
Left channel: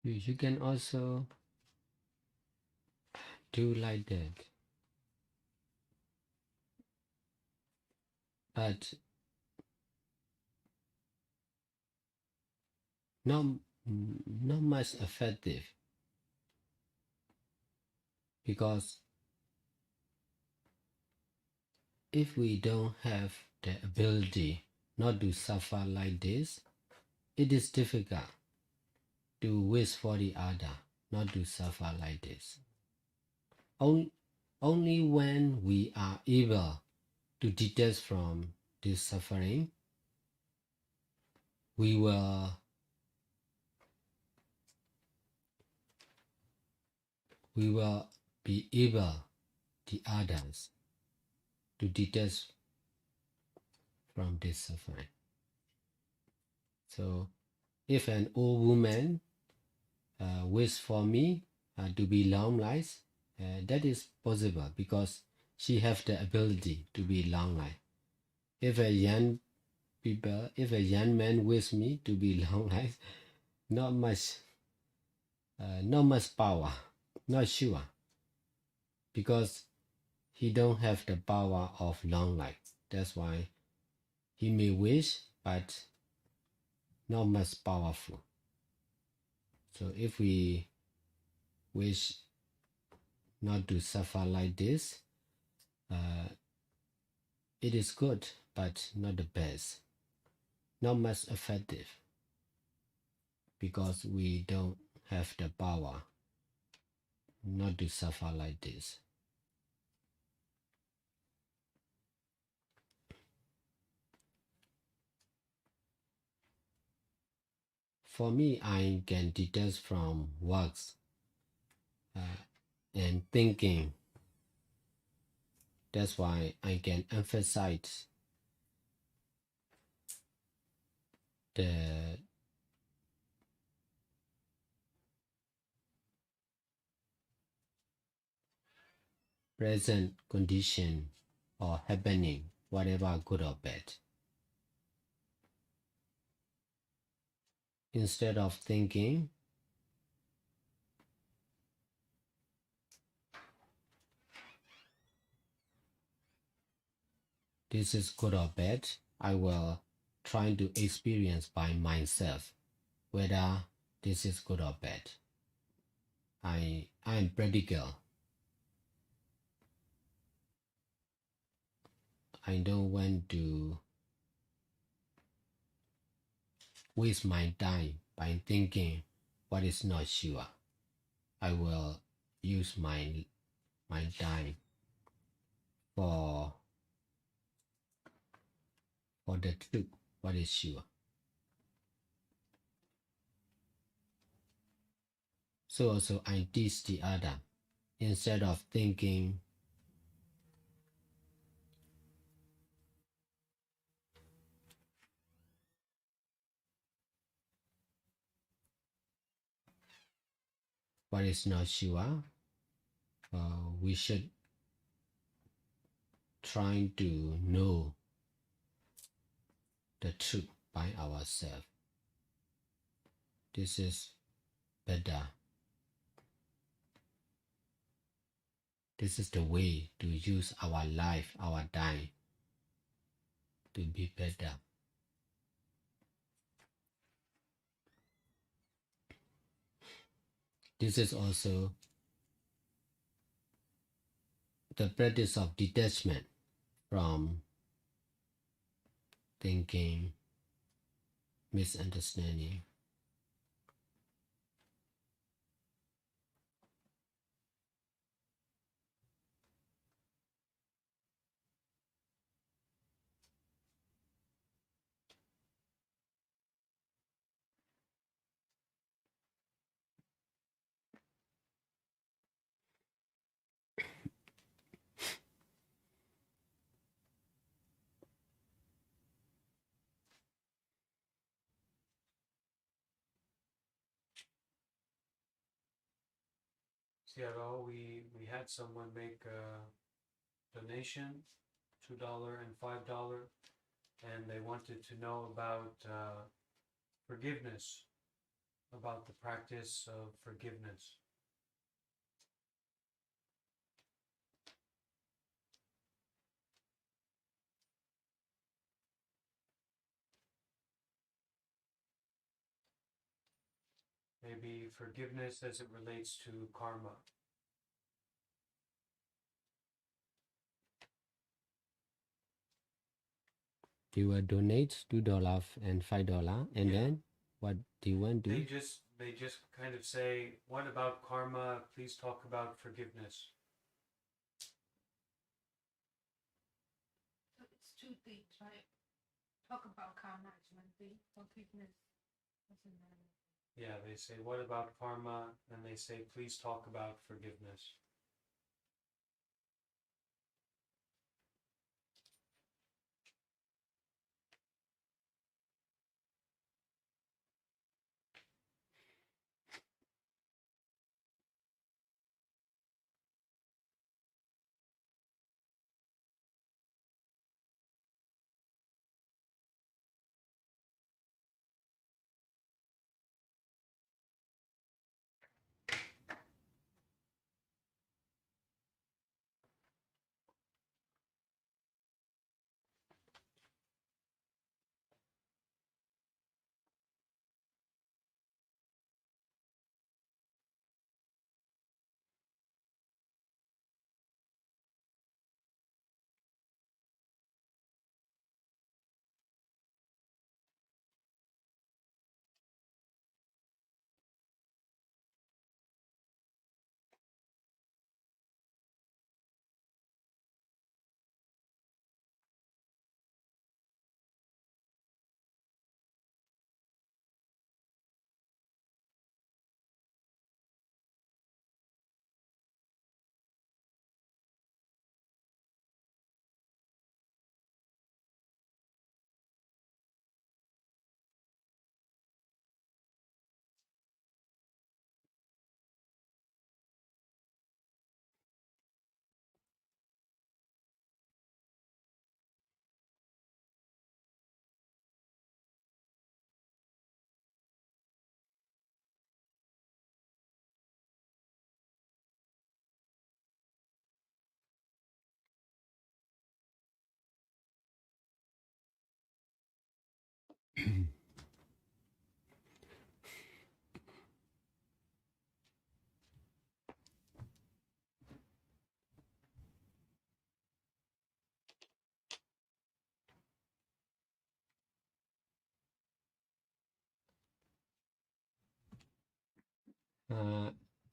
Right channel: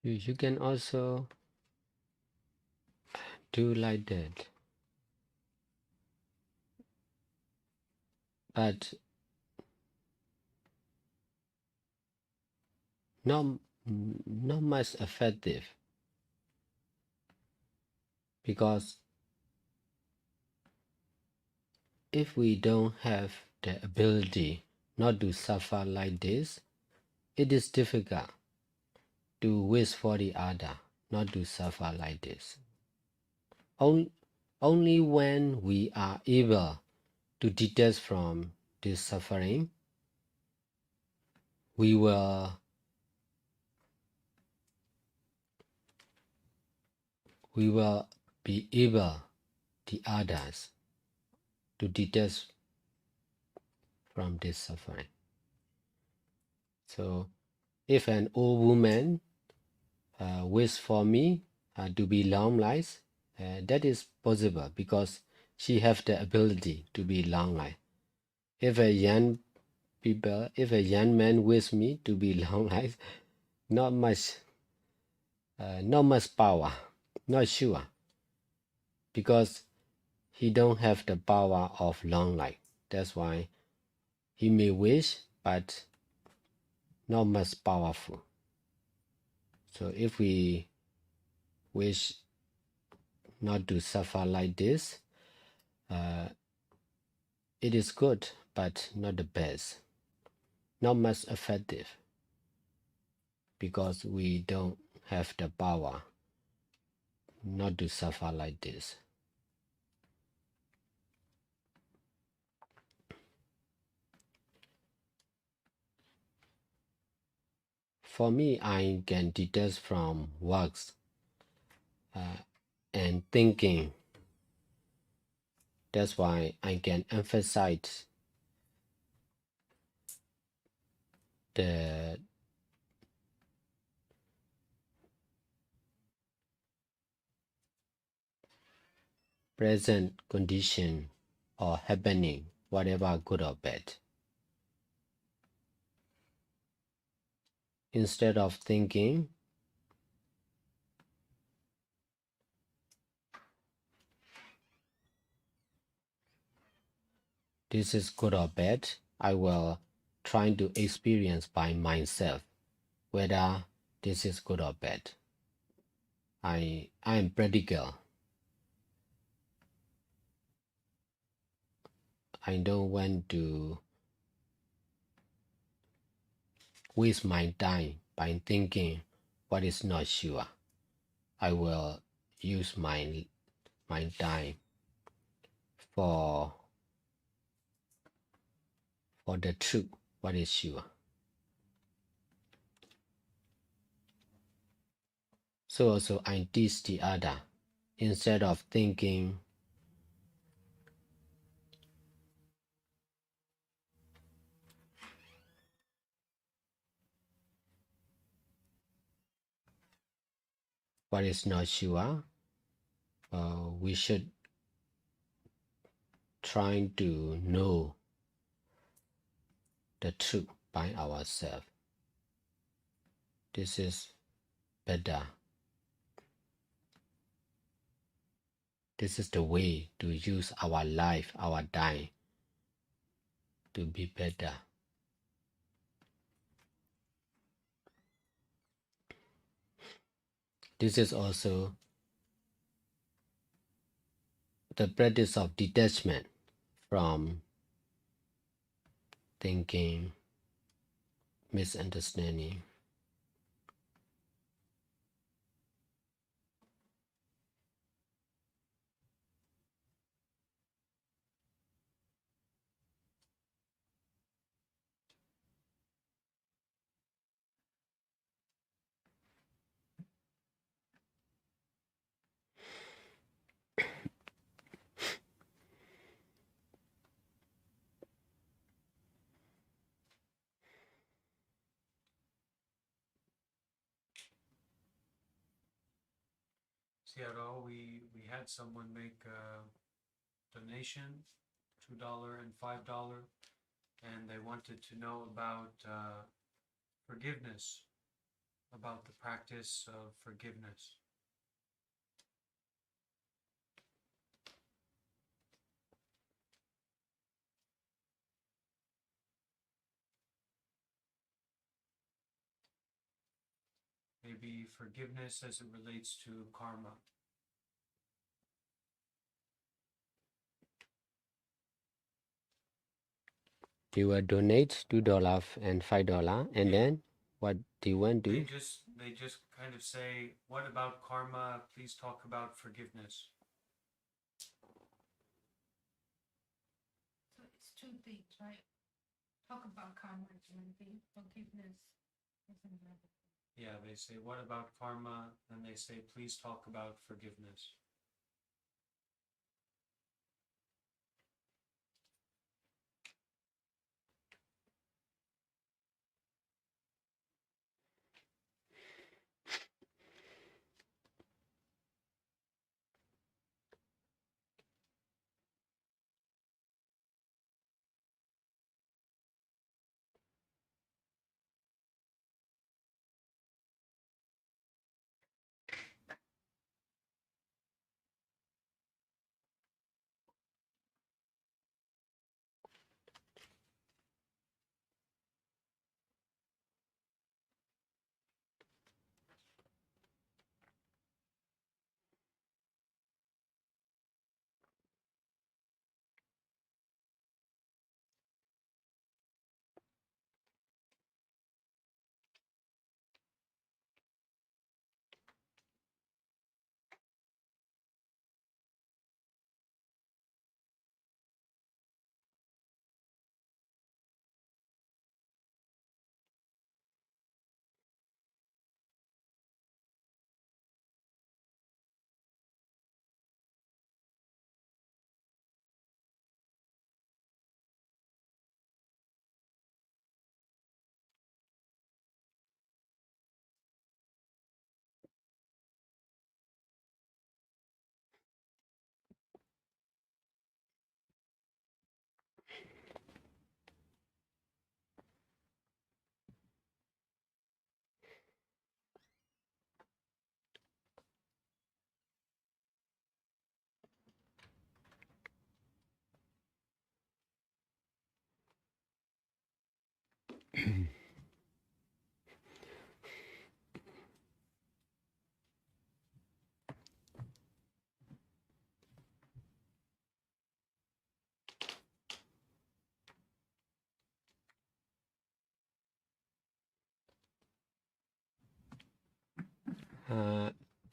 You can also do like that. But not much effective, because if we don't have the ability not to suffer like this, it is difficult to wish for the other not to suffer like this. Only when we are able to detach from this suffering, we will be able, the others, to detach from this suffering. So if an old woman wish for me to be long life, that is possible because she have the ability to be long life. If a young man wish me to be long life, not much power, not sure, because he don't have the power of long life. That's why he may wish, but not much powerful. So if we wish not to suffer like this, it is good, but not the best, not much effective, because we don't have the power not to suffer like this. For me, I can detach from works and thinking. That's why I can emphasize the present condition or happening, whatever good or bad. Instead of thinking, this is good or bad, I will try to experience by myself whether this is good or bad. I am practical. I don't want to waste my time by thinking what is not sure. I will use my time for the truth, what is sure. So also I teach the other, instead of thinking what is not sure, we should try to know the truth by ourselves. This is better. This is the way to use our life, our time, to be better. This is also the practice of detachment from thinking, misunderstanding. Sayadaw, we had someone make a donation, $2 and $5, and they wanted to know about forgiveness. about the practice of forgiveness. Maybe forgiveness as it relates to karma. You will donate $2 and $5, and then what do you want to do? They just kind of say, what about karma? Please talk about forgiveness. So it's two things, right? Talk about karma is one thing, forgiveness is another. Yeah, they say, what about karma? And they say, please talk about forgiveness.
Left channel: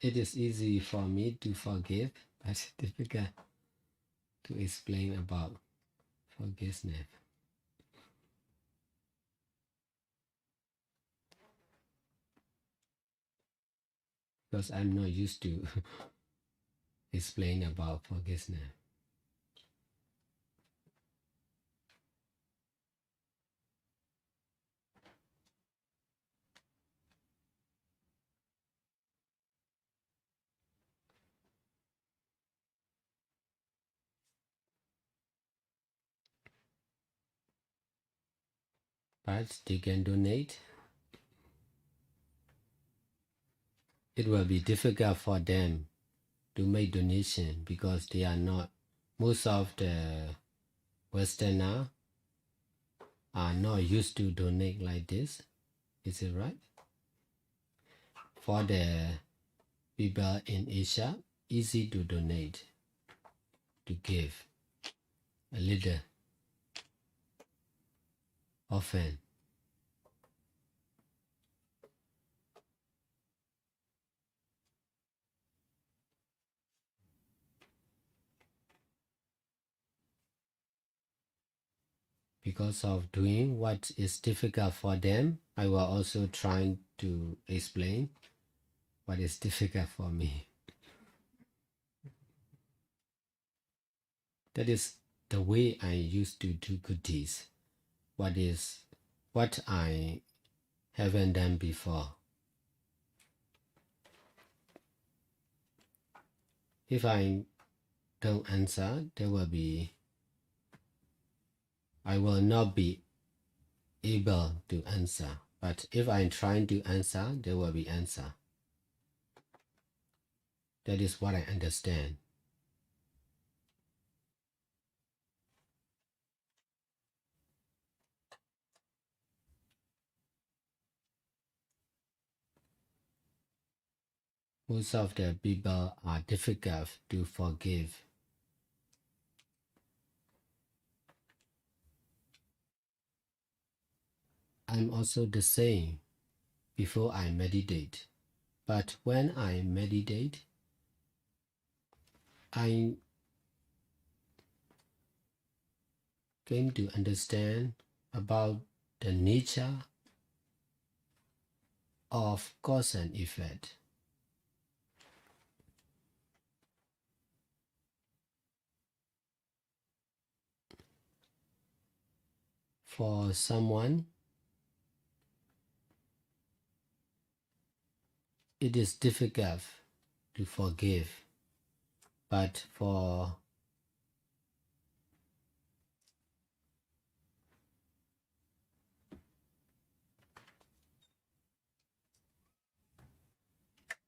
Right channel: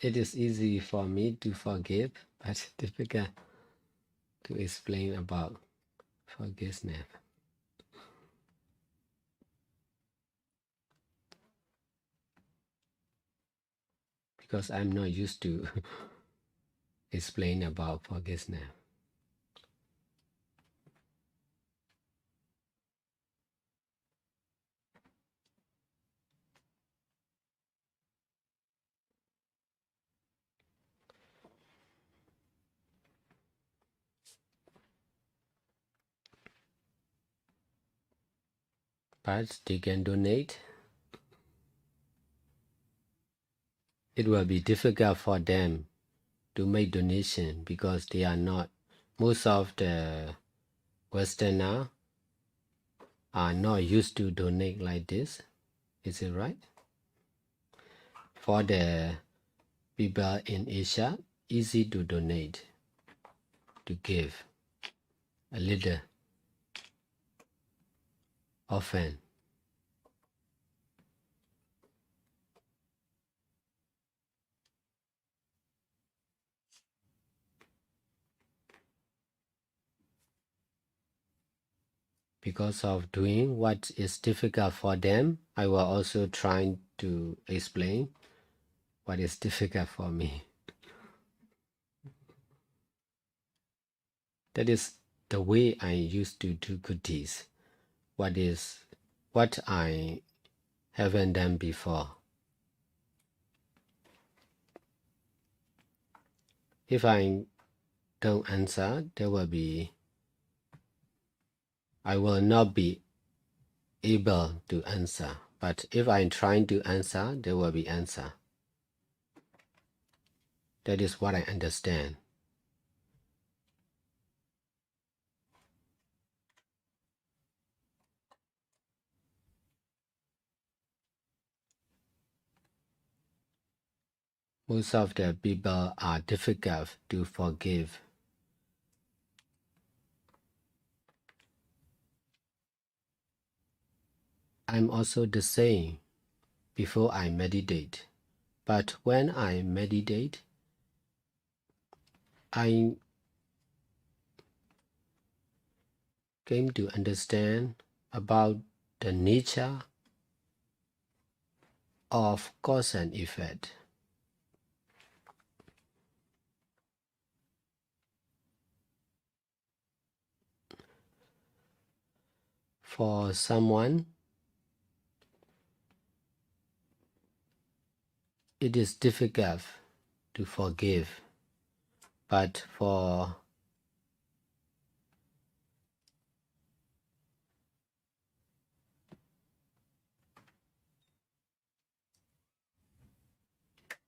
It is easy for me to forgive, but difficult to explain about forgiveness. Because I'm not used to explain about forgiveness. But they can donate. It will be difficult for them to make donation because they are not, most of the Westerners are not used to donate like this. Is it right? For the people in Asia, easy to donate, to give a little often. Because of doing what is difficult for them, I will also try to explain what is difficult for me. That is the way I used to do good deeds. What I haven't done before. If I don't answer, I will not be able to answer. But if I'm trying to answer, there will be answer. That is what I understand. Most of the people are difficult to forgive. I'm also the same before I meditate. But when I meditate, I came to understand about the nature of cause and effect. For someone, it is difficult to forgive, but for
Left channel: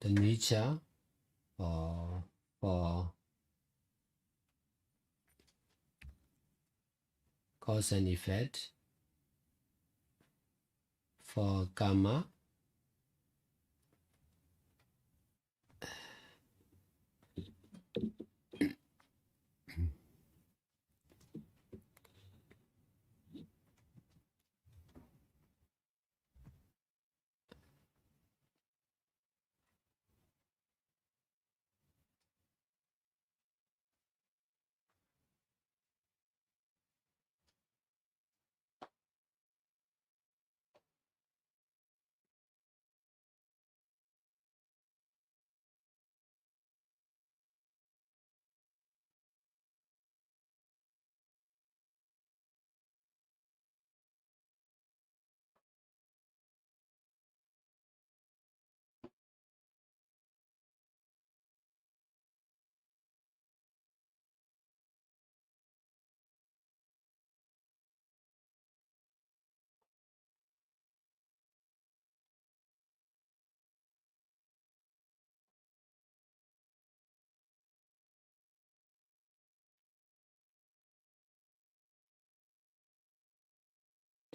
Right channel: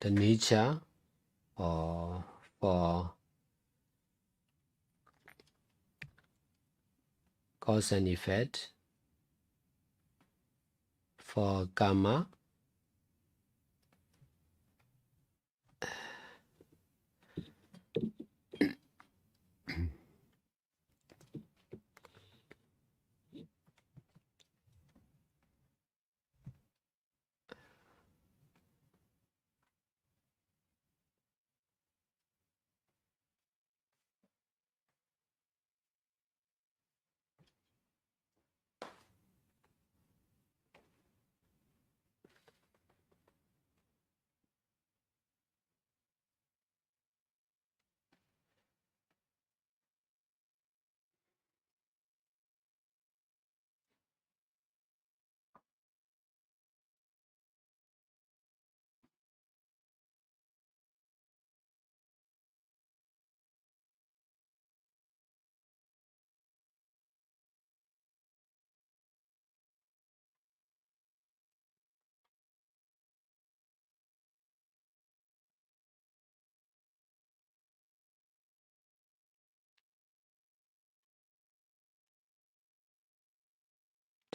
the nature or for cause and effect, for karma,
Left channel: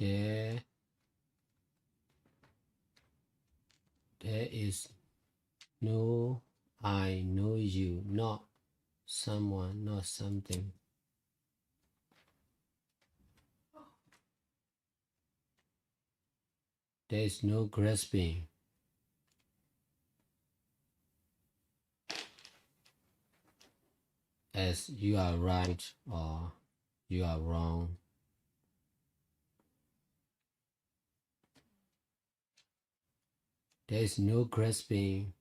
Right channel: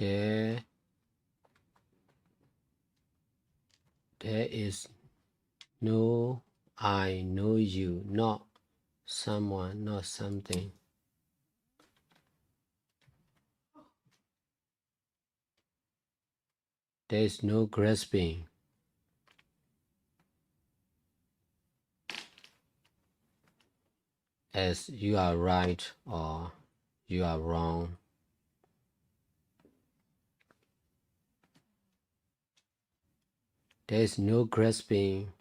there is no I know you, not someone, not something. There is no grasping. As you are right or you are wrong. There is no grasping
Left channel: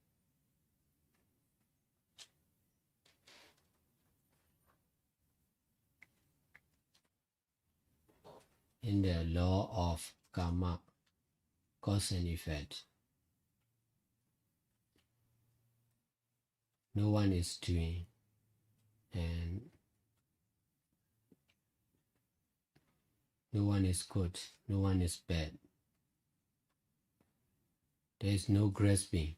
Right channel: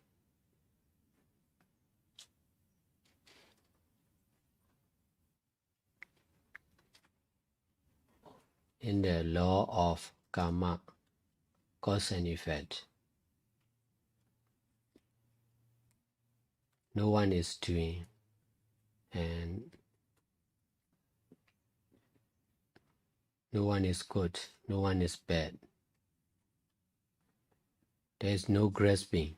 in the law of karma, cause and effect. No one is doing, and no one is good, no one is bad. There is no grasping.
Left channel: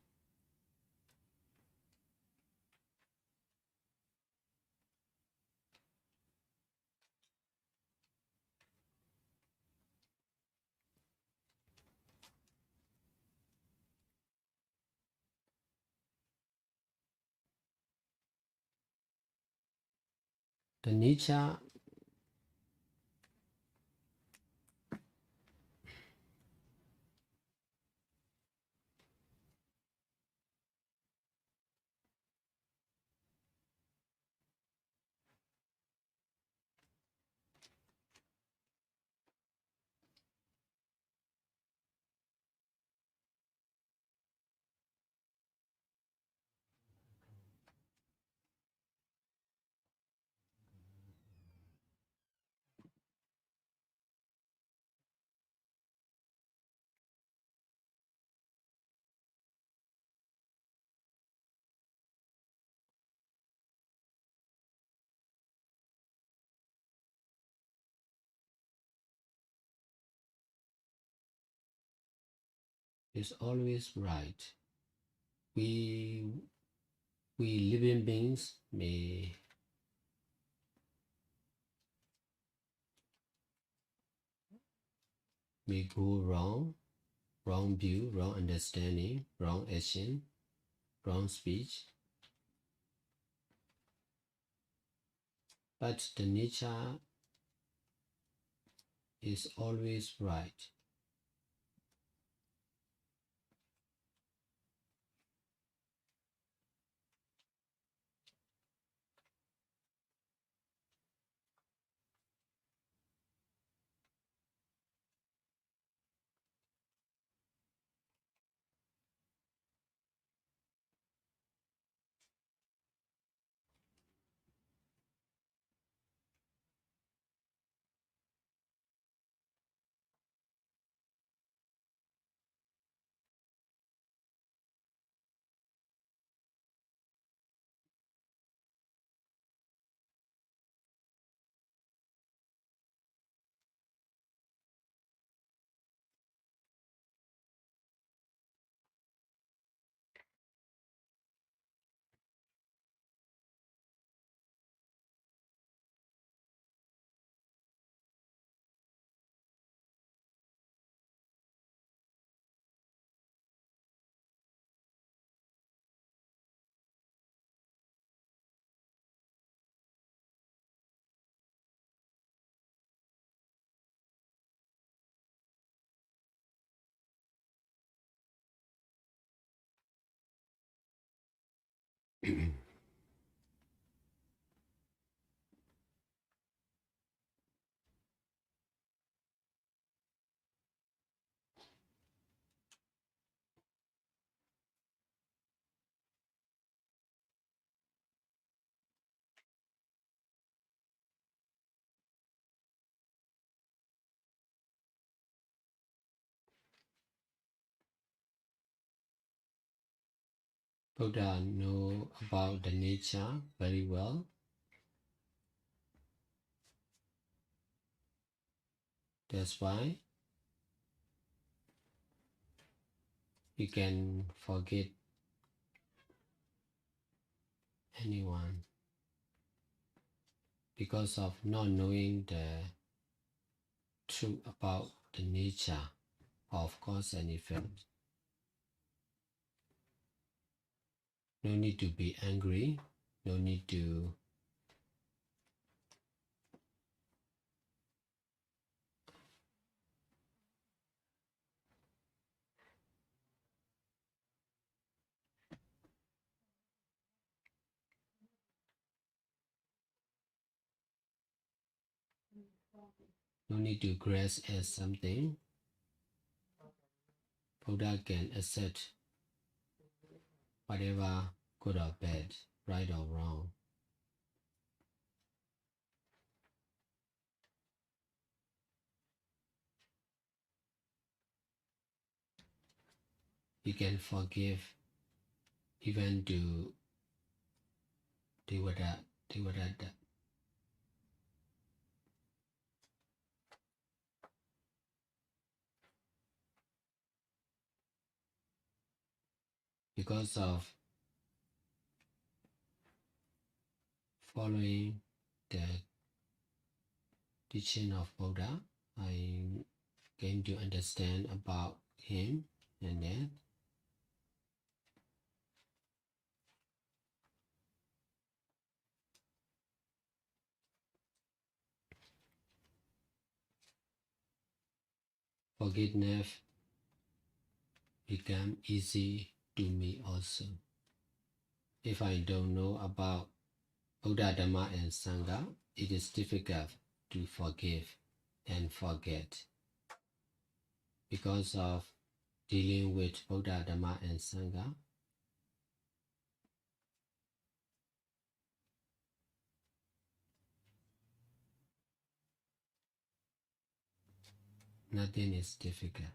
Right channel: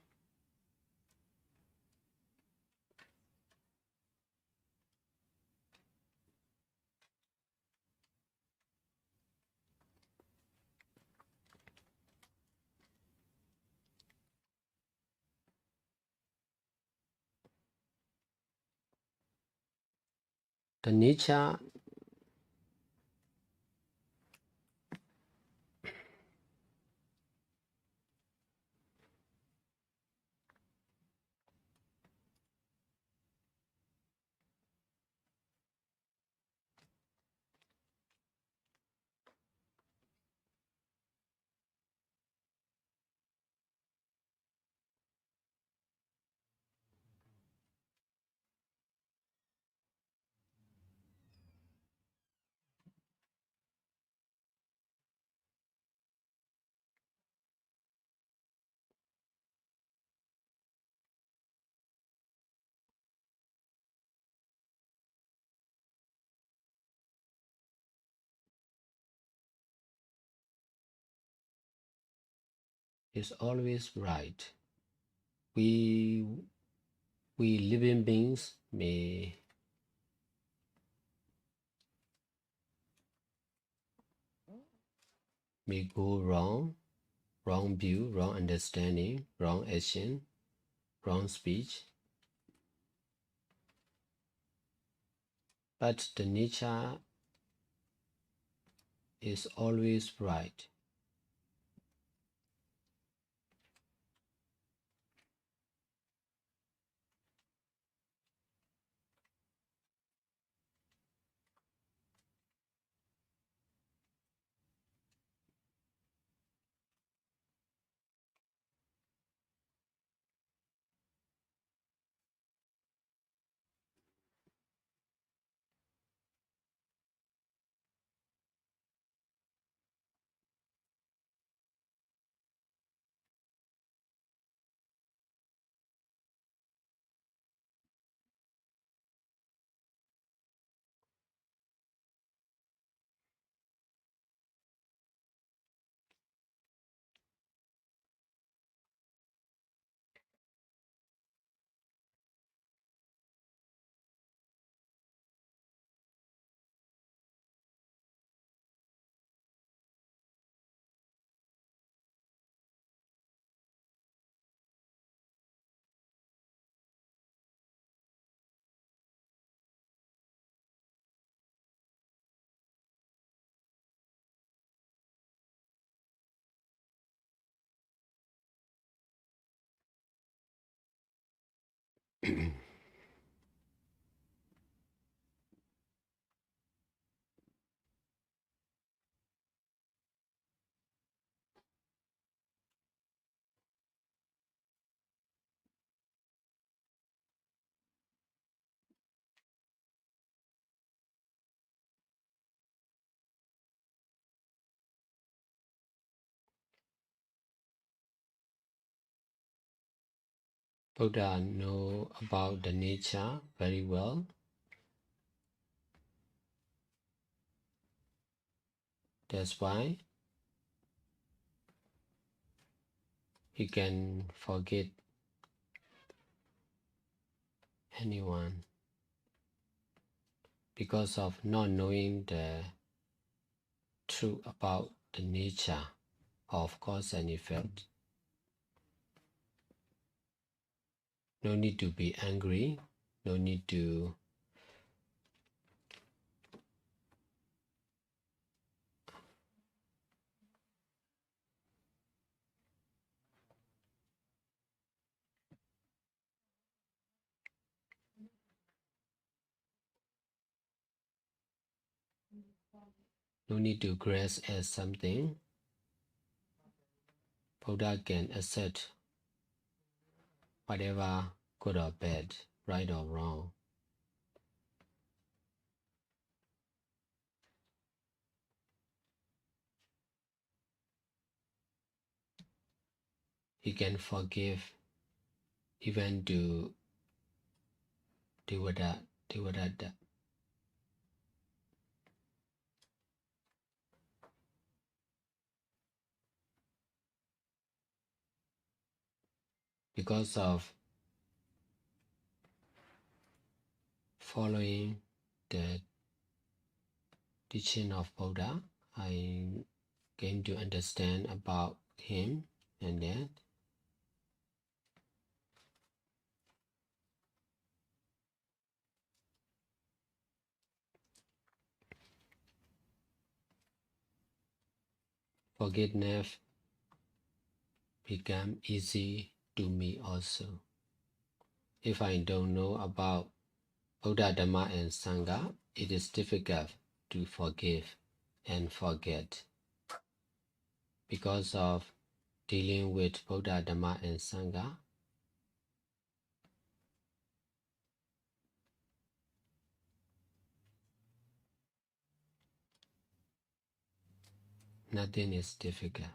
The nature is always right. We living beings may go wrong view, wrong understanding, wrong action, wrong speech. But the nature is always right. Buddha know about the nature very well. That's why he can forget anyone because of not knowing the truth about the nature of cause and effect. No need to be angry, no need to grasp as something. Buddha can accept whatever, good or bad, right or wrong. He can forgive even to Devadatta. Because of following the teaching of Buddha, I came to understand about him, and then forgiveness became easy to me also. If I don't know about Buddha, Dhamma, and Sangha, it is difficult to forgive and forget. Because of dealing with Buddha, Dhamma, and Sangha, nothing is difficult.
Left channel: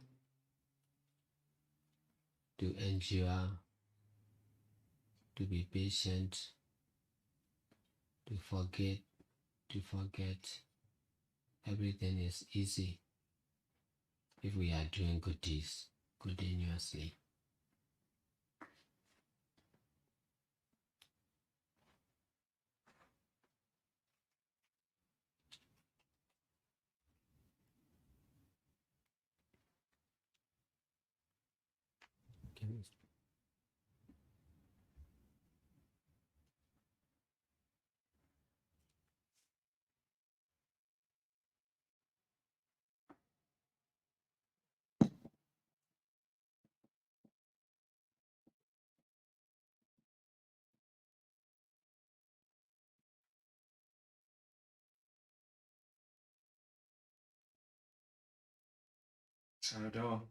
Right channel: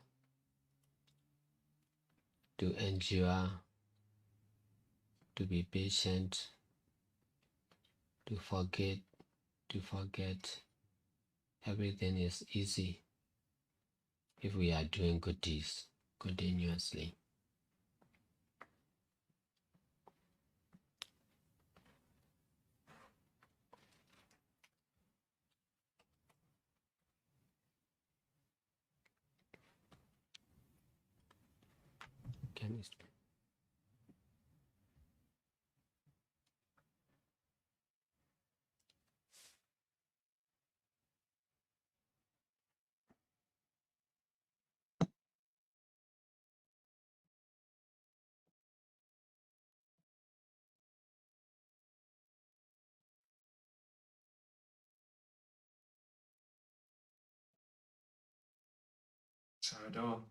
To endure, to be patient, to forget, everything is easy if we are doing good deeds. continuously. Can you speak? Sayadaw,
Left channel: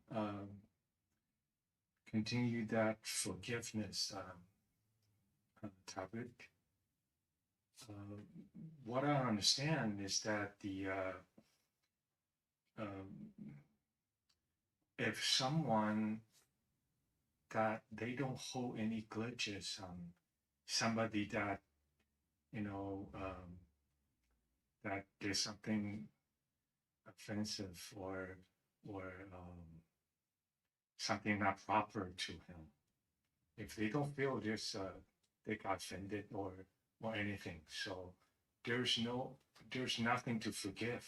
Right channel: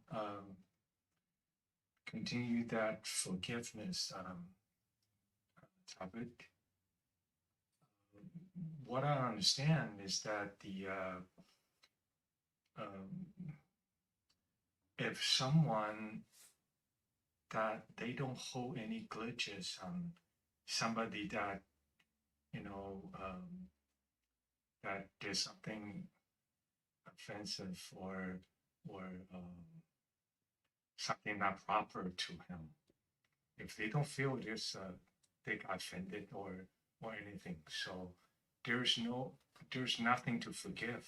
continue that forgiveness topic. What I understand is that if someone that they don't hold any glitches on somebody that that there's something offensive or something not proper to him. If they don't feel they got offended or anything, so there's nothing to forgive.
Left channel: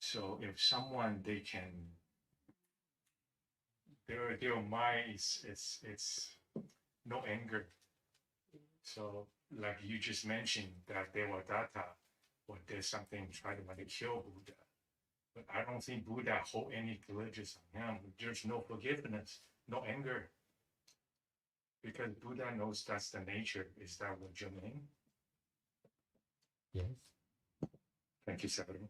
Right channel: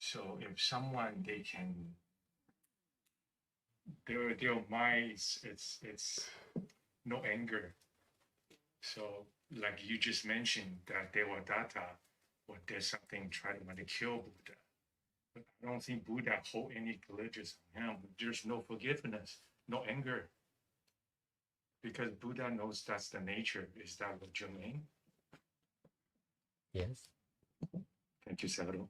So if someone they can their mind it's no anger. So like you just mentioned that they were Data or there's something trying to kill Buddha. But I don't think Buddha hold any grudges on him. There's no forgiveness, no anger. Because Buddha knows that's the nature. Is that what you mean? Yes. Thank you, Sayadaw.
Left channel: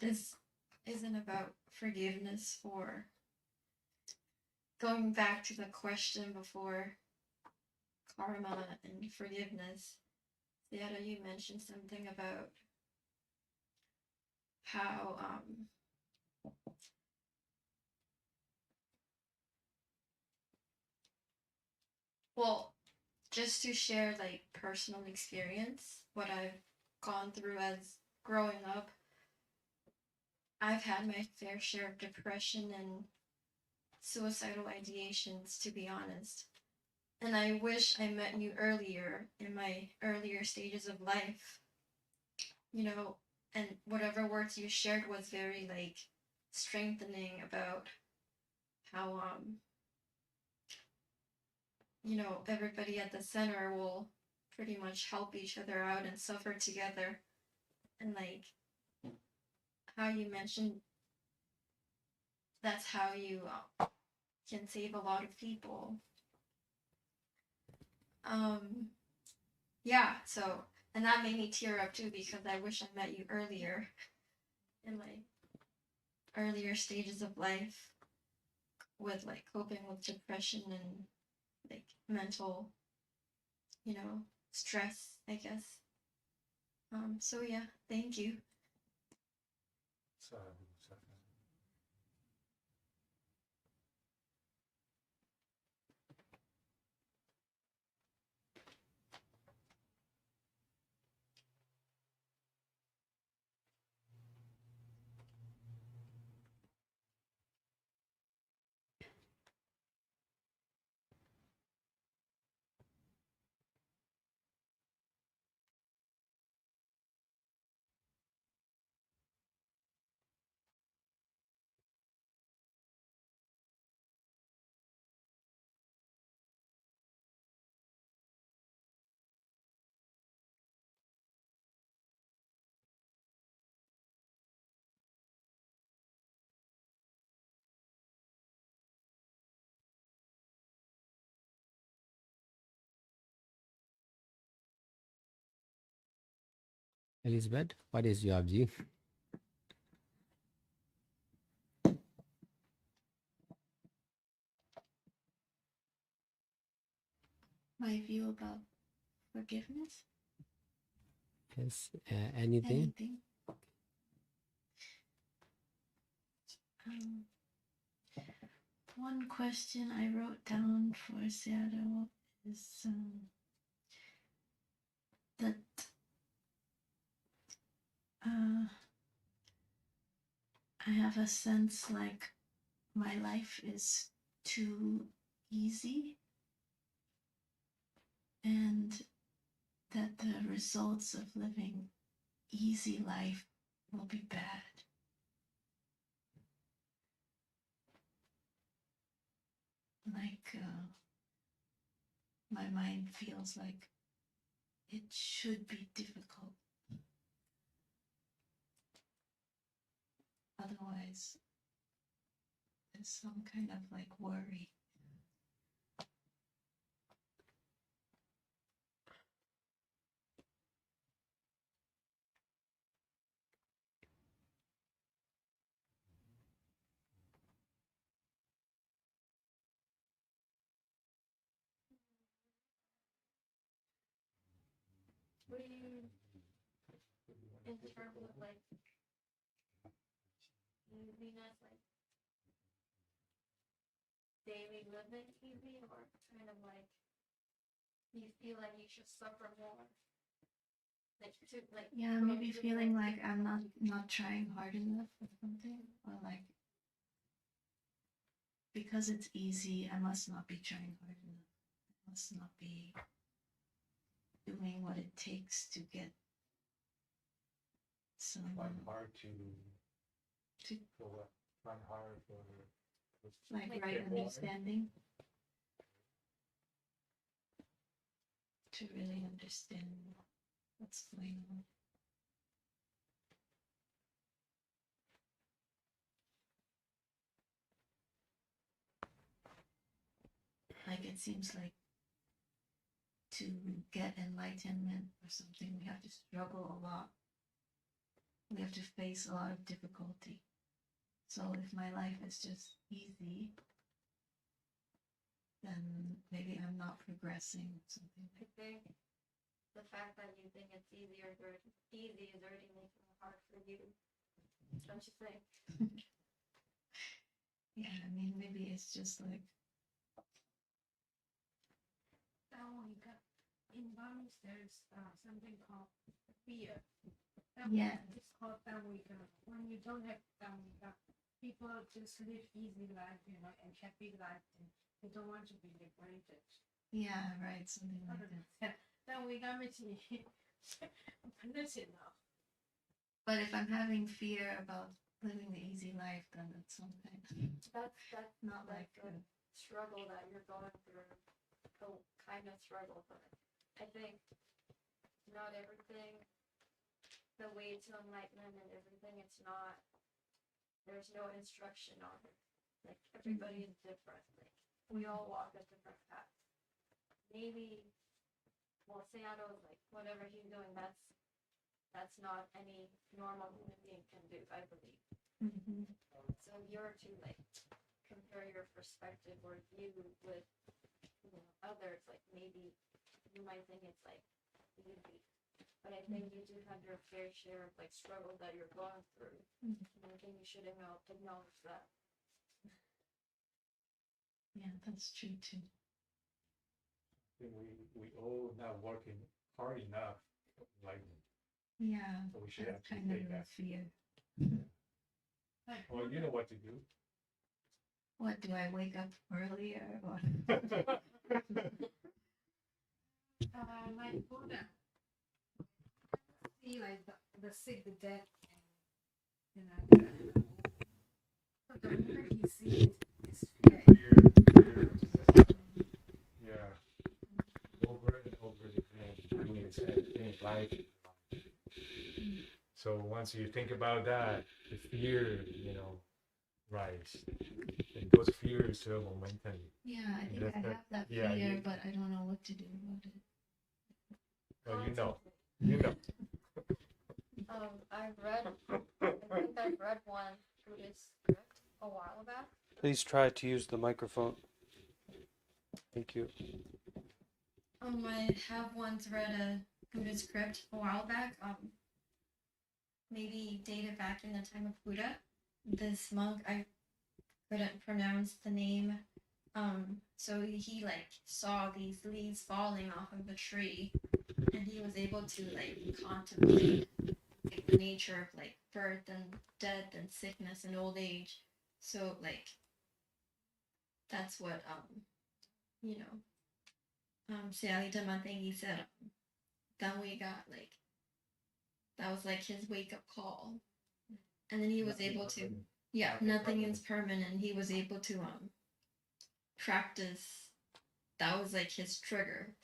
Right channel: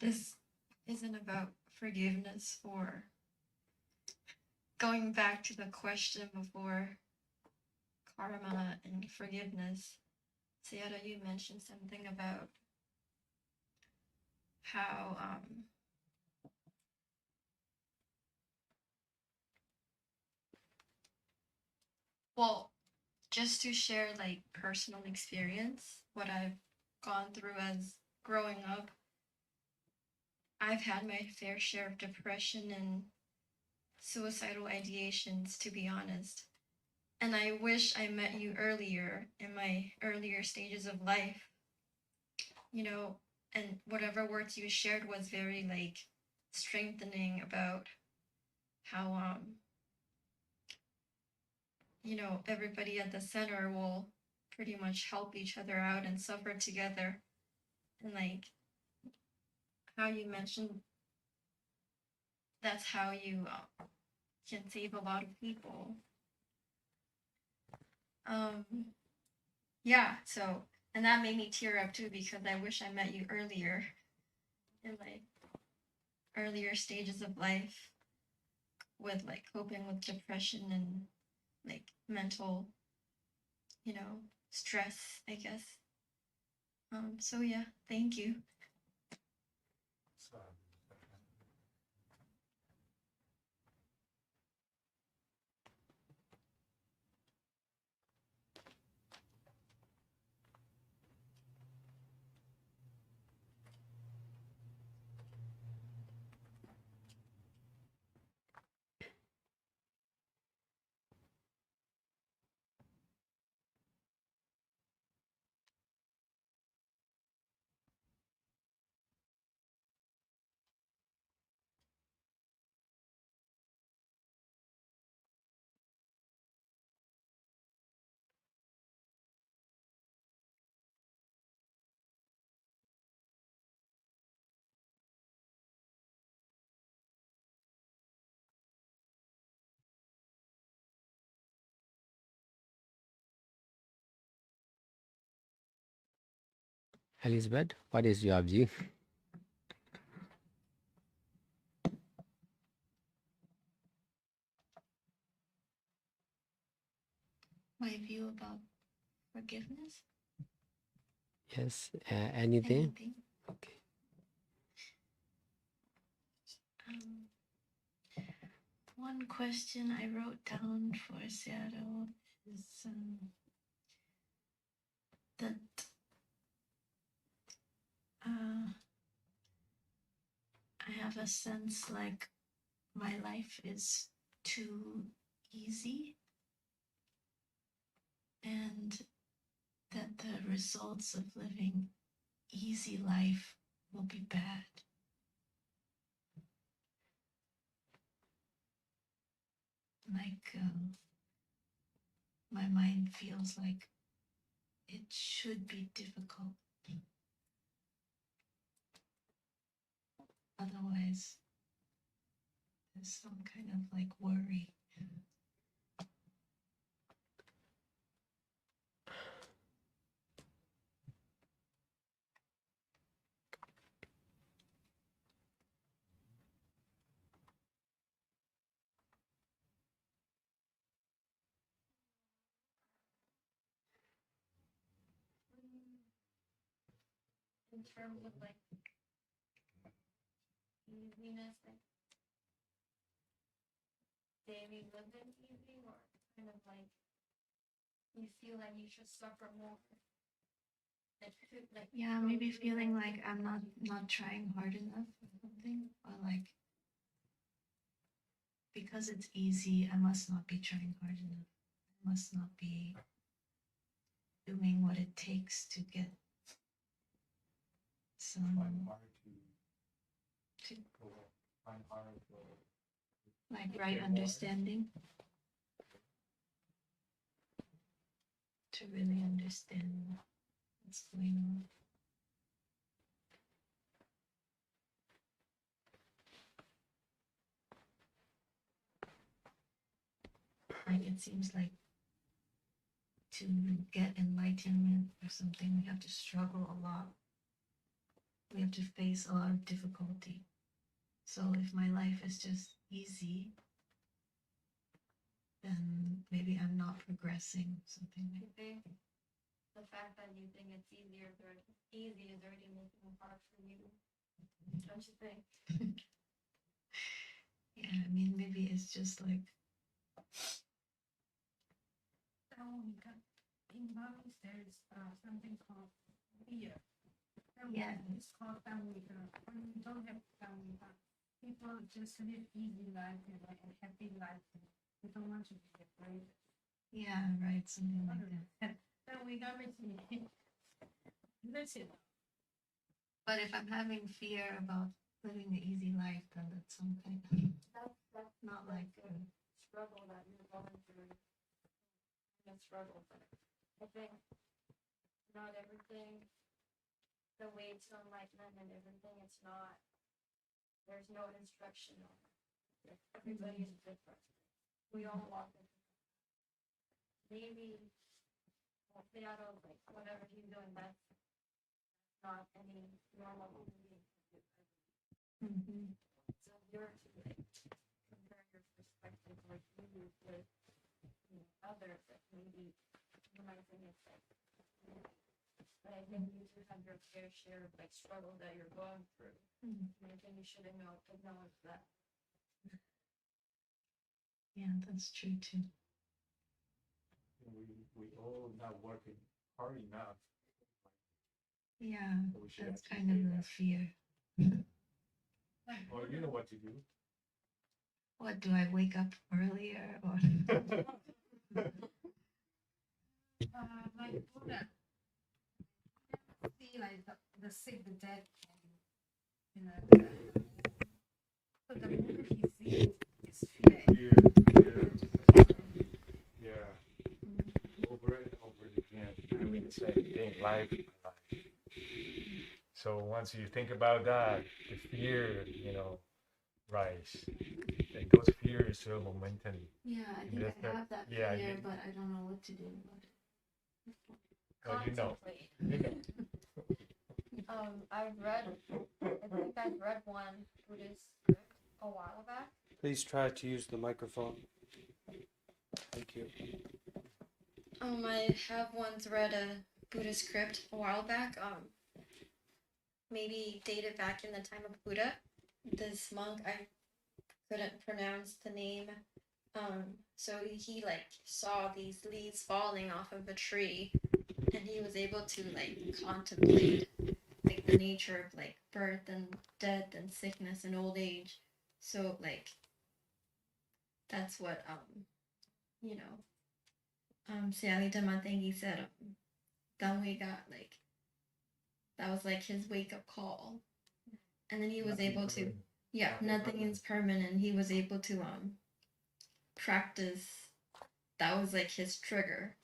This isn't about forgiveness or going back to the question before karma and forgiveness. Sayadaw, you mentioned something about how well, just to share like personal experience, what I've gone through as growing up, I've had my fair share of depression and suicidal ideations, to be honest. And I wish I met you earlier in my earlier stages of life, and whatever words you shared was very like strengthening about how, everybody at the center will pretty much help each other out and suffer together. And like how you mentioned, that's how you can save a lot of people. Yeah, so, and that made me tear up too, because I wish I met you earlier in my earlier stages of life with like coping with depression and like mental, stress, I guess. So yeah, thank you. Elizabeth, what is your view? My view about forgiveness? Yes, anything? Okay. One question I wrote down for Sayadaw is that I have a sense like my life is too easy, and that the results of living easy life will be bad. Like my mind feels like it should be difficult. Otherwise, there's some kind of like worry. What do you, in terms of like easiness, like daily living easy, or kind of like you feel like you should suffer more? Like, Yeah, maybe feeling like I'm not trying hard enough or something, or like because it's easy, I must not be trying hard enough. I must not be doing what it takes to get some Find hard to for what? Find hard for like get right more. understanding. To really understand what's going on. Like it seems like to get enlightenment or something, we have to struggle a lot. We have to face a lot of difficulty. So if my life is just easy, then maybe I'm not progressing, something I like think the fact that you think it's easy is already making it hard for you. Don't you think? Yeah, I mean, maybe it's just like in Burmese, there's something called fear. Yeah. It's called Dhamma. When you don't have Dhamma, people just live easy life, and happy life. And they don't want to be liberated. yeah, right, something like that. Dhamma makes me listen now. But if I'm having fear about living the easy life, then that's something. That's not like the struggle that you're going through. The kind of struggle, but I think not everything, the way to enlightenment and everything, it's not, there's no instruction on it. Like everybody is different. Like we all walk a different path. Maybe, well, Sayadaw, like whatever he's doing, that's not any normal human being can do, I believe. Mm-hmm. So you're to like compare your perspective or view with others, like maybe you might think it's like easy, but I think you do have your fair share of like struggle that you're going through. And I think you should acknowledge that. Yeah, that's true too. We all not working hard enough, like Yeah, so we should that's actually kind of say a that. fear. Like, Well, you know what to do. What, do I wake up earlier or? like Buddha, see like the sick, the dead, so the moment he sees it, it's fear. Fear. Yeah. Over and over again, doing the same thing, life. So once you think about that, the fear, rise. And those fears are momentum. Yeah, I think That's I have that yeah, fear, but I don't know what to do about it. Well, you know. I've read, I think I've read one Buddhist script a while back. Please try to use the microphone. Thank you. I have once read a Buddhist script a while back, maybe dated back in the time of Buddha. This monk, I couldn't pronounce the name, so he like saw these leaves falling off of a tree, and he was able to like contemplate like the nature of like birth and death and sickness and old age. So like that's what Sayadaw thing he said, then we got like that was like his wake up call, and then he was able to nothing is permanent. He was able to practice. That was like his trigger,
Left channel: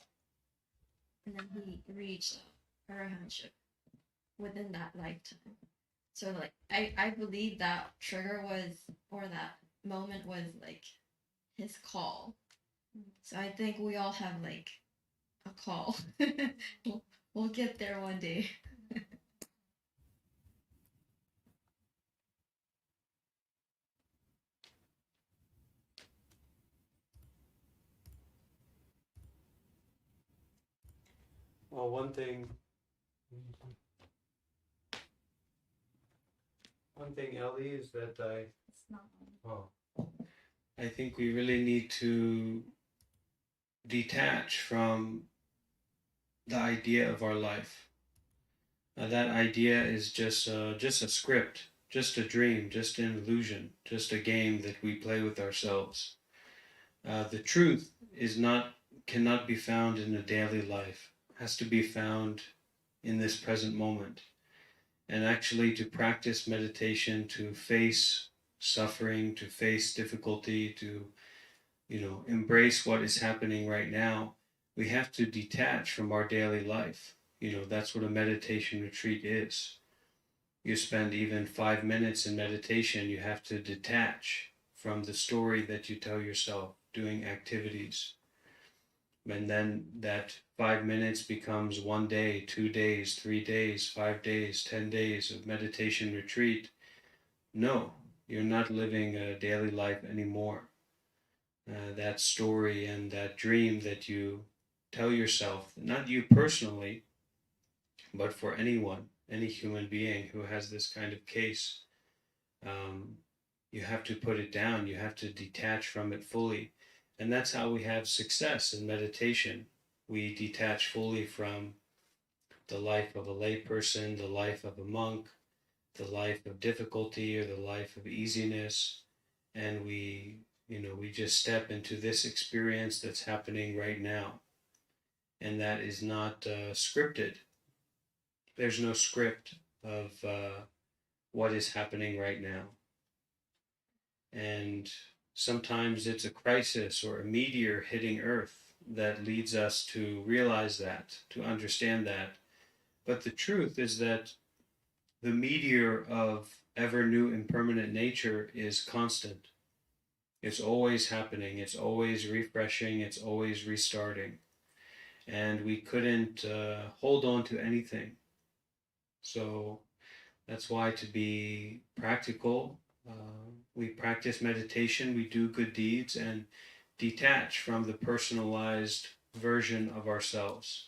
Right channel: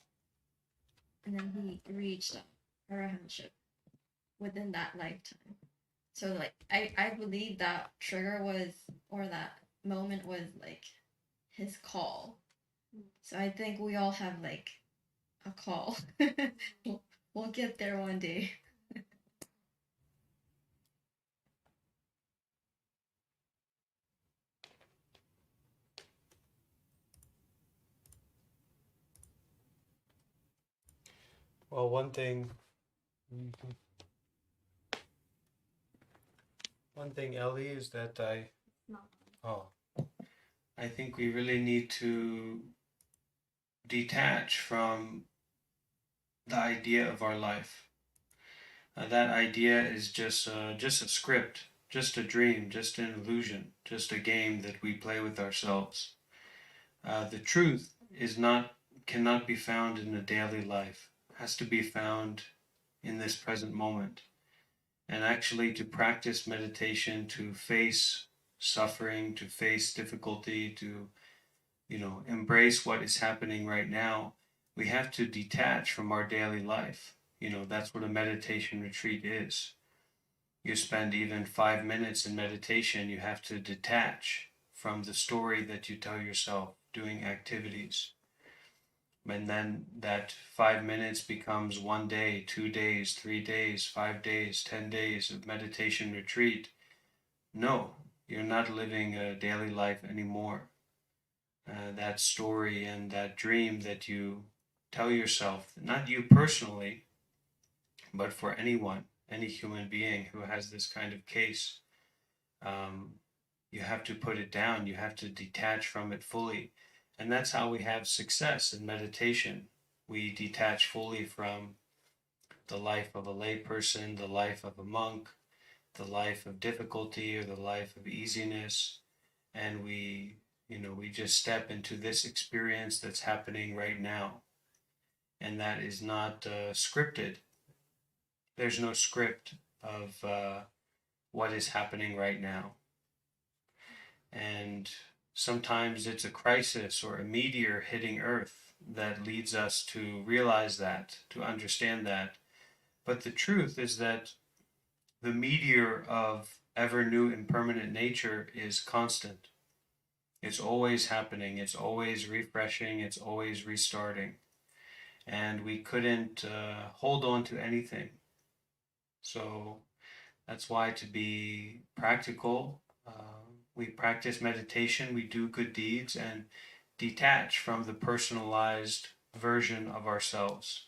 and then he reached arahantship within that lifetime. So like I believe that trigger was, or that moment was like his call. So I think we all have like a call. We'll get there one day. Well, one thing, Ellie, is that I think we really need to detach from the idea of our life. That idea is just a script, just a dream, just an illusion, just a game that we play with ourselves. The truth cannot be found in a daily life. It has to be found in this present moment. And actually, to practice meditation, to face suffering, to face difficulty, to embrace what is happening right now, we have to detach from our daily life. That's what a meditation retreat is. You spend even 5 minutes in meditation, you have to detach from the story that you tell yourself, doing activities. And then that 5 minutes becomes 1 day, 2 days, 3 days, 5 days, 10 days of meditation retreat. No, you're not living a daily life anymore. That story and that dream that you tell yourself, not you personally, but for anyone, any human being who has this kind of case, you have to put it down. You have to detach from it fully. And that's how we have success in meditation. We detach fully from the life of a layperson, the life of a monk, the life of difficulty or the life of easiness, and we just step into this experience that's happening right now. And that is not scripted. There's no script of what is happening right now. And sometimes it's a crisis or a meteor hitting Earth that leads us to realize that, to understand that. But the truth is that the meteor of ever new impermanent nature is constant. It's always happening. It's always refreshing. It's always restarting. And we couldn't hold on to anything. So that's why, to be practical, we practice meditation, we do good deeds, and detach from the personalized version of ourselves.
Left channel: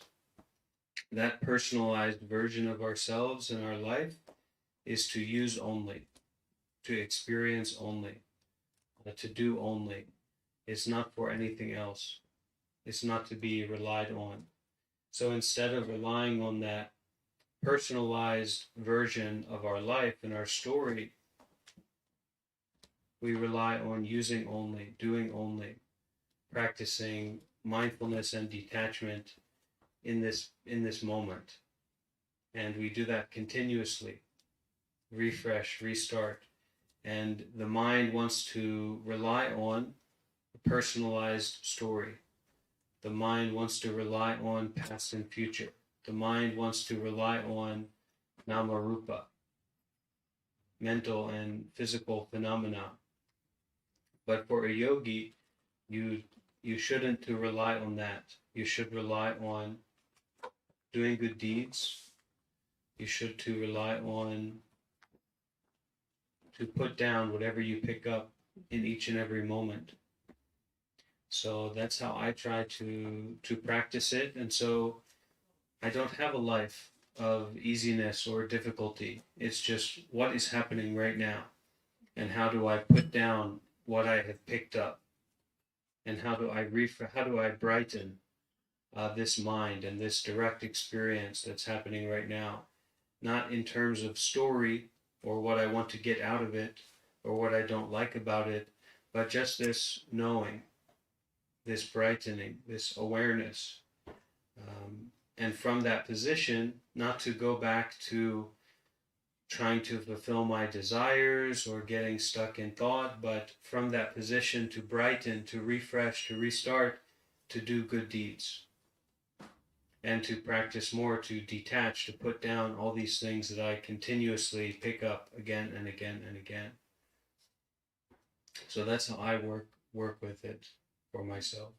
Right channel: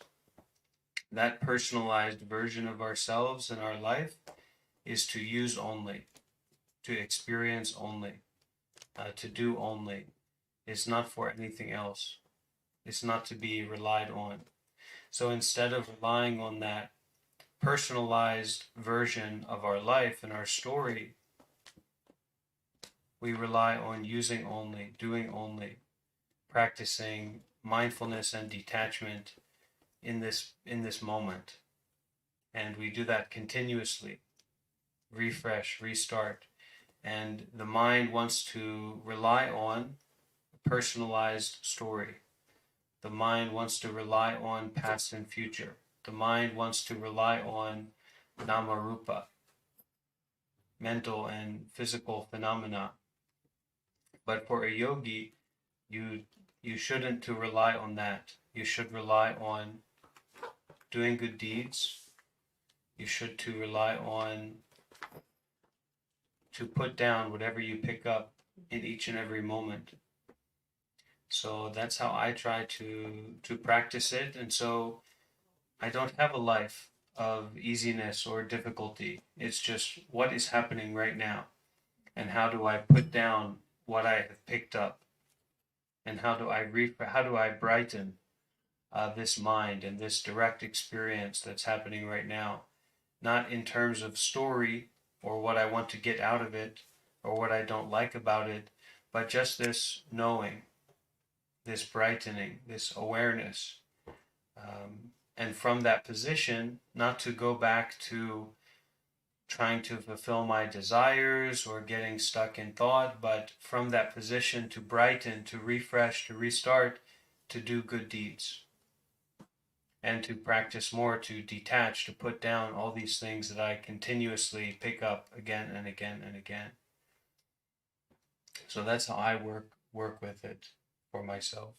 That personalized version of ourselves in our life is to use only, to experience only, to do only. It's not for anything else. It's not to be relied on. So instead of relying on that personalized version of our life and our story, we rely on using only, doing only, practicing mindfulness and detachment in this moment. And we do that continuously. Refresh, restart. And the mind wants to rely on a personalized story. The mind wants to rely on past and future. The mind wants to rely on nama rupa, mental and physical phenomena. But for a yogi, you shouldn't to rely on that. You should rely on doing good deeds. you should to rely on to put down whatever you pick up in each and every moment. So that's how I try to practice it. And so I don't have a life of easiness or difficulty. It's just what is happening right now, and how do I put down what I have picked up, and how do I brighten this mind and this direct experience that's happening right now, not in terms of story or what I want to get out of it or what I don't like about it, but just this knowing, this brightening, this awareness. And from that position, not to go back to trying to fulfill my desires or getting stuck in thought, but from that position to brighten, to refresh, to restart, to do good deeds. And to practice more, to detach, to put down all these things that I continuously pick up again and again and again. So that's how I work with it for myself.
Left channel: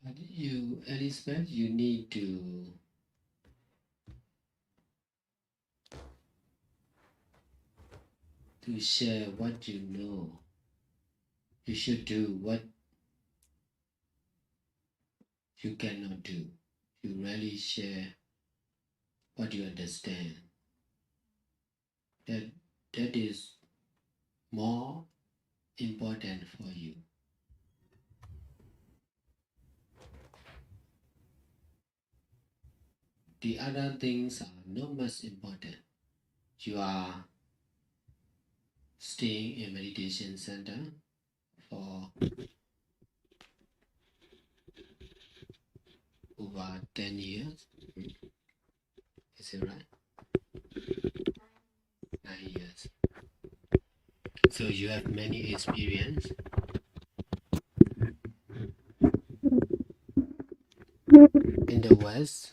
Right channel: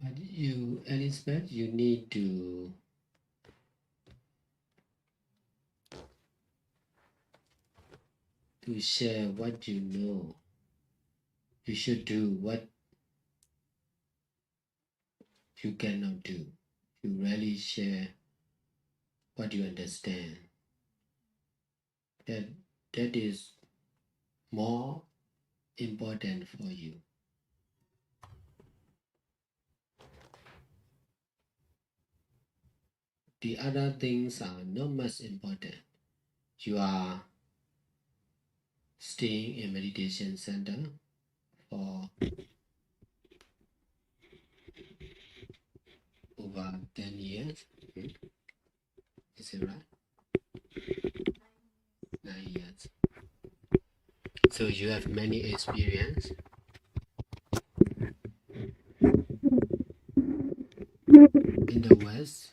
But you, Elizabeth, you need to share what you know. You should do what you cannot do. You really share what you understand. That is more important for you. The other things are not much important. You are staying in meditation center for over 10 years. Is it right? 9 years. So you have many experience. In the West,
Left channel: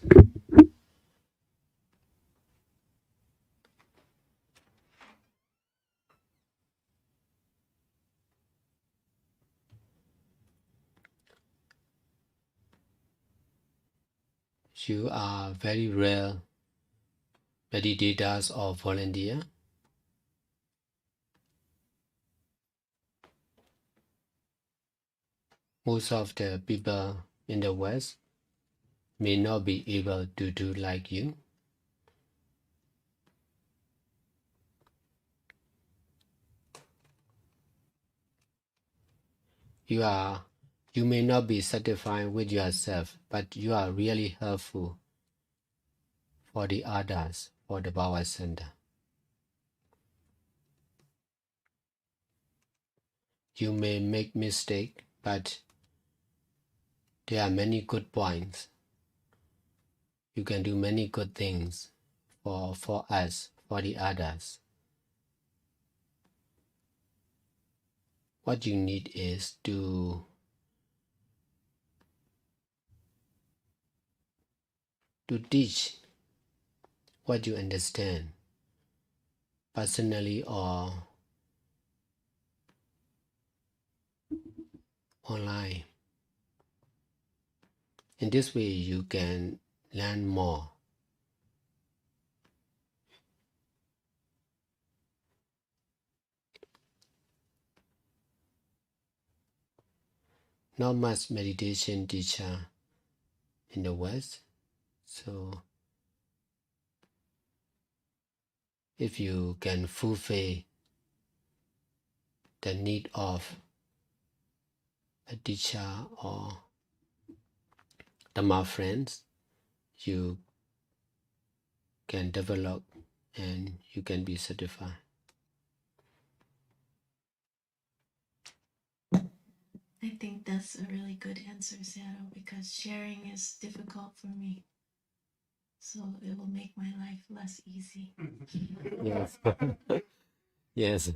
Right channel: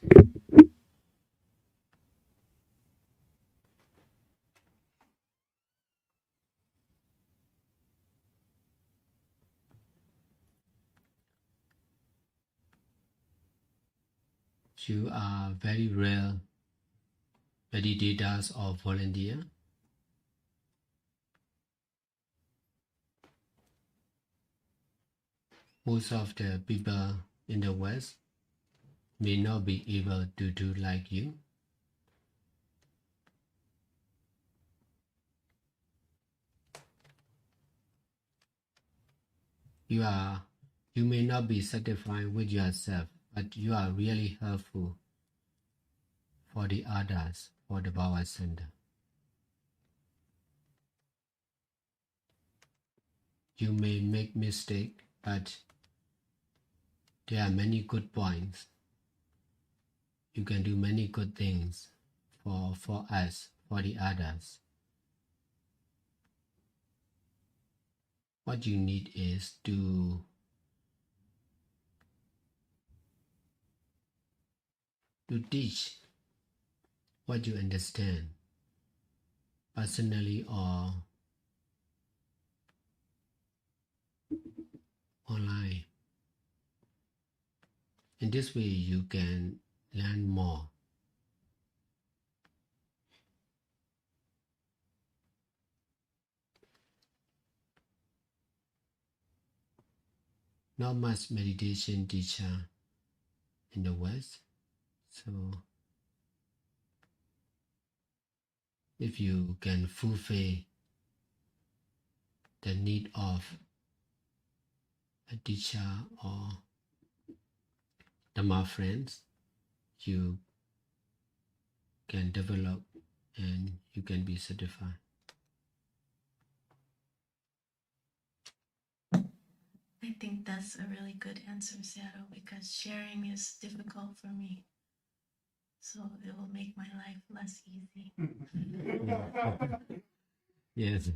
you are very rare meditators or volunteer. Most of the people in the West may not be able to do like you. You may not be satisfied with yourself, but you are really helpful for the others, for the Power Center. You may make mistakes, but there are many good points. You can do many good things for us, for the others. What you need is to teach what you understand, personally or online. In this way, you can learn more. Not much meditation teacher in the West, so if you can fulfill the need of a teacher or Dhamma friends, you can develop and you can be certified. I think that's a really good answer, Sayadaw, because sharing is difficult for me. So it will make my life less easy. Yes. Yes.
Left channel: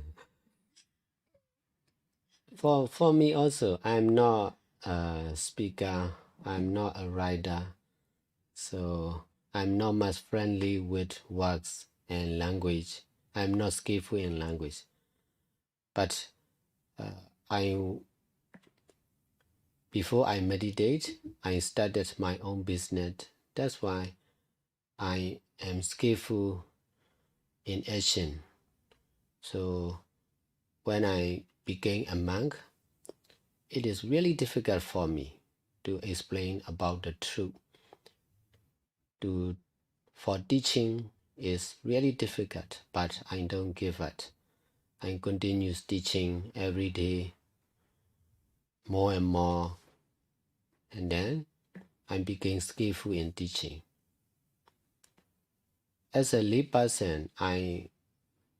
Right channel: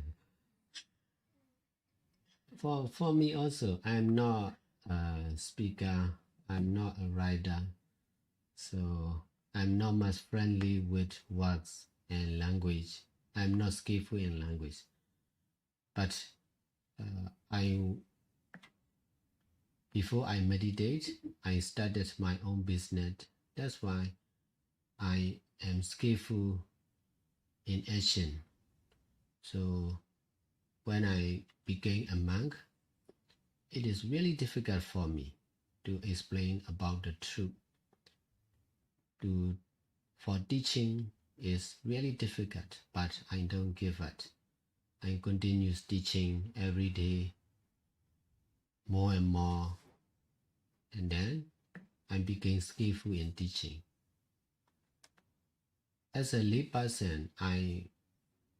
For me also, I'm not a speaker, I'm not a writer, so I'm not much friendly with words and language. I'm not skillful in language. But before I meditate, I started my own business. That's why I am skillful in action. So when I became a monk, it is really difficult for me to explain about the truth. For teaching is really difficult, but I don't give up. I continue teaching every day, more and more, and then I became skillful in teaching. As a lay person, I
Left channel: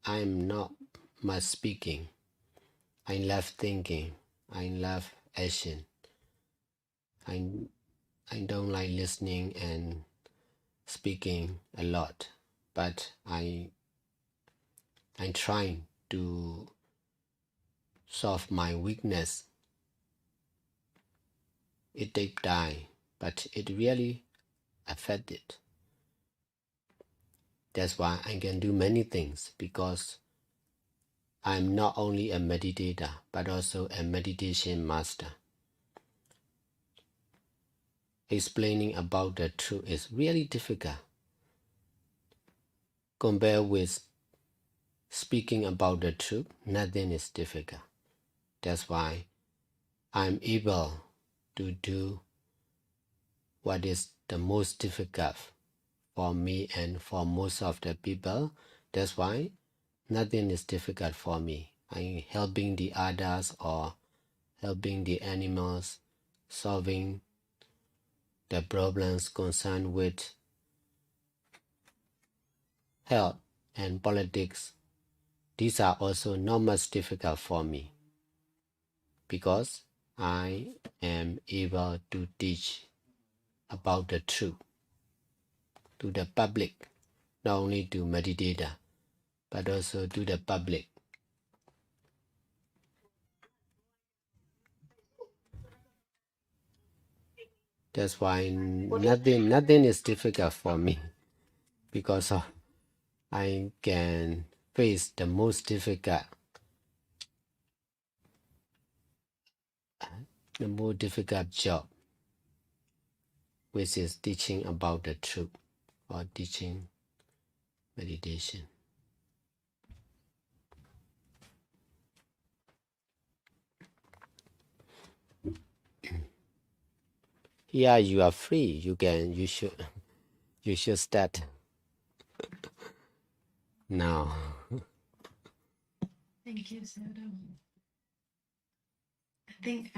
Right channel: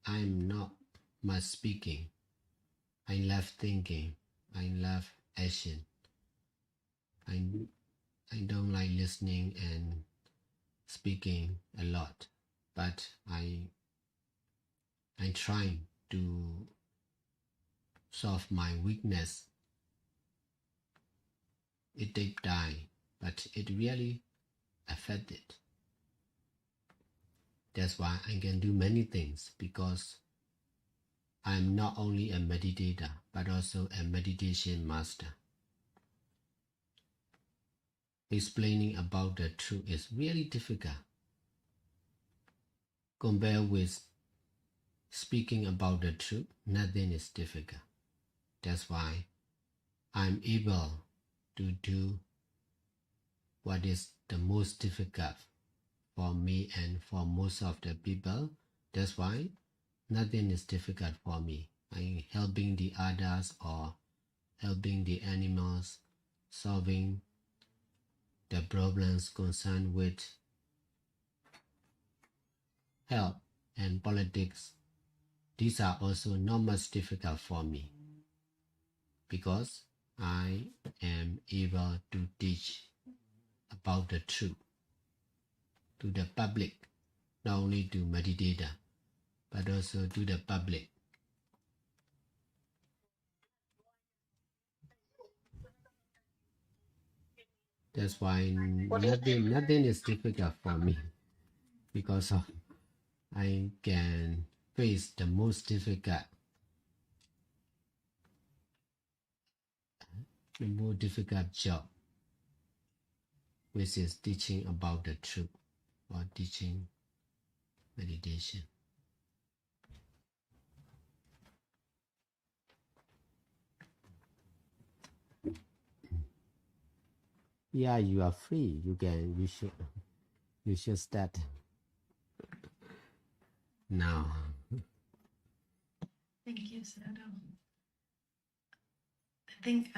am not much speaking. I love thinking. I love action. I don't like listening and speaking a lot, but I'm trying to solve my weakness. It takes time, but it really affects it. That's why I can do many things, because I'm not only a meditator, but also a meditation master. Explaining about the truth is really difficult compared with speaking about the truth. Nothing is difficult. That's why I'm able to do what is the most difficult for me and for most of the people. That's why nothing is difficult for me. I'm helping the others or helping the animals, solving the problems concerned with health and politics. These are also not much difficult for me, because I am able to teach about the truth to the public, not only to meditator, but also to the public. That's why nothing is difficult for me, because I can face the most difficult job, which is teaching about the truth or teaching meditation. Yeah, you are free. You should start now. Thank you, Sayadaw. I think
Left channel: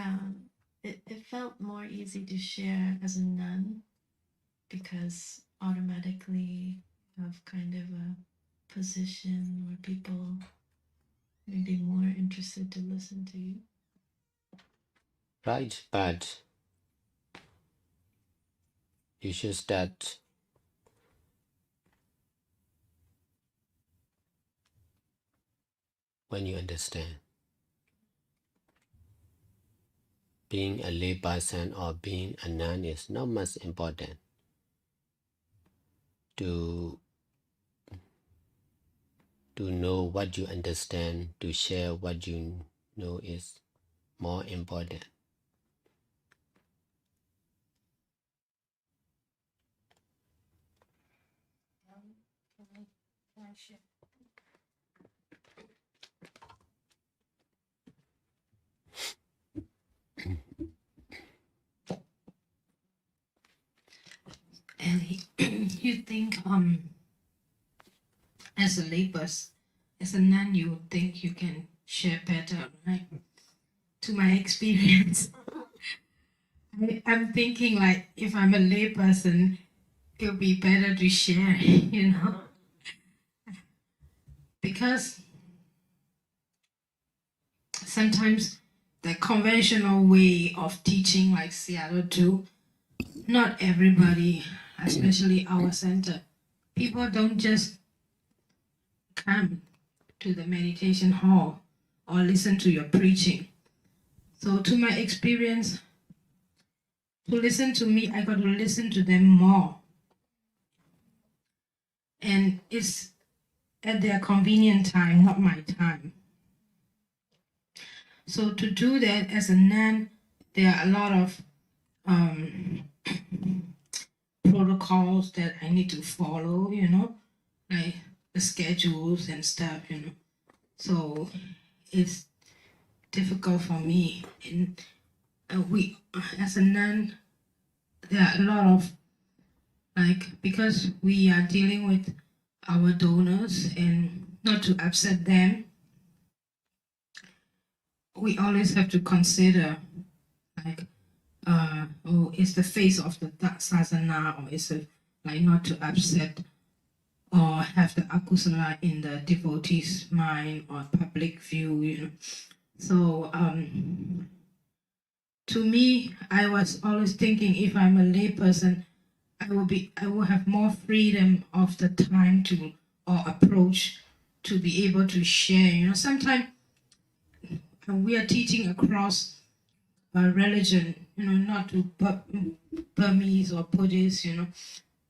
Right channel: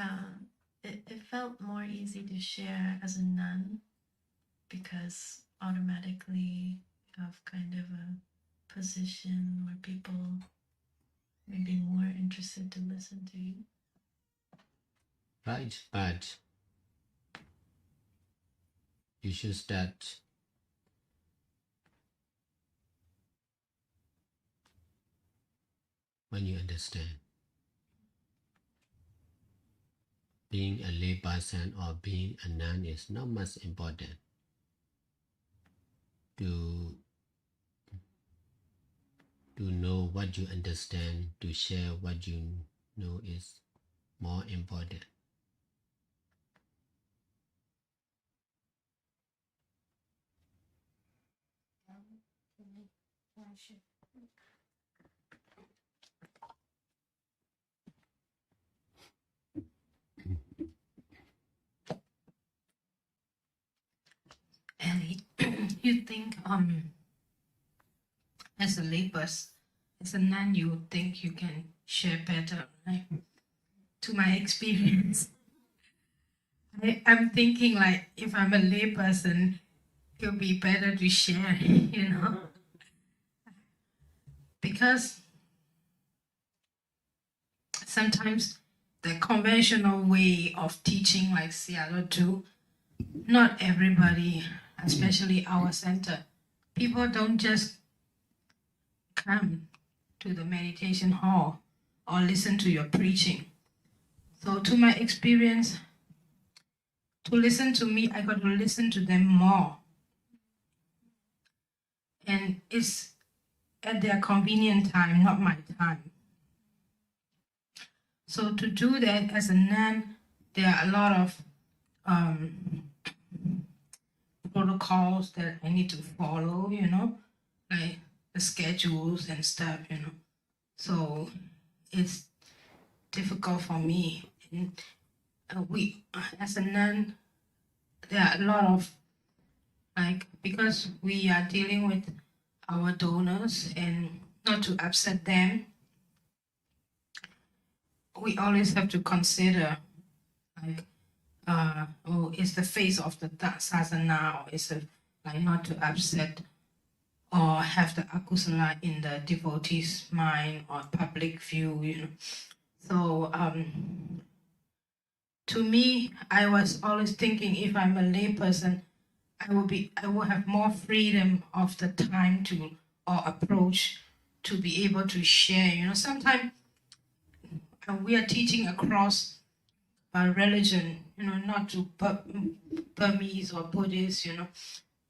it felt more easy to share as a nun, because automatically you have kind of a position where people may be more interested to listen to you. Right, but you should start when you understand. Being a lay person or being a nun is not much important. To know what you understand, to share what you know is more important. And you think as a layperson, as a nun, you think you can share better, right? To my experience, I'm thinking like, if I'm a layperson, it'll be better to share, because sometimes the conventional way of teaching, like Sayadaw too, not everybody, especially our center, people don't just come to the meditation hall or listen to your preaching. So to my experience, to listen to me, I got to listen to them more. And it's at their convenient time, not my time. So to do that as a nun, there are a lot of protocols that I need to follow, like the schedules and stuff, So it's difficult for me. And we, as a nun, there are a lot of, because we are dealing with our donors and not to upset them, we always have to consider, is the face of the sasana, or is it not to upset or have the akusala in the devotee's mind or public view, So to me, I was always thinking, if I'm a lay person, I will have more freedom of the time or approach to be able to share. Sometimes we are teaching across religion, not to Burmese or Buddhist,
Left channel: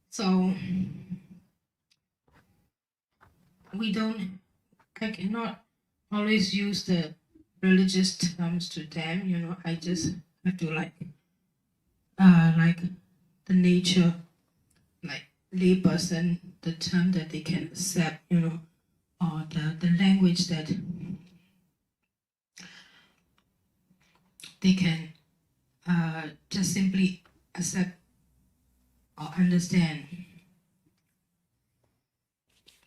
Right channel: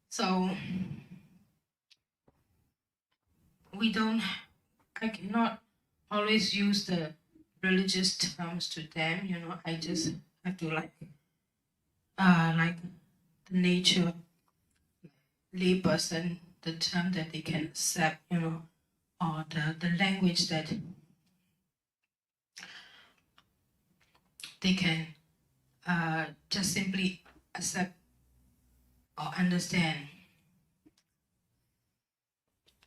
So I cannot always use the religious terms to them, I just have to like the nature, like lay person, the term that they can accept, or the language that they can just simply accept or understand.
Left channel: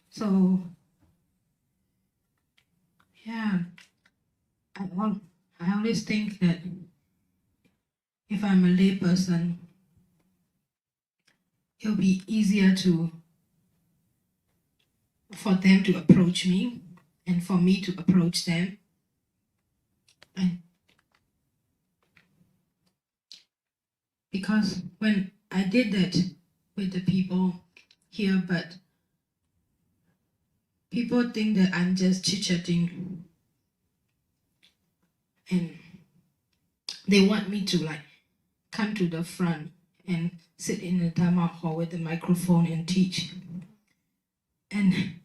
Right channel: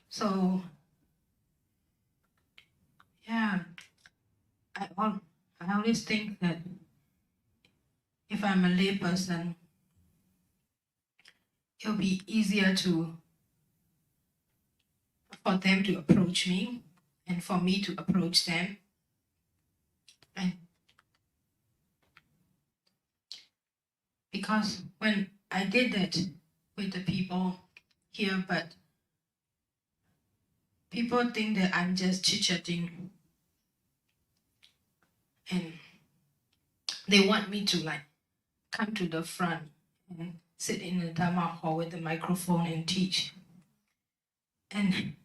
So, yeah, I always think that if I'm a lay person, it'll be easier for them to approach me and for me to approach them. And because when I did that with the people here, but people think that I'm just chit-chatting and they want me to come to the front and sit in the Dhamma hall with the microphone and teach. And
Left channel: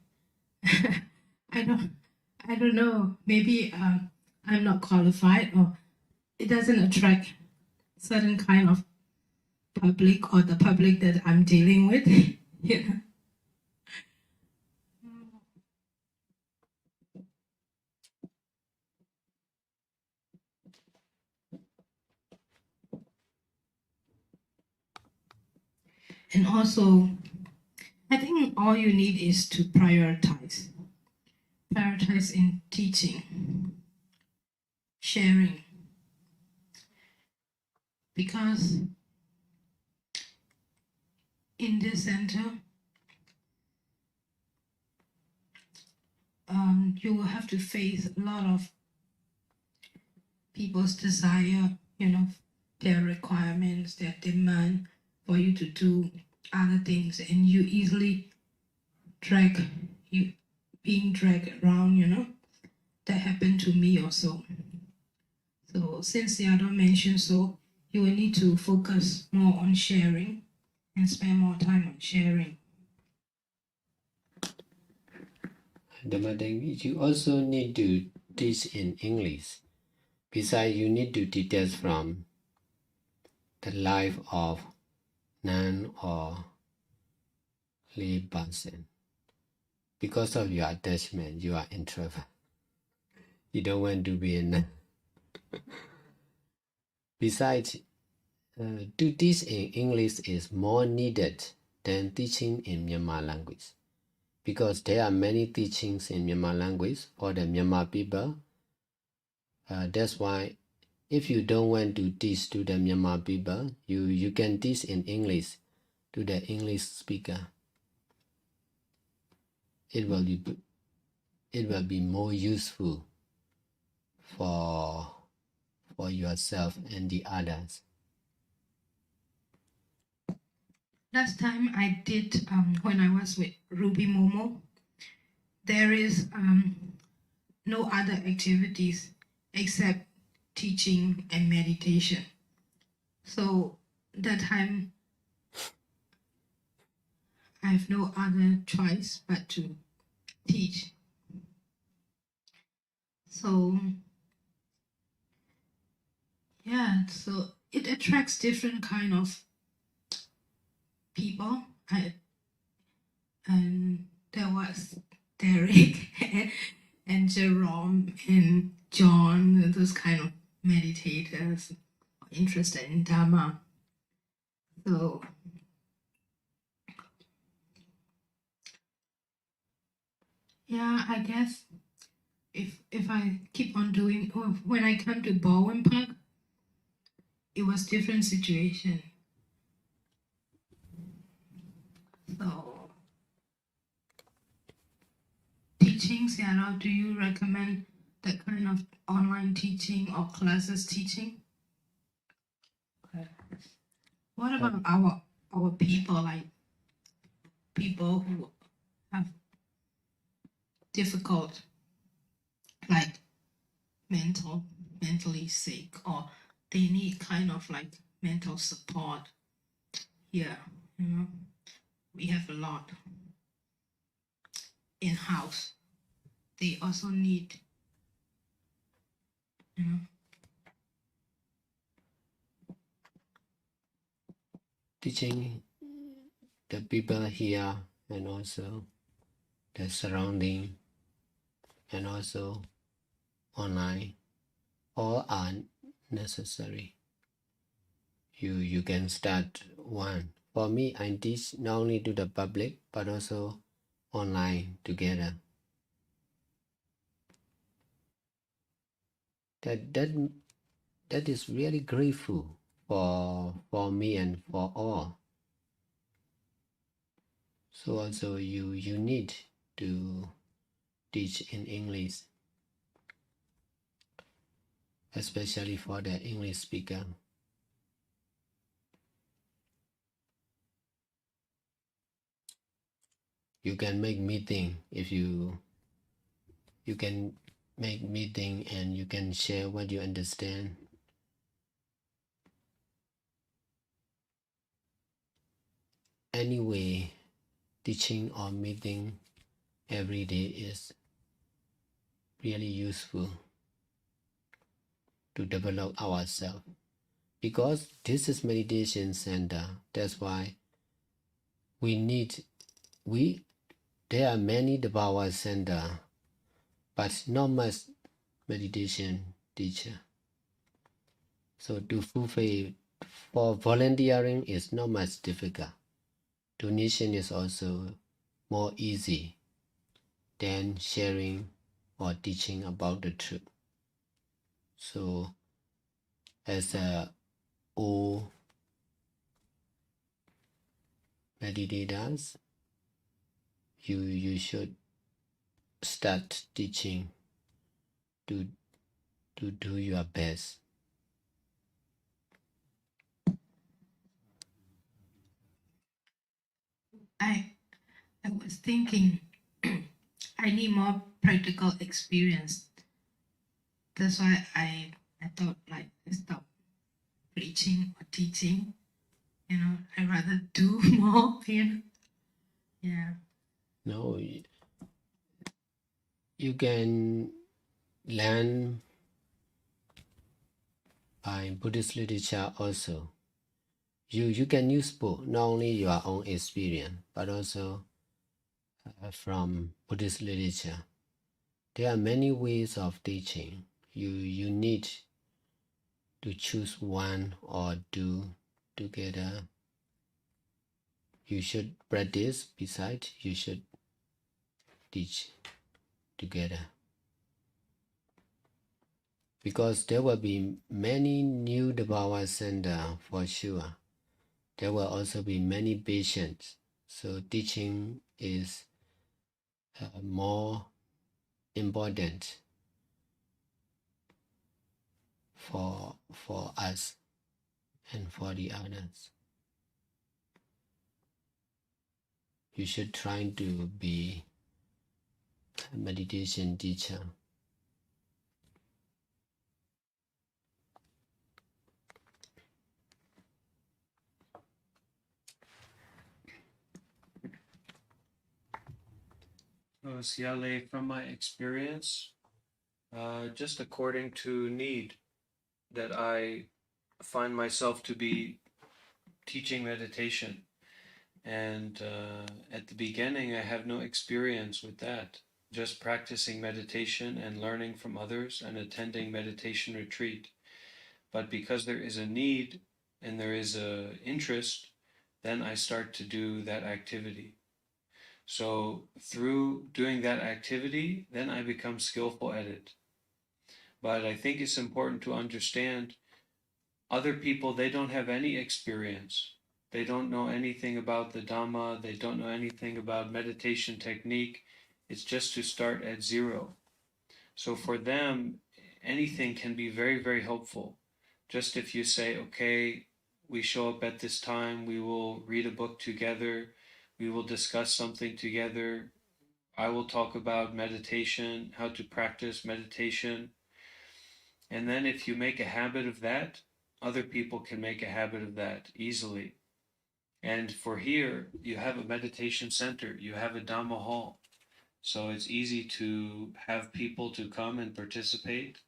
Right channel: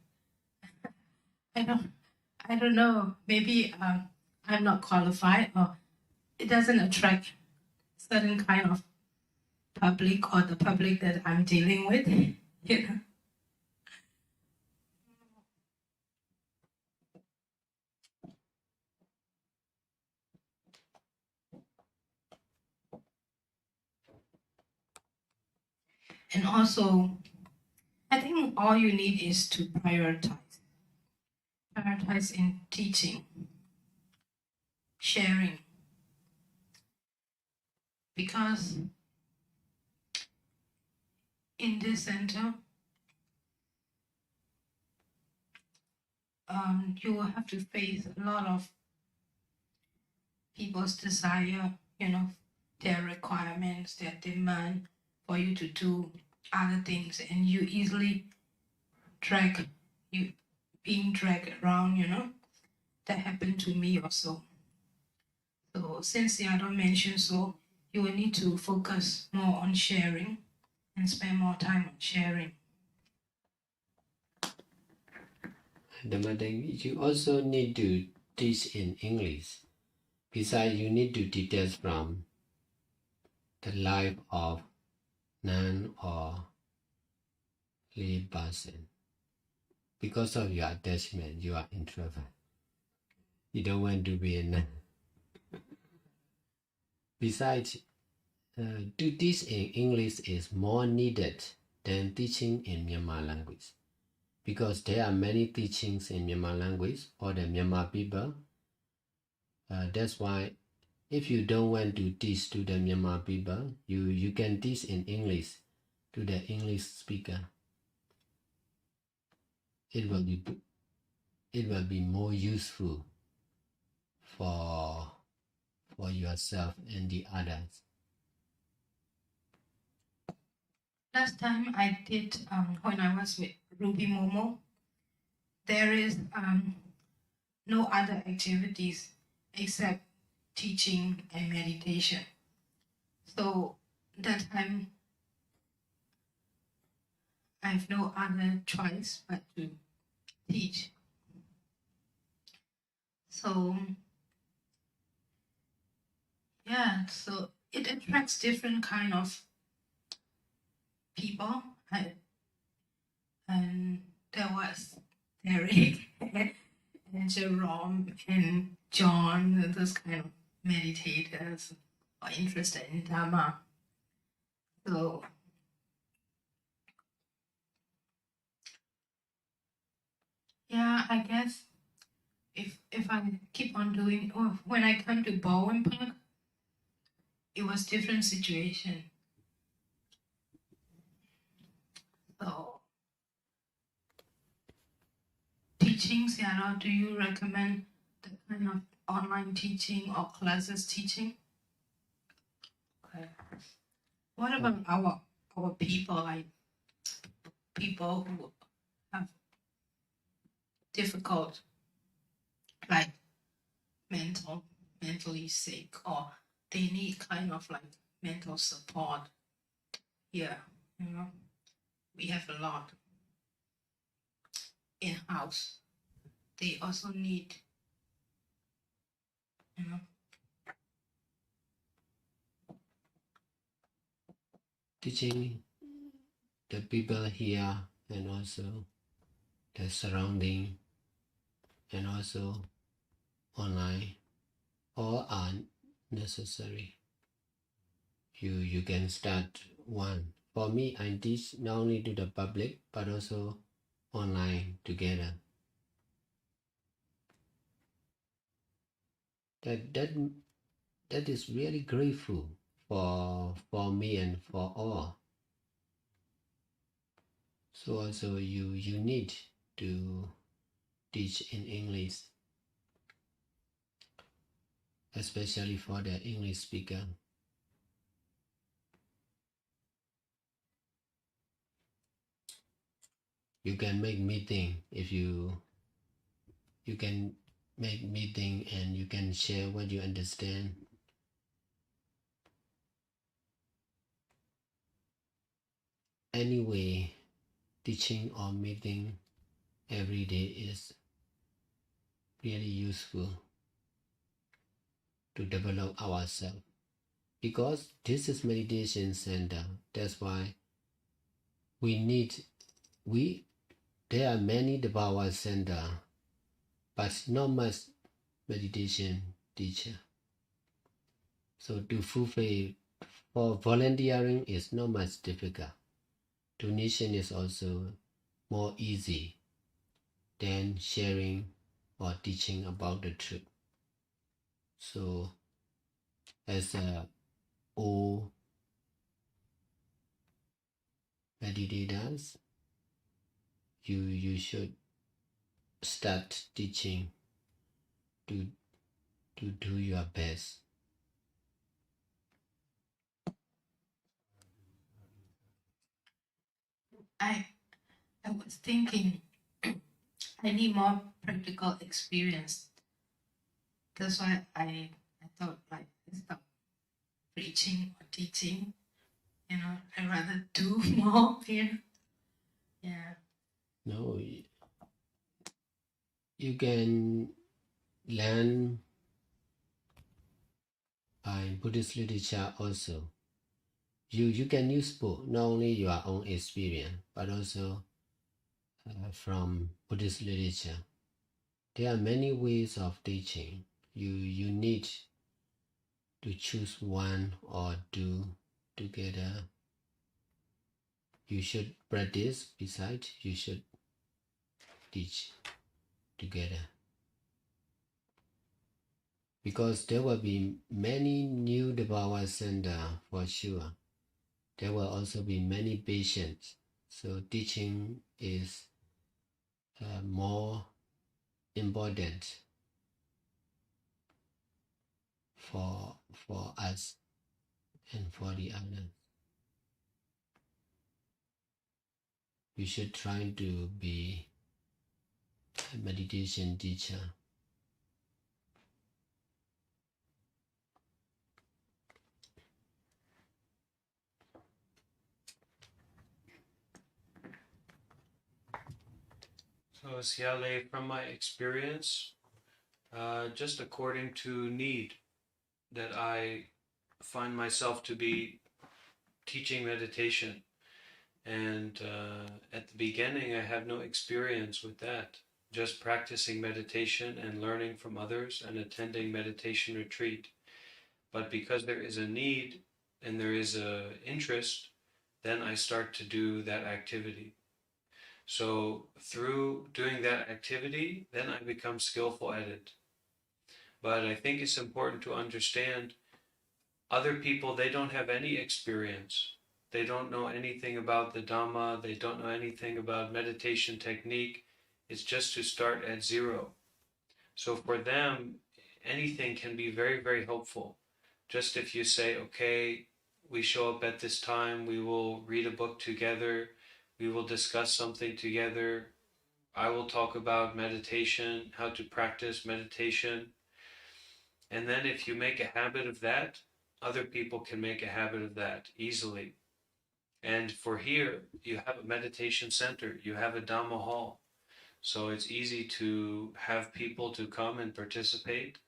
I don't know, maybe I'm not qualified, or it doesn't attract certain kind of public, or the public that I'm dealing with. And also, I think all you need is to prioritize in teaching, sharing, because in this center, you will have to face a lot of people's desire, their requirements, their demand for you to do other things, and you easily being dragged around, That happened to me also. So since Sayadaw mentioned so, you will need to focus more on sharing and spend more time on sharing. You also need to teach in English. Besides, you need to details from the life of nun or lay person. Because of your attachment, you are introvert. You don't want to be a nun. Besides, to teach in English is more needed than teaching in Myanmar language, because there are many teachings in Myanmar language for the Myanmar people. That's why if you don't want to teach to the Myanmar people, you can teach in English to the English speaker. It will be more useful for yourself and the others. Last time I did, when I was with Ruby Momo, there is no other activities except teaching and meditation. So that time, I have no other choice but to teach. So, yeah, so it attracts different kind of people. And there was Derek and Jerome and John, and those kind of meditators are interested in Dhamma. So yeah, I guess if I keep on doing, or when I come to Bowen Park, it was different situation. So teaching, Sayadaw, do you recommend that kind of online teaching or classes teaching? Okay. What about our people, like people who have difficult, like mentally sick, or they need kind of like mental support? Yeah, you know, we have a lot in house. They also need, you know. Teaching the people here and also the surrounding and also online, all are necessary. You can start one. For me, I teach not only to the public but also online together. That is really grateful for me and for all. So also you need to teach in English, especially for the English speaker. You can make meeting if you can make meeting and you can share what you understand. Anyway, teaching or meeting every day is really useful to develop ourselves, because this is meditation center. That's why there are many Dhamma center, but not much meditation teacher. So to fulfill, for volunteering is not much difficult. Donation is also more easy than sharing or teaching about the truth. So as a old meditators, you should start teaching to do your best. I was thinking I need more practical experience. That's why I thought like stop preaching or teaching. You know, I'd rather do more here. Yeah. No, you can learn by Buddhist literature also. You can use both, not only your own experience, but also from Buddhist literature. There are many ways of teaching. You need to choose one or two together. You should practice, besides you should teach together. Because there will be many new Dhamma center for sure. There will also be many patients. So teaching is more important for us and for the others. You should try to be a meditation teacher. So, Siale, from my experience, just according to need that I find myself to be teaching meditation. And at the beginning, I have no experience with that. Just practicing meditation and learning from others and attending meditation retreat. But because there is a need and there is an interest, then I start to do that activity. So through doing that activity, then I become skillful at it. But I think it's important to understand other people, they don't have any experience. They don't know anything about the Dhamma. They don't know anything about meditation technique. It's just to start at zero. So for them, anything can be very, very helpful. Just if you say, okay, we show up at this time, we will read a book together, we will discuss something together, I will talk about meditation, how to practice meditation. And then if you make a habit of that, other people can make a habit of that easily. And for here, you have a meditation center, you have a Dhamma hall. So it's easy to have people to come and participate,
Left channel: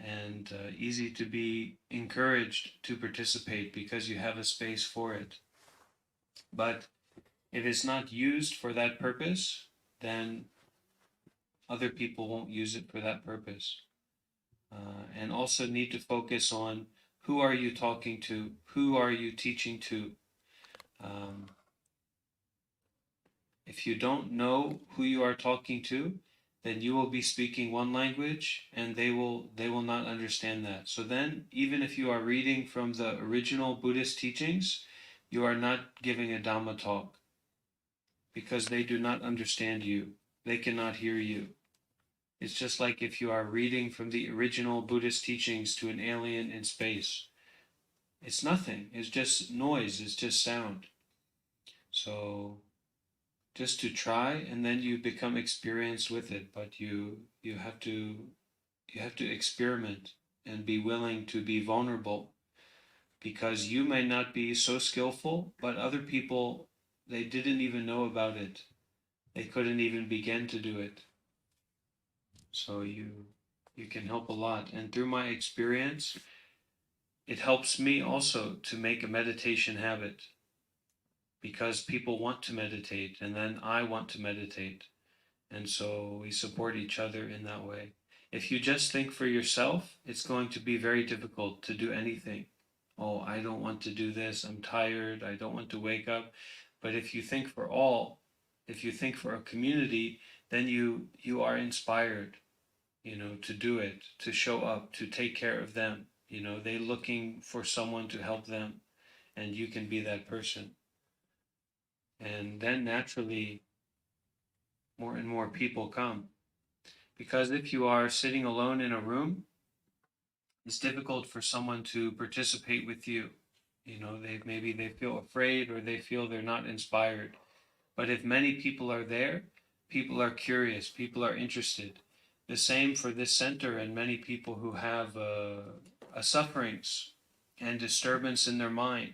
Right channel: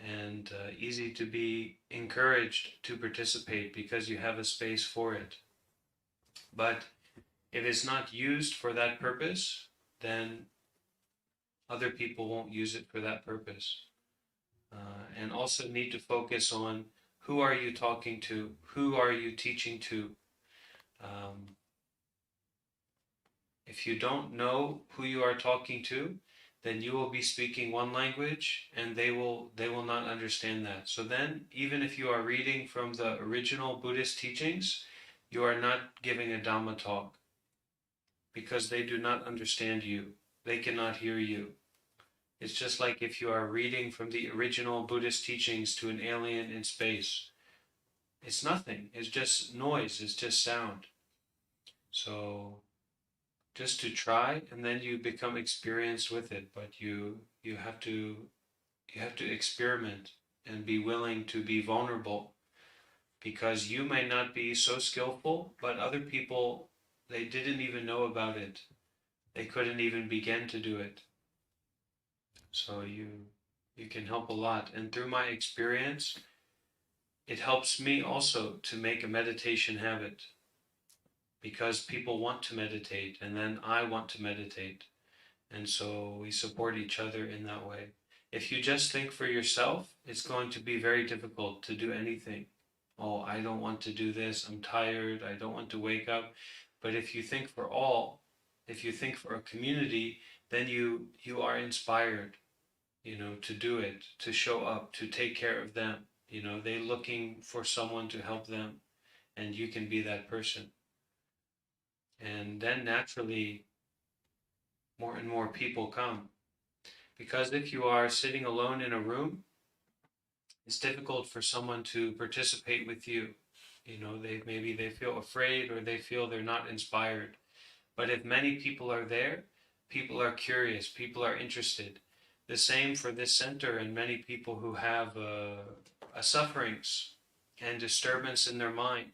and easy to be encouraged to participate because you have a space for it. But if it's not used for that purpose, then other people won't use it for that purpose. And also need to focus on who are you talking to, who are you teaching to. If you don't know who you are talking to, then you will be speaking one language and they will not understand that. So then, even if you are reading from the original Buddhist teachings, you are not giving a Dhamma talk because they do not understand you. They cannot hear you. It's just like if you are reading from the original Buddhist teachings to an alien in space. It's nothing. It's just noise. It's just sound. So just to try, and then you become experienced with it. But you have to experiment and be willing to be vulnerable, because you may not be so skillful, but other people, they didn't even know about it. They couldn't even begin to do it. So you can help a lot. And through my experience, it helps me also to make a meditation habit, because people want to meditate, and then I want to meditate. And so we support each other in that way. If you just think for yourself, it's going to be very difficult to do anything. Oh, I don't want to do this, I'm tired, I don't want to wake up. But if you think for all, if you think for a community, then you are inspired, to do it, to show up, to take care of them. They're looking for someone to help them, and you can be that person. And then naturally, more and more people come. Because if you are sitting alone in a room, it's difficult for someone to participate with you. Maybe they feel afraid, or they feel they're not inspired. But if many people are there, people are curious, people are interested. The same for this center and many people who have sufferings and disturbance in their mind.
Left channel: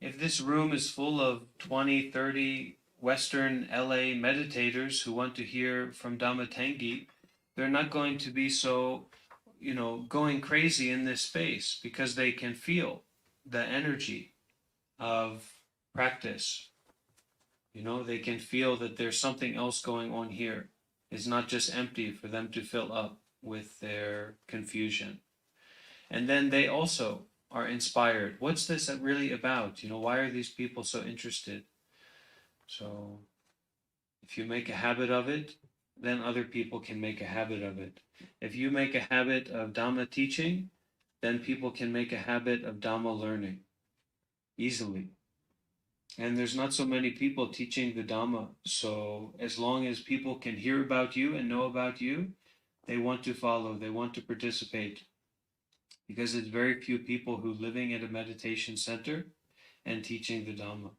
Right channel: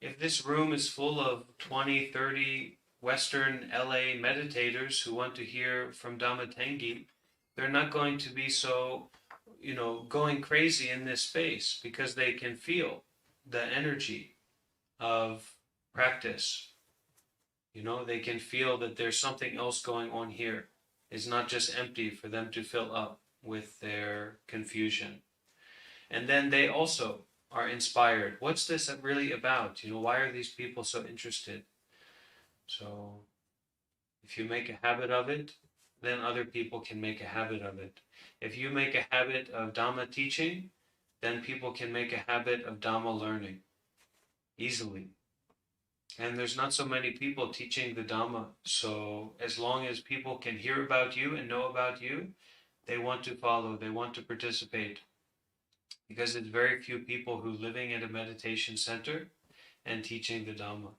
If this room is full of 20, 30 Western LA meditators who want to hear from Dhamma Tengi, they're not going to be so, going crazy in this space, because they can feel the energy of practice. They can feel that there's something else going on here. It's not just empty for them to fill up with their confusion. And then they also are inspired. What's this really about? Why are these people so interested? So if you make a habit of it, then other people can make a habit of it. If you make a habit of Dhamma teaching, then people can make a habit of Dhamma learning easily. And there's not so many people teaching the Dhamma. So as long as people can hear about you and know about you, they want to follow, they want to participate. Because it's very few people who are living at a meditation center and teaching the Dhamma.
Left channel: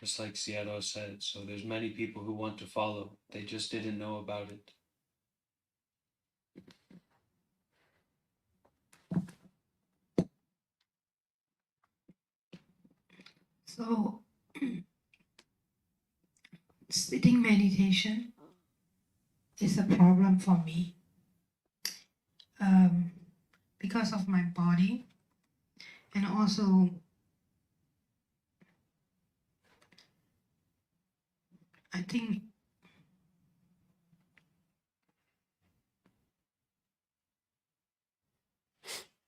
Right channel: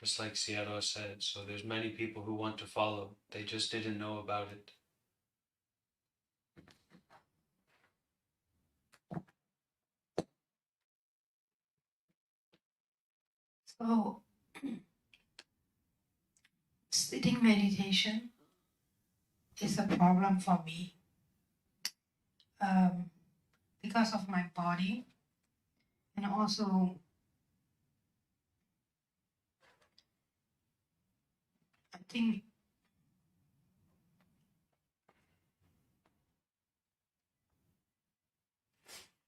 Just like Sayadaw said. So there's many people who want to follow. They just didn't know about it. So, sitting meditation is a problem for me. Because of my body, also I think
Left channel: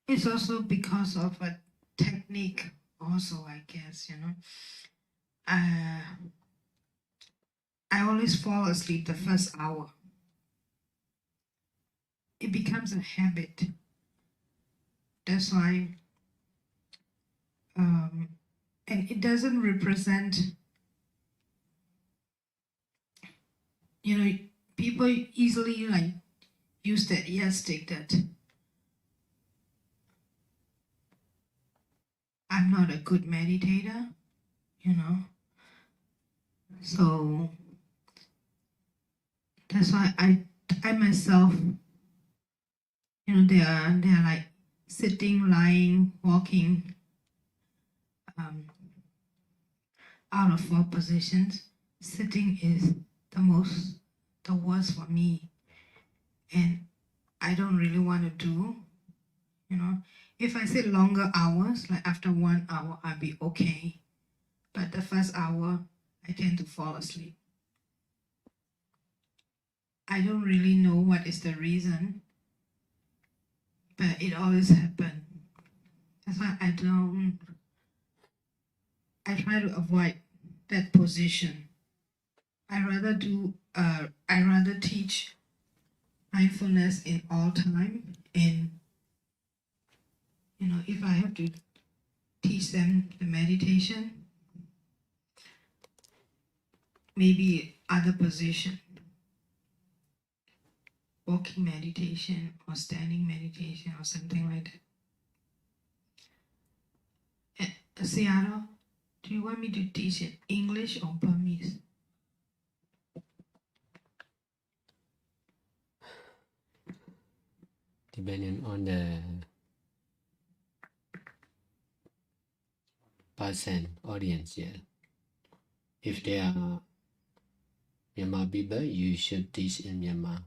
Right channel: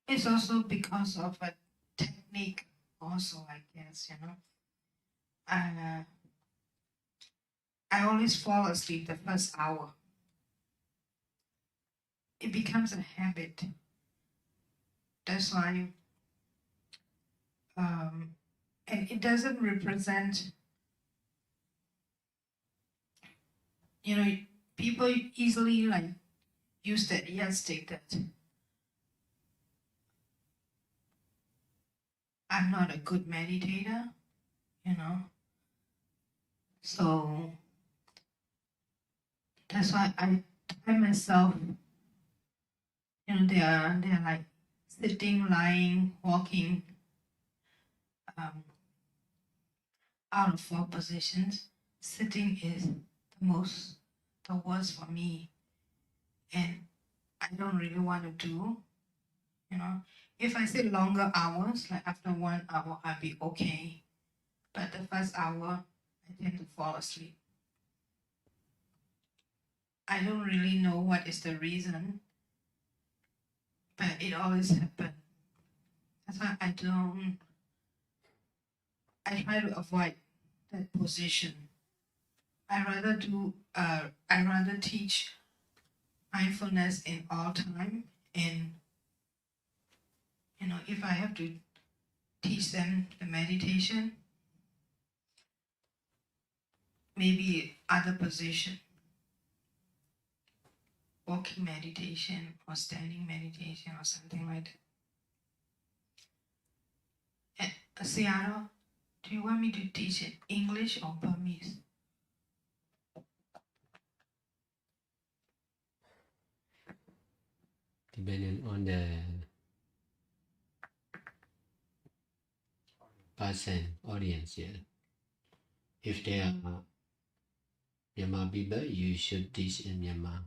it's also because of a technique also, I guess, I always fall asleep the first hour. It becomes a habit. That's why and it doesn't represent, people easily use that yardstick that I'm not a good meditator, So that's why I myself, they are like sitting, lying, walking, out of 4 positions. Sitting is the worst for me, and I don't really want to do. If I sit longer hours, like after 1 hour, I'll be okay. But the first hour, I tend to fall asleep. I don't really know what is the reason, but it always happens. That's why I try to avoid that position. I rather teach mindfulness in all time, and if I have to teach them the meditation, maybe other position, walking meditation or standing meditation or something like that. Sayadaw, do you want me to teach in English or Burmese? Depending on the person, audience, yeah. If they are Myanmar people, you should teach in Myanmar.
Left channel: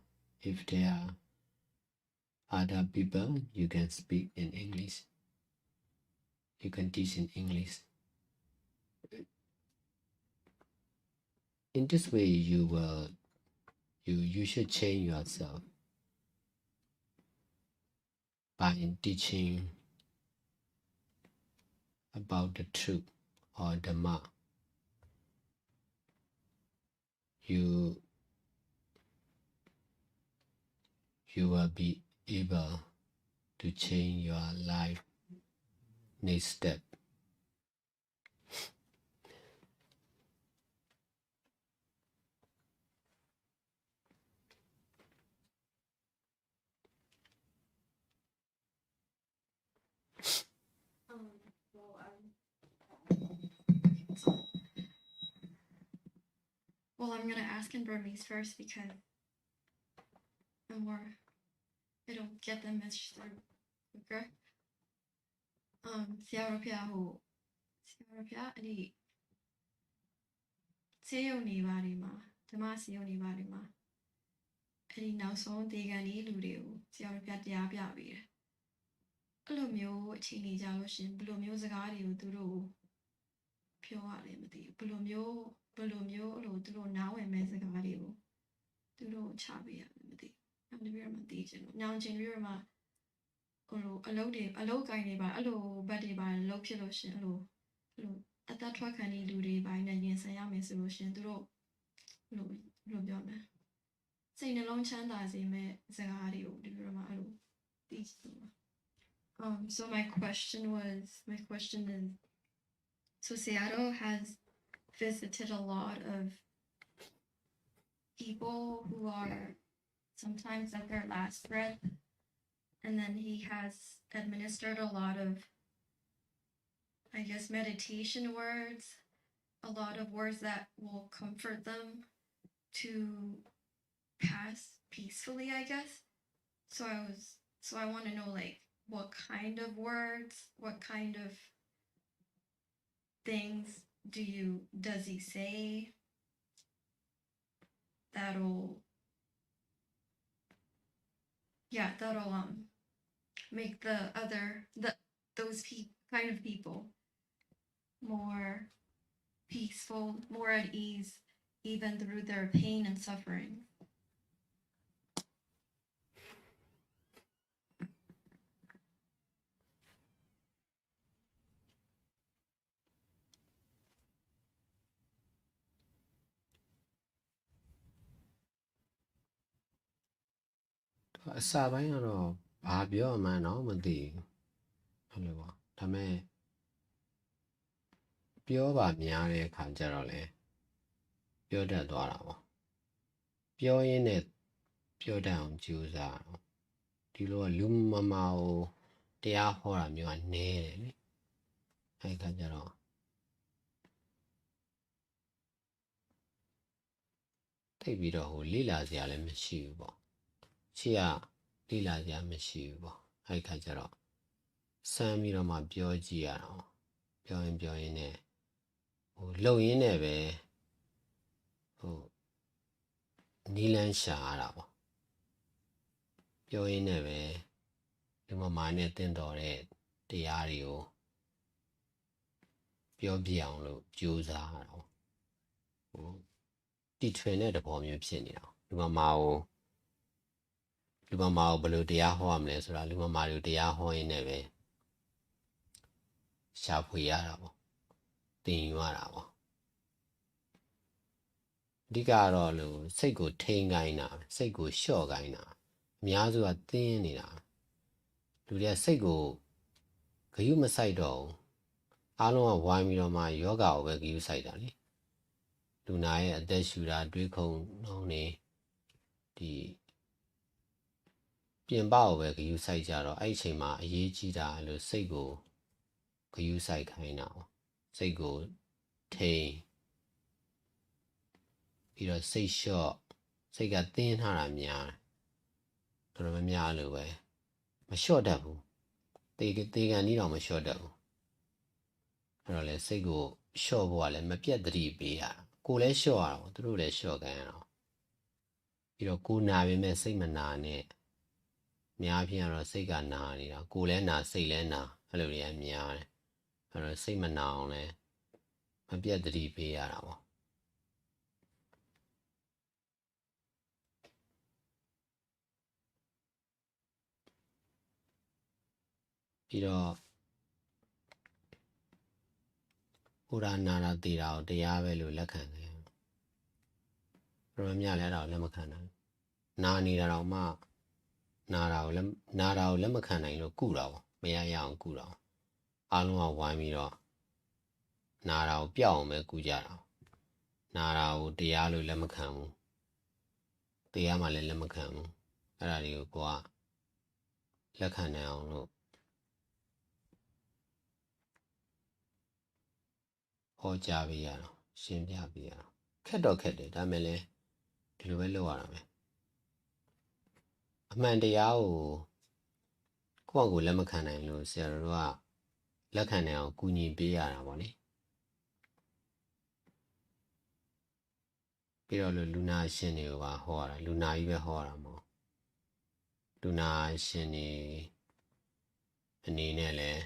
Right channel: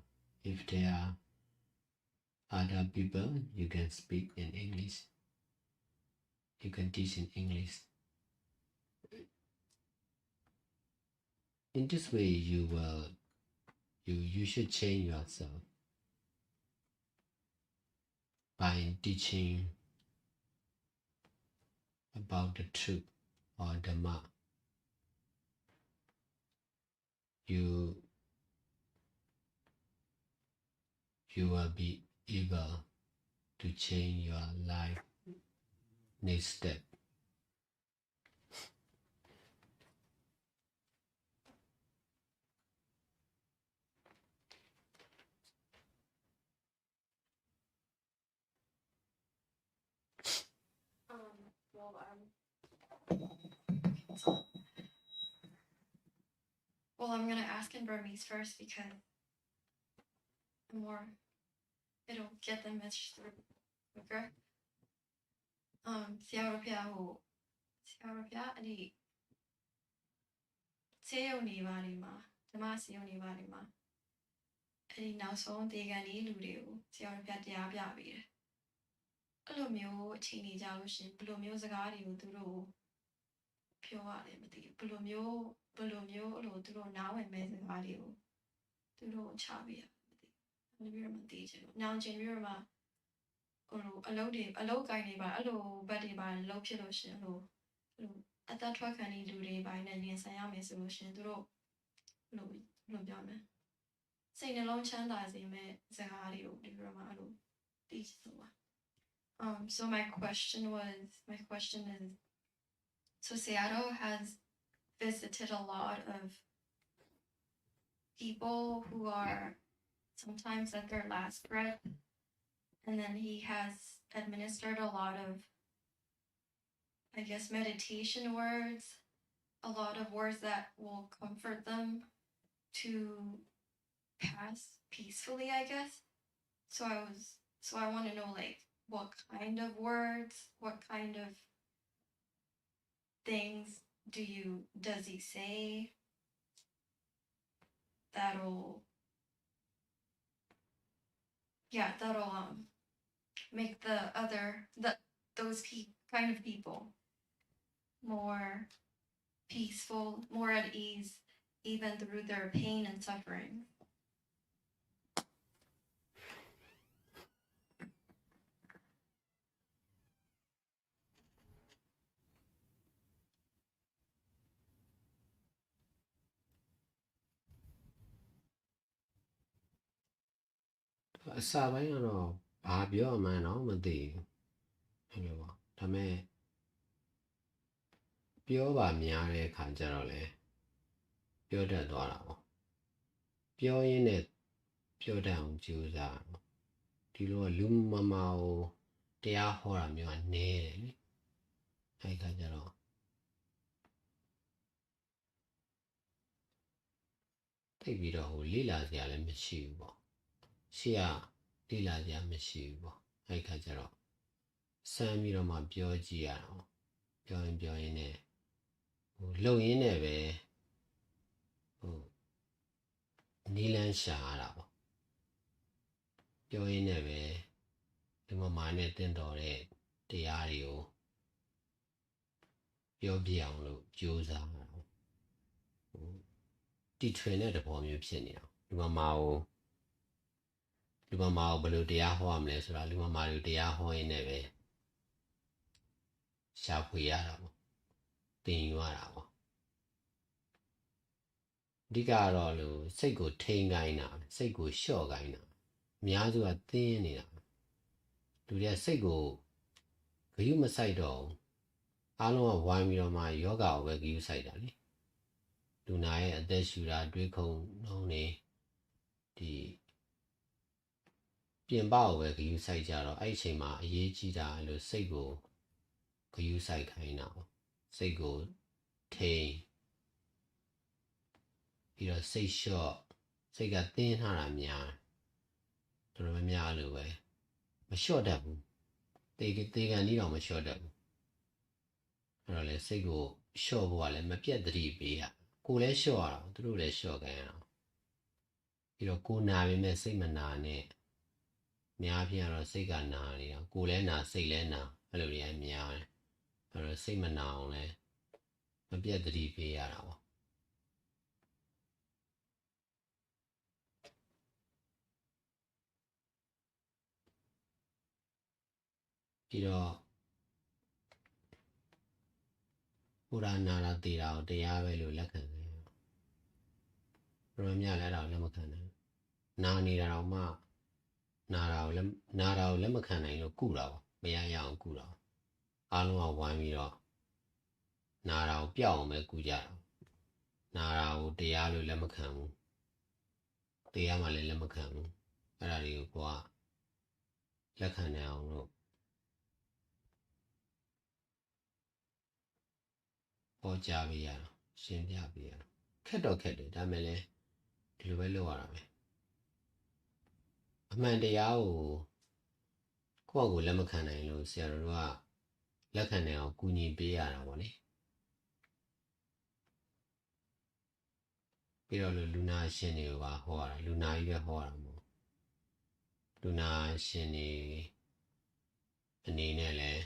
If they are other people, you can speak in English. You can teach in English. In this way, you should change yourself by teaching about the truth or Dhamma. You will be able to change your life next step. Well, I'm gonna ask in Burmese first because it'll get the message through quicker. Sayadaw Ashin, Seyo ni bari ma, Dhamma seyo ni bari ma. Any now song they can eat Ludio, Sayadaw Ashin Yabya read. အဲ့လိုမျိုးအချိန်ကြီးကြလို့ရှင်ဘယ်လိုမျိုးစကားတွေကိုသူတို့ပြောရတယ်မသိဘူးဘယ်လိုမျိုးအဲ့လိုသူတို့နားဝင်မဲ့စကားတွေကိုသူတို့ချပေးရတယ်မသိဘူးအဲ့လိုမျိုးမသိချင်ဘူးနောင်ချိန်ပြီးတော့မှဟိုအလုပ်ကိုင်းနေပါအဲ့လိုဘက်တွေပါလုပ်ဖြစ်လို့ရှင်အဲ့လိုအသက်ထွက်ခံနေလူတွေပိုင်းနဲ့ရင်ဆိုင်ရမယ်ဆိုလို့ရှင်သူတို့ဘယ်လိုပြောမလဲစိတ်နှလုံးချမ်းသာစေမဲ့စကားတွေကိုဒီလိုမှအဲ့လိုသိချင်လို့ပါ So my question is, so Sayadaw has visited a lot of people who are sometimes at their last breath, and then he has administered a lot of, I guess, meditation words, a lot of words that will comfort them to pass peacefully, I guess. So I want to know, like, what kind of words, what kind of things does he say that'll make those kind of people, more peaceful, more at ease, even through their pain and suffering. Sabai ano babyo man no mati. Hello. Tame pure baများတဲ့အခါကျတော့လေပြောတတ်သွားတာပေါ့ပြောရင်းနဲ့ပြောတတ်အောင်ကြိုးစားတော့ဒီလိုကလူမမာကိုတရားဟောတာမျိုးကနည်းတယ်နိအဲ့ခါကျတော့သိပြီးတော့ဟိုလိလာစရာလည်းမရှိဘူးပေါ့ရှေ့ကလိလာစရာမရှိဘူးပေါ့အဲ့ခါကျတော့စမ်းပြီးတော့မှပြောကြည့်ရအောင်ပြောရင်နဲ့ဟိုလုံရင်းနဲ့ပဲဟိုနီလန်းရှာရတာပေါ့ပြောရင်းနဲ့ပဲဒီမှာနဲ့တင်တော်တဲ့တရားတွေကိုပြောပြအောင်လို့ကြိုးစားရအောင်ဟိုတီထွင်တဲ့သဘောမျိုးဖြစ်နေတာဒီမှာကိုဘယ်လိုတရားဟောရမလဲဆိုတာလူမမာတွေကိုတရားဟောရင်းနဲ့ပဲရှာဖွေရတာပေါ့သင်ယူရတာပေါ့အဓိကတော့လို့စိတ်ကိုထိန်းခိုင်းတာစိတ်ကိုလျှော့ခိုင်းတာအများစုကသင်းနေတာလူတွေကစိတ်ကိုဂယုမဆိုင်တော့ဘူးအားလုံးကဝိုင်းပြီးတော့မှယောဂကိုပဲဂယုဆိုင်တာလေလူနာရဲ့အသက်ရှူတာတွေးခုံနှုံးနေဒီပြင်ပကိုပဲဂယုဆိုင်ကြတော့အဲ့ဒီအချိန်မှာအရေးကြီးတာလို့စိတ်ကိုဂယုဆိုင်ခိုင်းတာပေါ့စိတ်ကိုထိန်းပြီးတော့စိတ်လျှော့စိတ်ကသင်းထားတာများတော်တော်များများလို့ပဲမလျှော့တတ်ဘူးတေကန်ကြီးတော့မလျှော့တတ်ဘူးအဲ့တော့လေစိတ်ကိုလျှော့ဖို့ကလည်းမပြတ်သတိပေးရကိုလည်းလျှော့ရအောင်သူတို့လည်းလျှော့ခိုင်းရအောင်ပြီးတော့ကိုနာပေမဲ့စိတ်မနာနဲ့များဖြင့်ကတော့စိတ်ကနာနေတာကိုလည်းနာစိတ်လည်းနာအဲ့လိုတွေကများတယ်အဲ့တော့စိတ်မနာအောင်လည်းမပြတ်သတိပေးရတာပေါ့ပြီးတော့ဟိုရာနာရာတေတာကိုတရားပဲလို့လက်ခံတယ်ဘယ်လိုမှလည်းအဲ့ဒါကိုလက်မခံနိုင်နာနေတာတော့မှနာတာကိုလက်မခံနိုင်လို့ကုတာပေါ့မရအောင်ကုတာအားလုံးကဝိုင်းပြီးတော့နာတာကိုပျောက်အောင်ပဲကုကြတာနာတာကိုတရားလို့လက်မခံဘူးတရားမှလည်းလက်မခံဘူးအဲ့ဒါတွေကိုကိုကလက်ခံနိုင်အောင်လို့ဟောကြားပေးရတော့ရှင်းပြပေးရတော့ခက်တော့ခက်တယ်ဒါပေမဲ့လည်းဒီလိုပဲလုပ်ရတာပဲအမှန်တရားကိုယ့်အကိုလက်မခံနိုင်လို့ဆရာတော်တို့ကလက်ခံနိုင်အောင်ကူညီပေးရတာပေါ့လေပြီးတော့လူနာရှင်တွေကိုပါဟောရတာလူနာကြီးပဲဟောရတာမဟုတ်လူနာရှင်တွေအနေနဲ့လည်း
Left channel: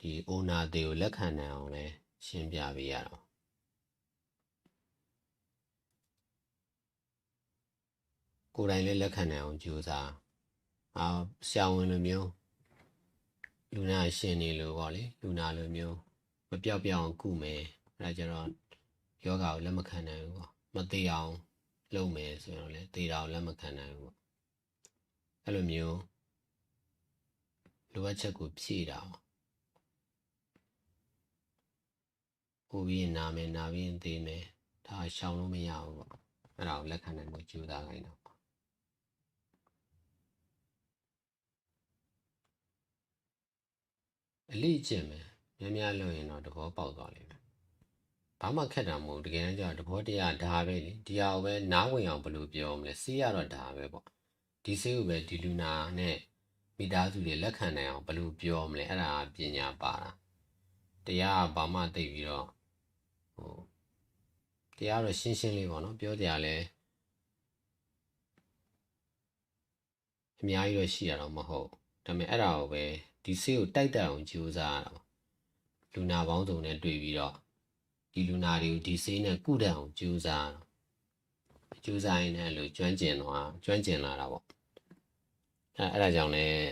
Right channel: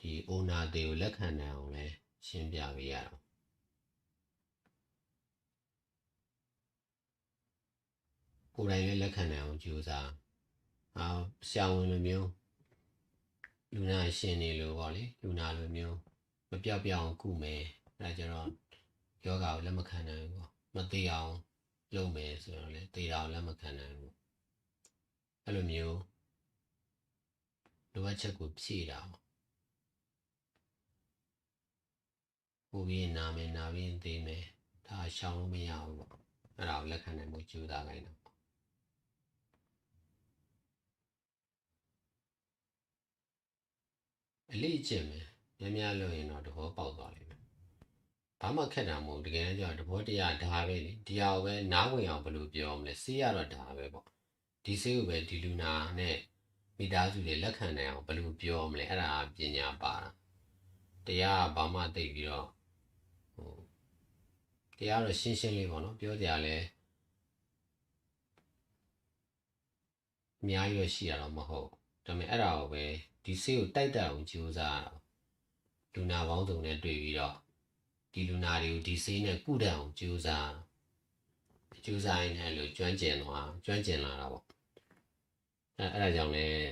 ဒီအိုနာတွေကိုလက်ခံနိုင်အောင်လဲရှင်းပြပေးရတော့ကိုယ်တိုင်လည်းလက်ခံနိုင်အောင်ကြိုးစားဆရာဝန်လိုမျိုးလူနာရှင်နေလို့ပေါ့လေလူနာလိုမျိုးမပြောက်အောင်ကုမယ်အဲဒါကြတော့ယောဂကိုလက်မခံနိုင်ဘူးပေါ့မသေးအောင်လုပ်မယ်ဆိုတော့လေသေတာကိုလက်မခံနိုင်ဘူးပေါ့အဲ့လိုမျိုးလိုအပ်ချက်ကိုဖြည့်တာပေါ့ဟိုပြီးနာမယ်နာပြီးသေးမယ်ဒါရှောင်လို့မရဘူးပေါ့အဲ့ဒါကိုလက်ခံနိုင်ဖို့ကြိုးစားခိုင်းတော့အလေးကျင့်မယ်များလုပ်ရင်တော့သဘောပေါက်သွားလိမ့်မယ်ဘာမှခက်တာမဟုတ်တကယ်တမ်းကျတော့သဘောတရားဒါပဲလေဒီဟာကိုပဲနားဝင်အောင်ဘယ်လိုပြောမလဲစေးရတော့ဒါပဲပေါ့ဒီစေးကိုပဲဒီလူနာနဲ့မိသားစုတွေလက်ခံနိုင်အောင်ဘယ်လိုပြောမလဲအဲ့ဒါပညာပါတာတရားဘာမှသိပြီးတော့ဟိုတရားတော့ရှင်းရှင်းလေးပေါ့နော်ပြောကြလဲအများကြီးတော့ရှိရတော့မဟုတ်ဒါပေမဲ့အဲ့ဒါကိုပဲဒီစေးကိုတိုက်တက်အောင်ကြိုးစားရတာ လူနာပေါင်းစုံနဲ့တွေ့ပြီးတော့ဒီလူနာတွေကိုဒီဆေးနဲ့ကုတတ်အောင်ကြိုးစားရင်လည်းလို့ကျွမ်းကျင်လာတာပေါ့အဲ့ဒါကြောင့်လည်း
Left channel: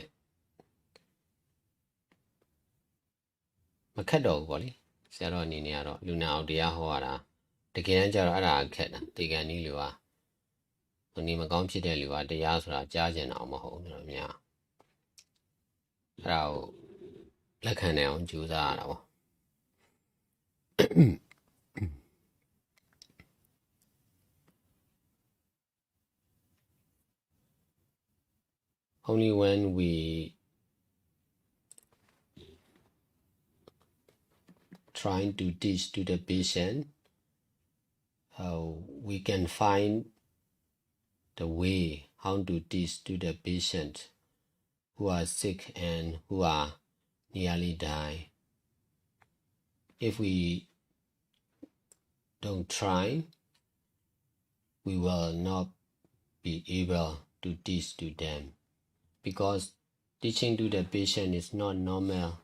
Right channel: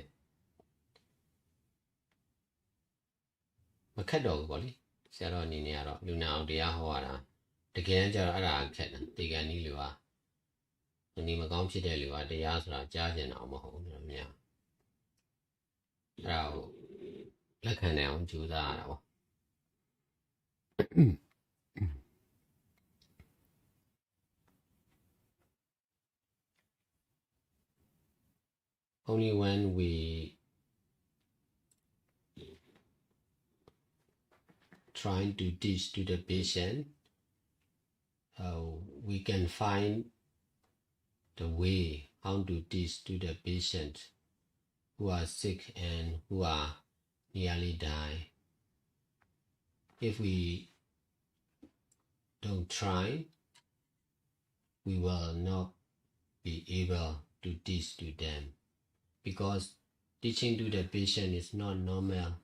မခက်တော့ဘူးပေါ့လေဆရာတော်အနေနဲ့ကတော့လူနာအောင်တရားဟောရတာတကယ်တမ်းကျတော့အဲ့ဒါခက်တာဒီကံဤလူကဟိုနေမကောင်းဖြစ်တဲ့လူကတရားဆိုတာကြားကျင်တာမဟုတ်ဘူးတော့များအဲ့ဒါကိုလက်ခံနိုင်အောင်ကြိုးစားရတာပေါ့ Only when we trying to teach to the patient we can find the way how to teach to the patient who are sick and who are nearly die. If we don't try, we will not be able to teach to them because teaching to the patient is not normal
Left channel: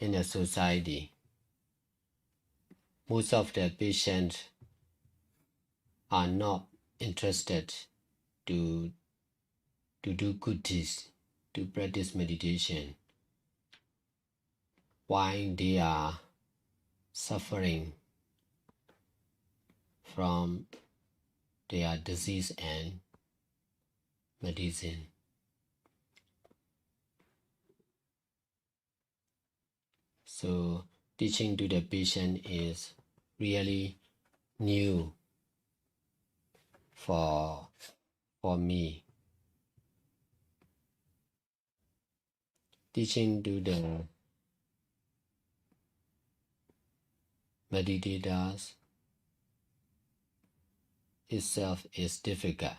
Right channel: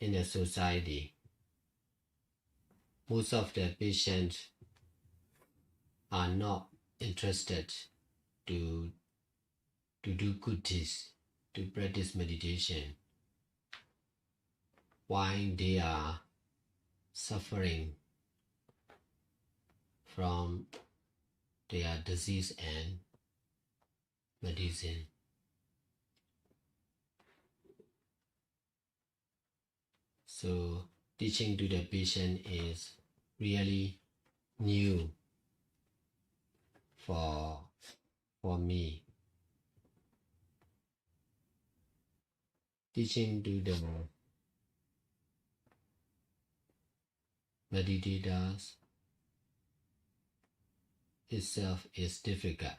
in a society. Most of the patients are not interested to do good deeds, to practice meditation. Why they are suffering from their disease and medicine. So teaching to the patient is really new for me. Teaching to the meditators itself is difficult.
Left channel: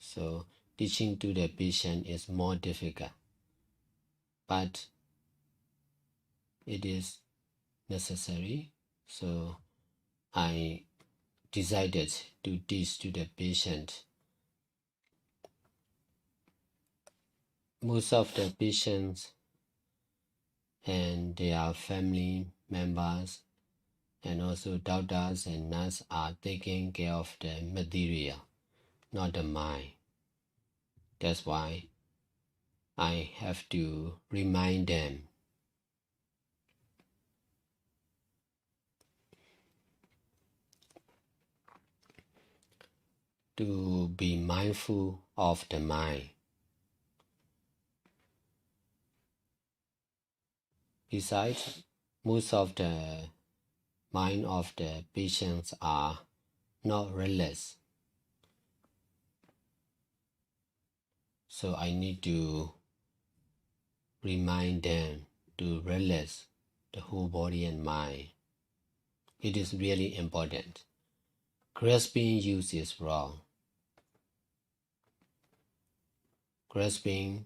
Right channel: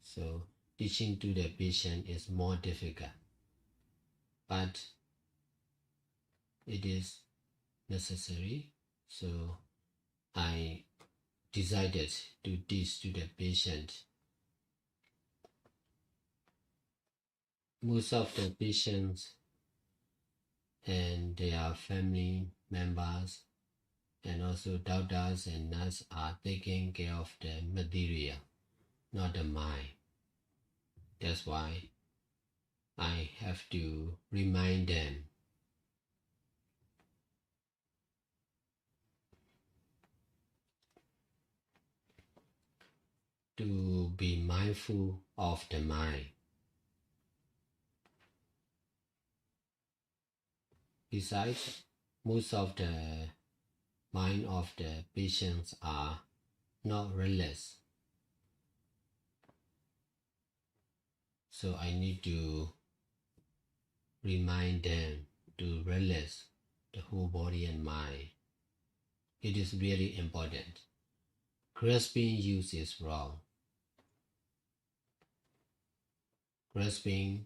So teaching to the patient is more difficult. But it is necessary. So I decided to teach to the patient. Most of the patients and their family members and also doctors and nurses are taking care of the material, not the mind. That's why I have to remind them to be mindful of the mind. Besides, most of the mind of the patients are not restless. So I need to remind them to relax the whole body and mind. It is really important. Grasping use is wrong. Grasping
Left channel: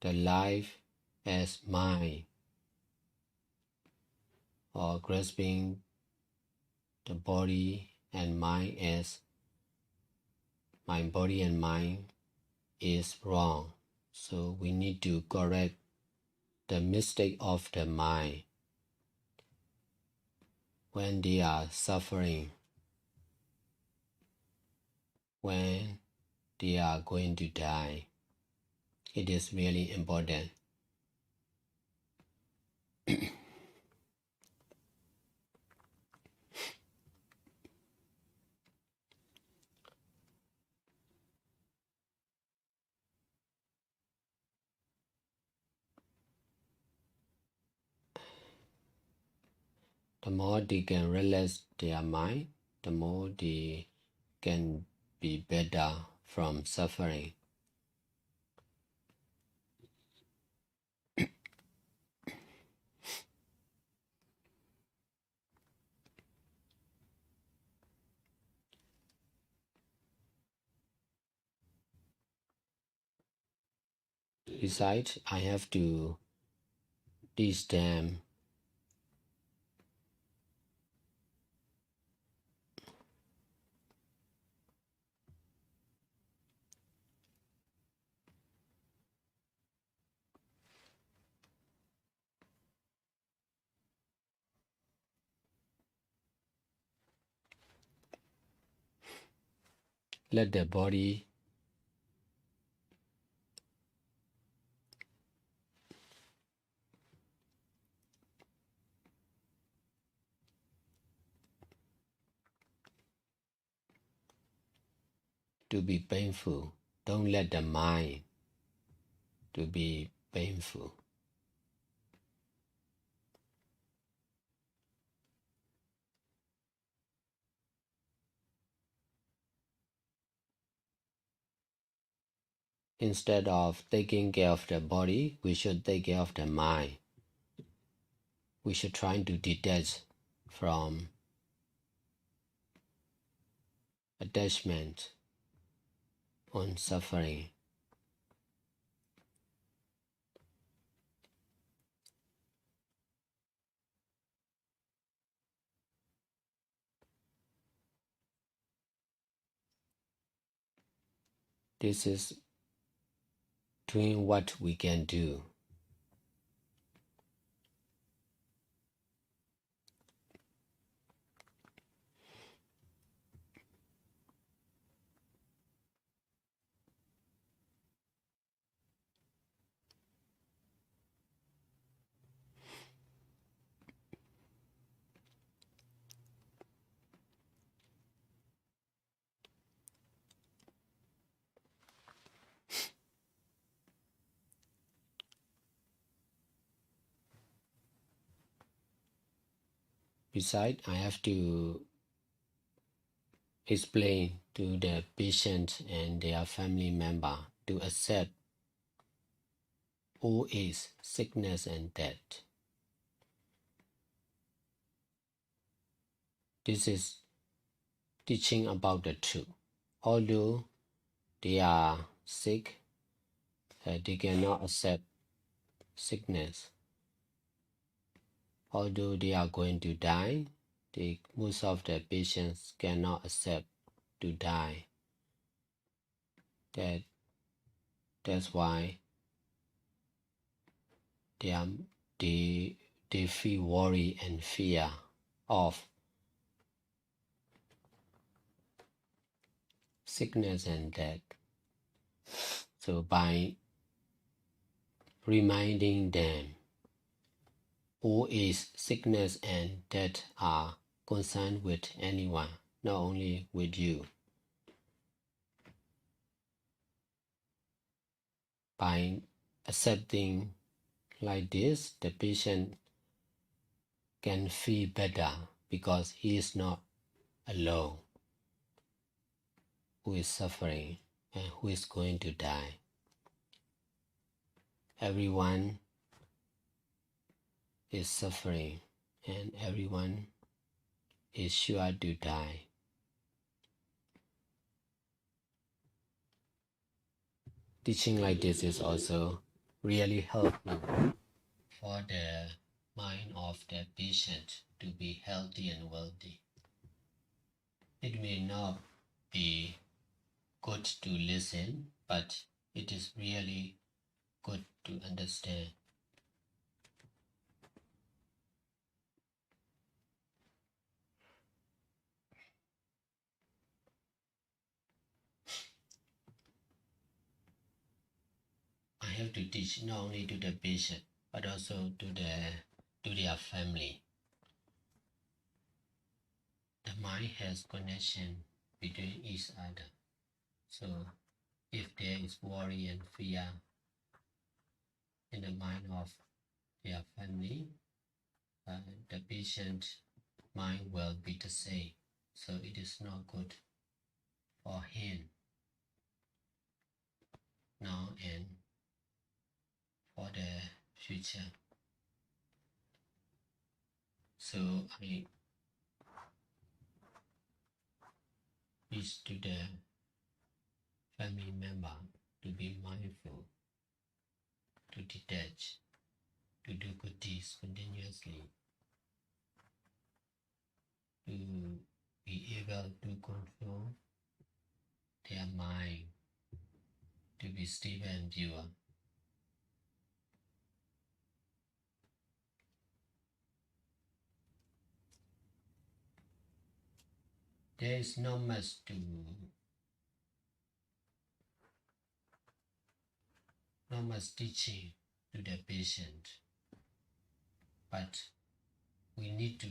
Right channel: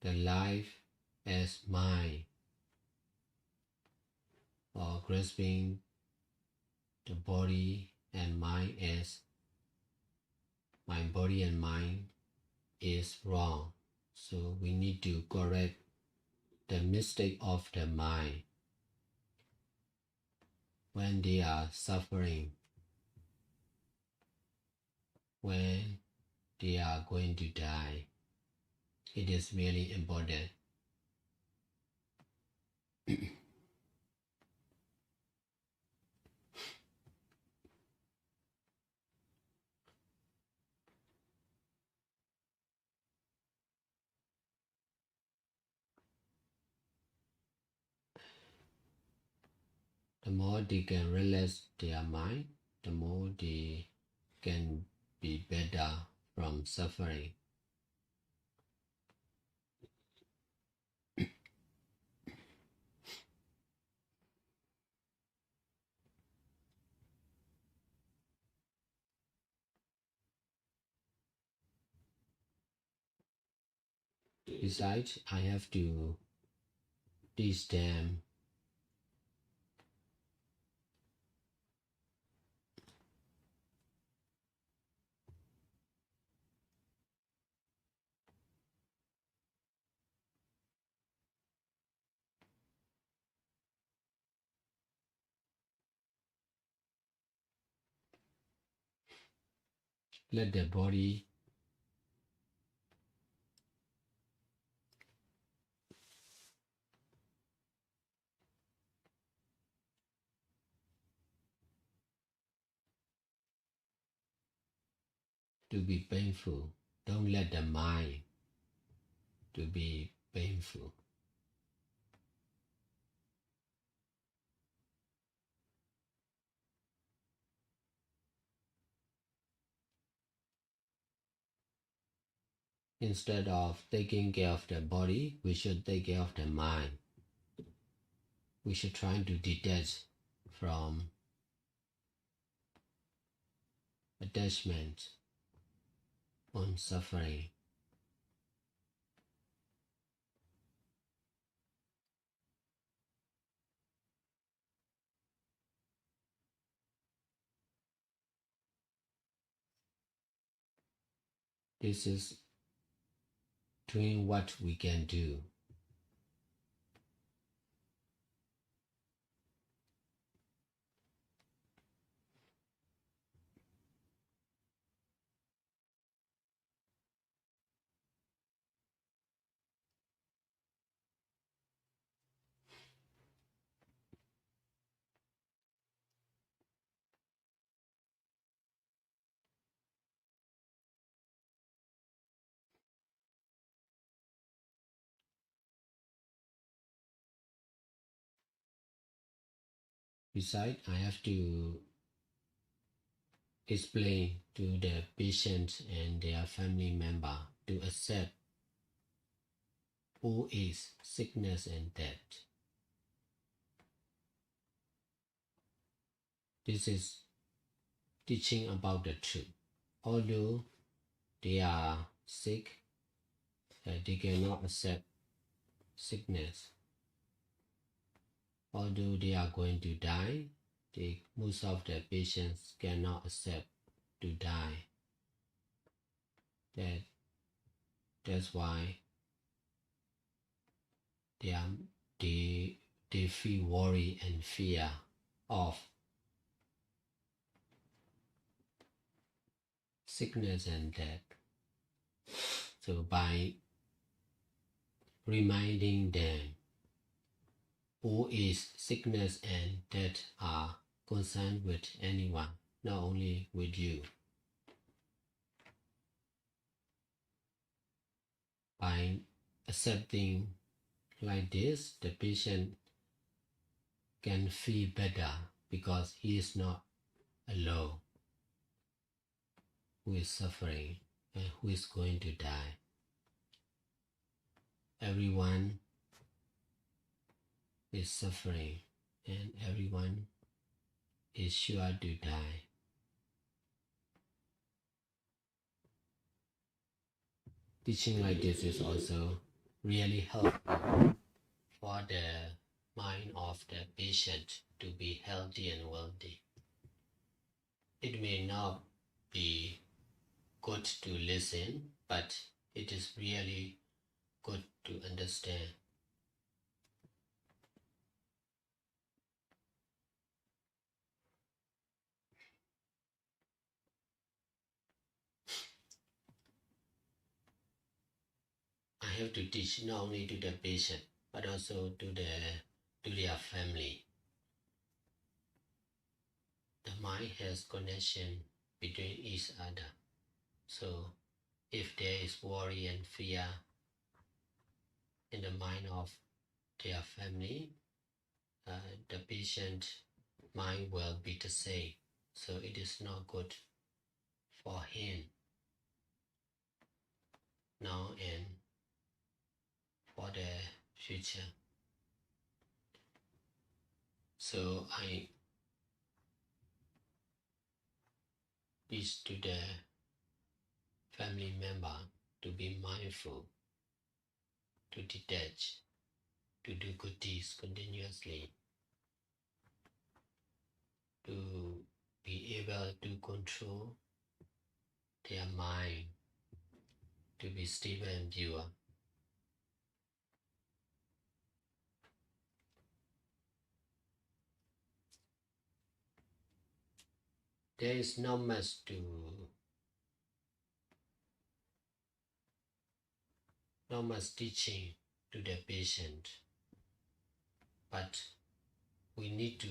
the life as mine or grasping the body and mind as my body and mind is wrong. So we need to correct the mistake of the mind when they are suffering, when they are going to die. It is really important. The more they can relax their mind, the more they can be better from suffering. Besides, I have to teach them let the body to be painful. Don't let the mind to be painful. Instead of taking care of the body, we should take care of the mind. We should try to detach from attachment on suffering. This is doing what we can do. Besides, I have to explain to the patient and their family member to accept old age, sickness and death. This is teaching about the truth. Although they are sick, they cannot accept sickness. Although they are going to die, most of the patients cannot accept to die. That's why they feel worry and fear of sickness and death. So by reminding them, old age, sickness and death are concerned with anyone, not only with you. By accepting like this, the patient can feel better because he is not alone who is suffering and who is going to die. Everyone is suffering and everyone is sure to die. Teaching like this is also really helpful for the mind of the patient to be healthy and wealthy. It may not be good to listen, but it is really good to understand. I have to teach not only to the patient, but also to their family. The mind has connection between each other. So if there is worry and fear in the mind of their family, the patient mind will be the same. So it is not good for him now and for the future. So I teach to the family member to be mindful, to detach, to do good deeds continuously, to be able to control their mind, to be stable and pure. There is not much to not much teaching to the patient, but we need to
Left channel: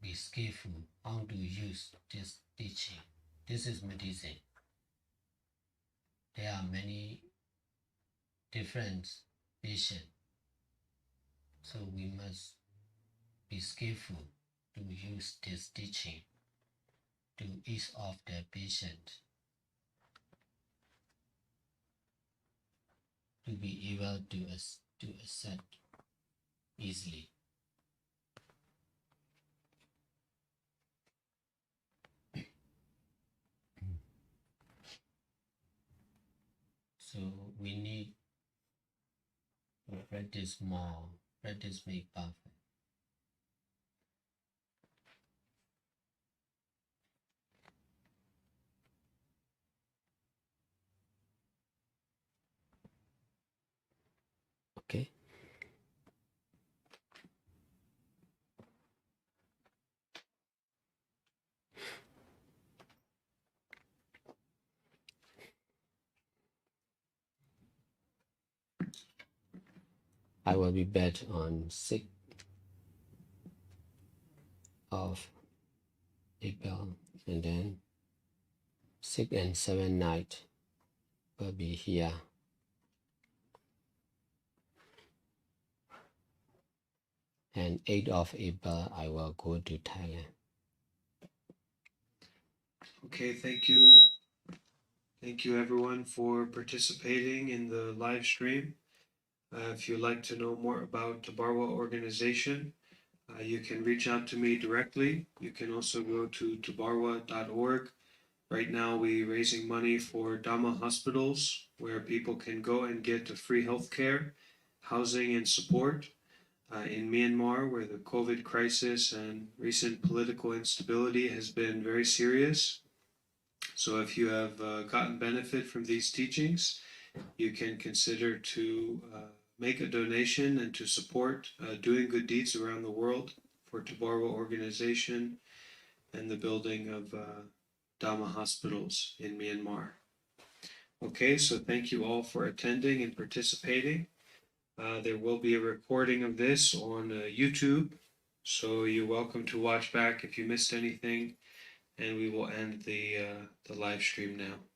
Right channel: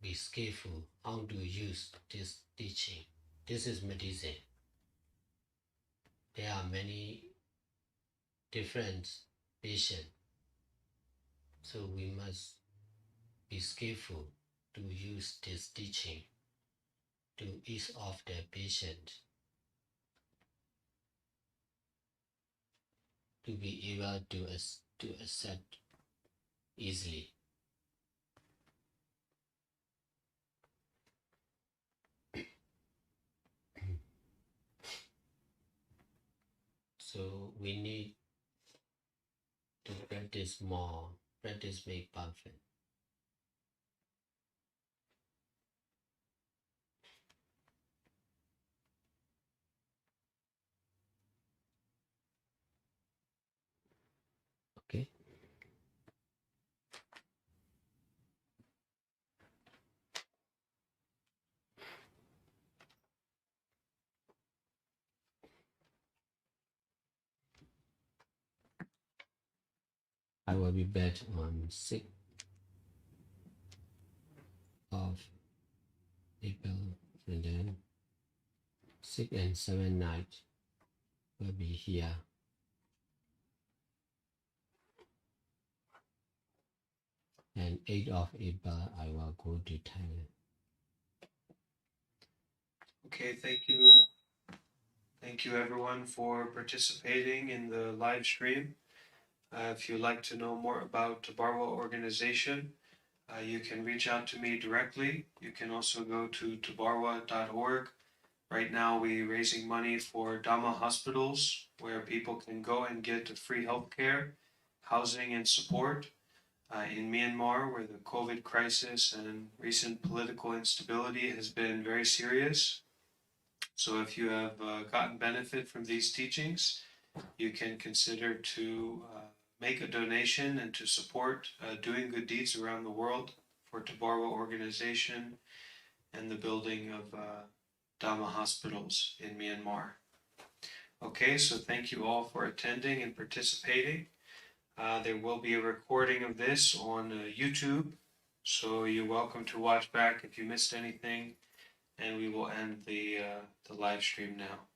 be skillful how to use this teaching. This is medicine. There are many different patients, so we must be skillful to use this teaching to ease off the patient, to be able to accept easily. So we need to practice more. Practice make perfect. Okay. I will be back on 6th of April, and then 6th and 7th night will be here. And 8th of April, I will go to Thailand. Okay, thank you. Thank you everyone for participating in the live stream. If you'd like to know more about the Barwa organization, you can reach out to me directly. You can also go to tabarwa.org. Right now we're raising money for Dhamma hospitals where people can go and get free healthcare, housing and support. In Myanmar, where the COVID crisis and recent political instability has been very serious. So if you have gotten benefit from these teachings, you can consider to make a donation and to support doing good deeds around the world for Tabarwa organization and the building of Dhamma hospitals in Myanmar. Okay, so thank you all for attending and participating. There will be a recording of this on YouTube, so you're welcome to watch back if you missed anything, and we will end the live stream now.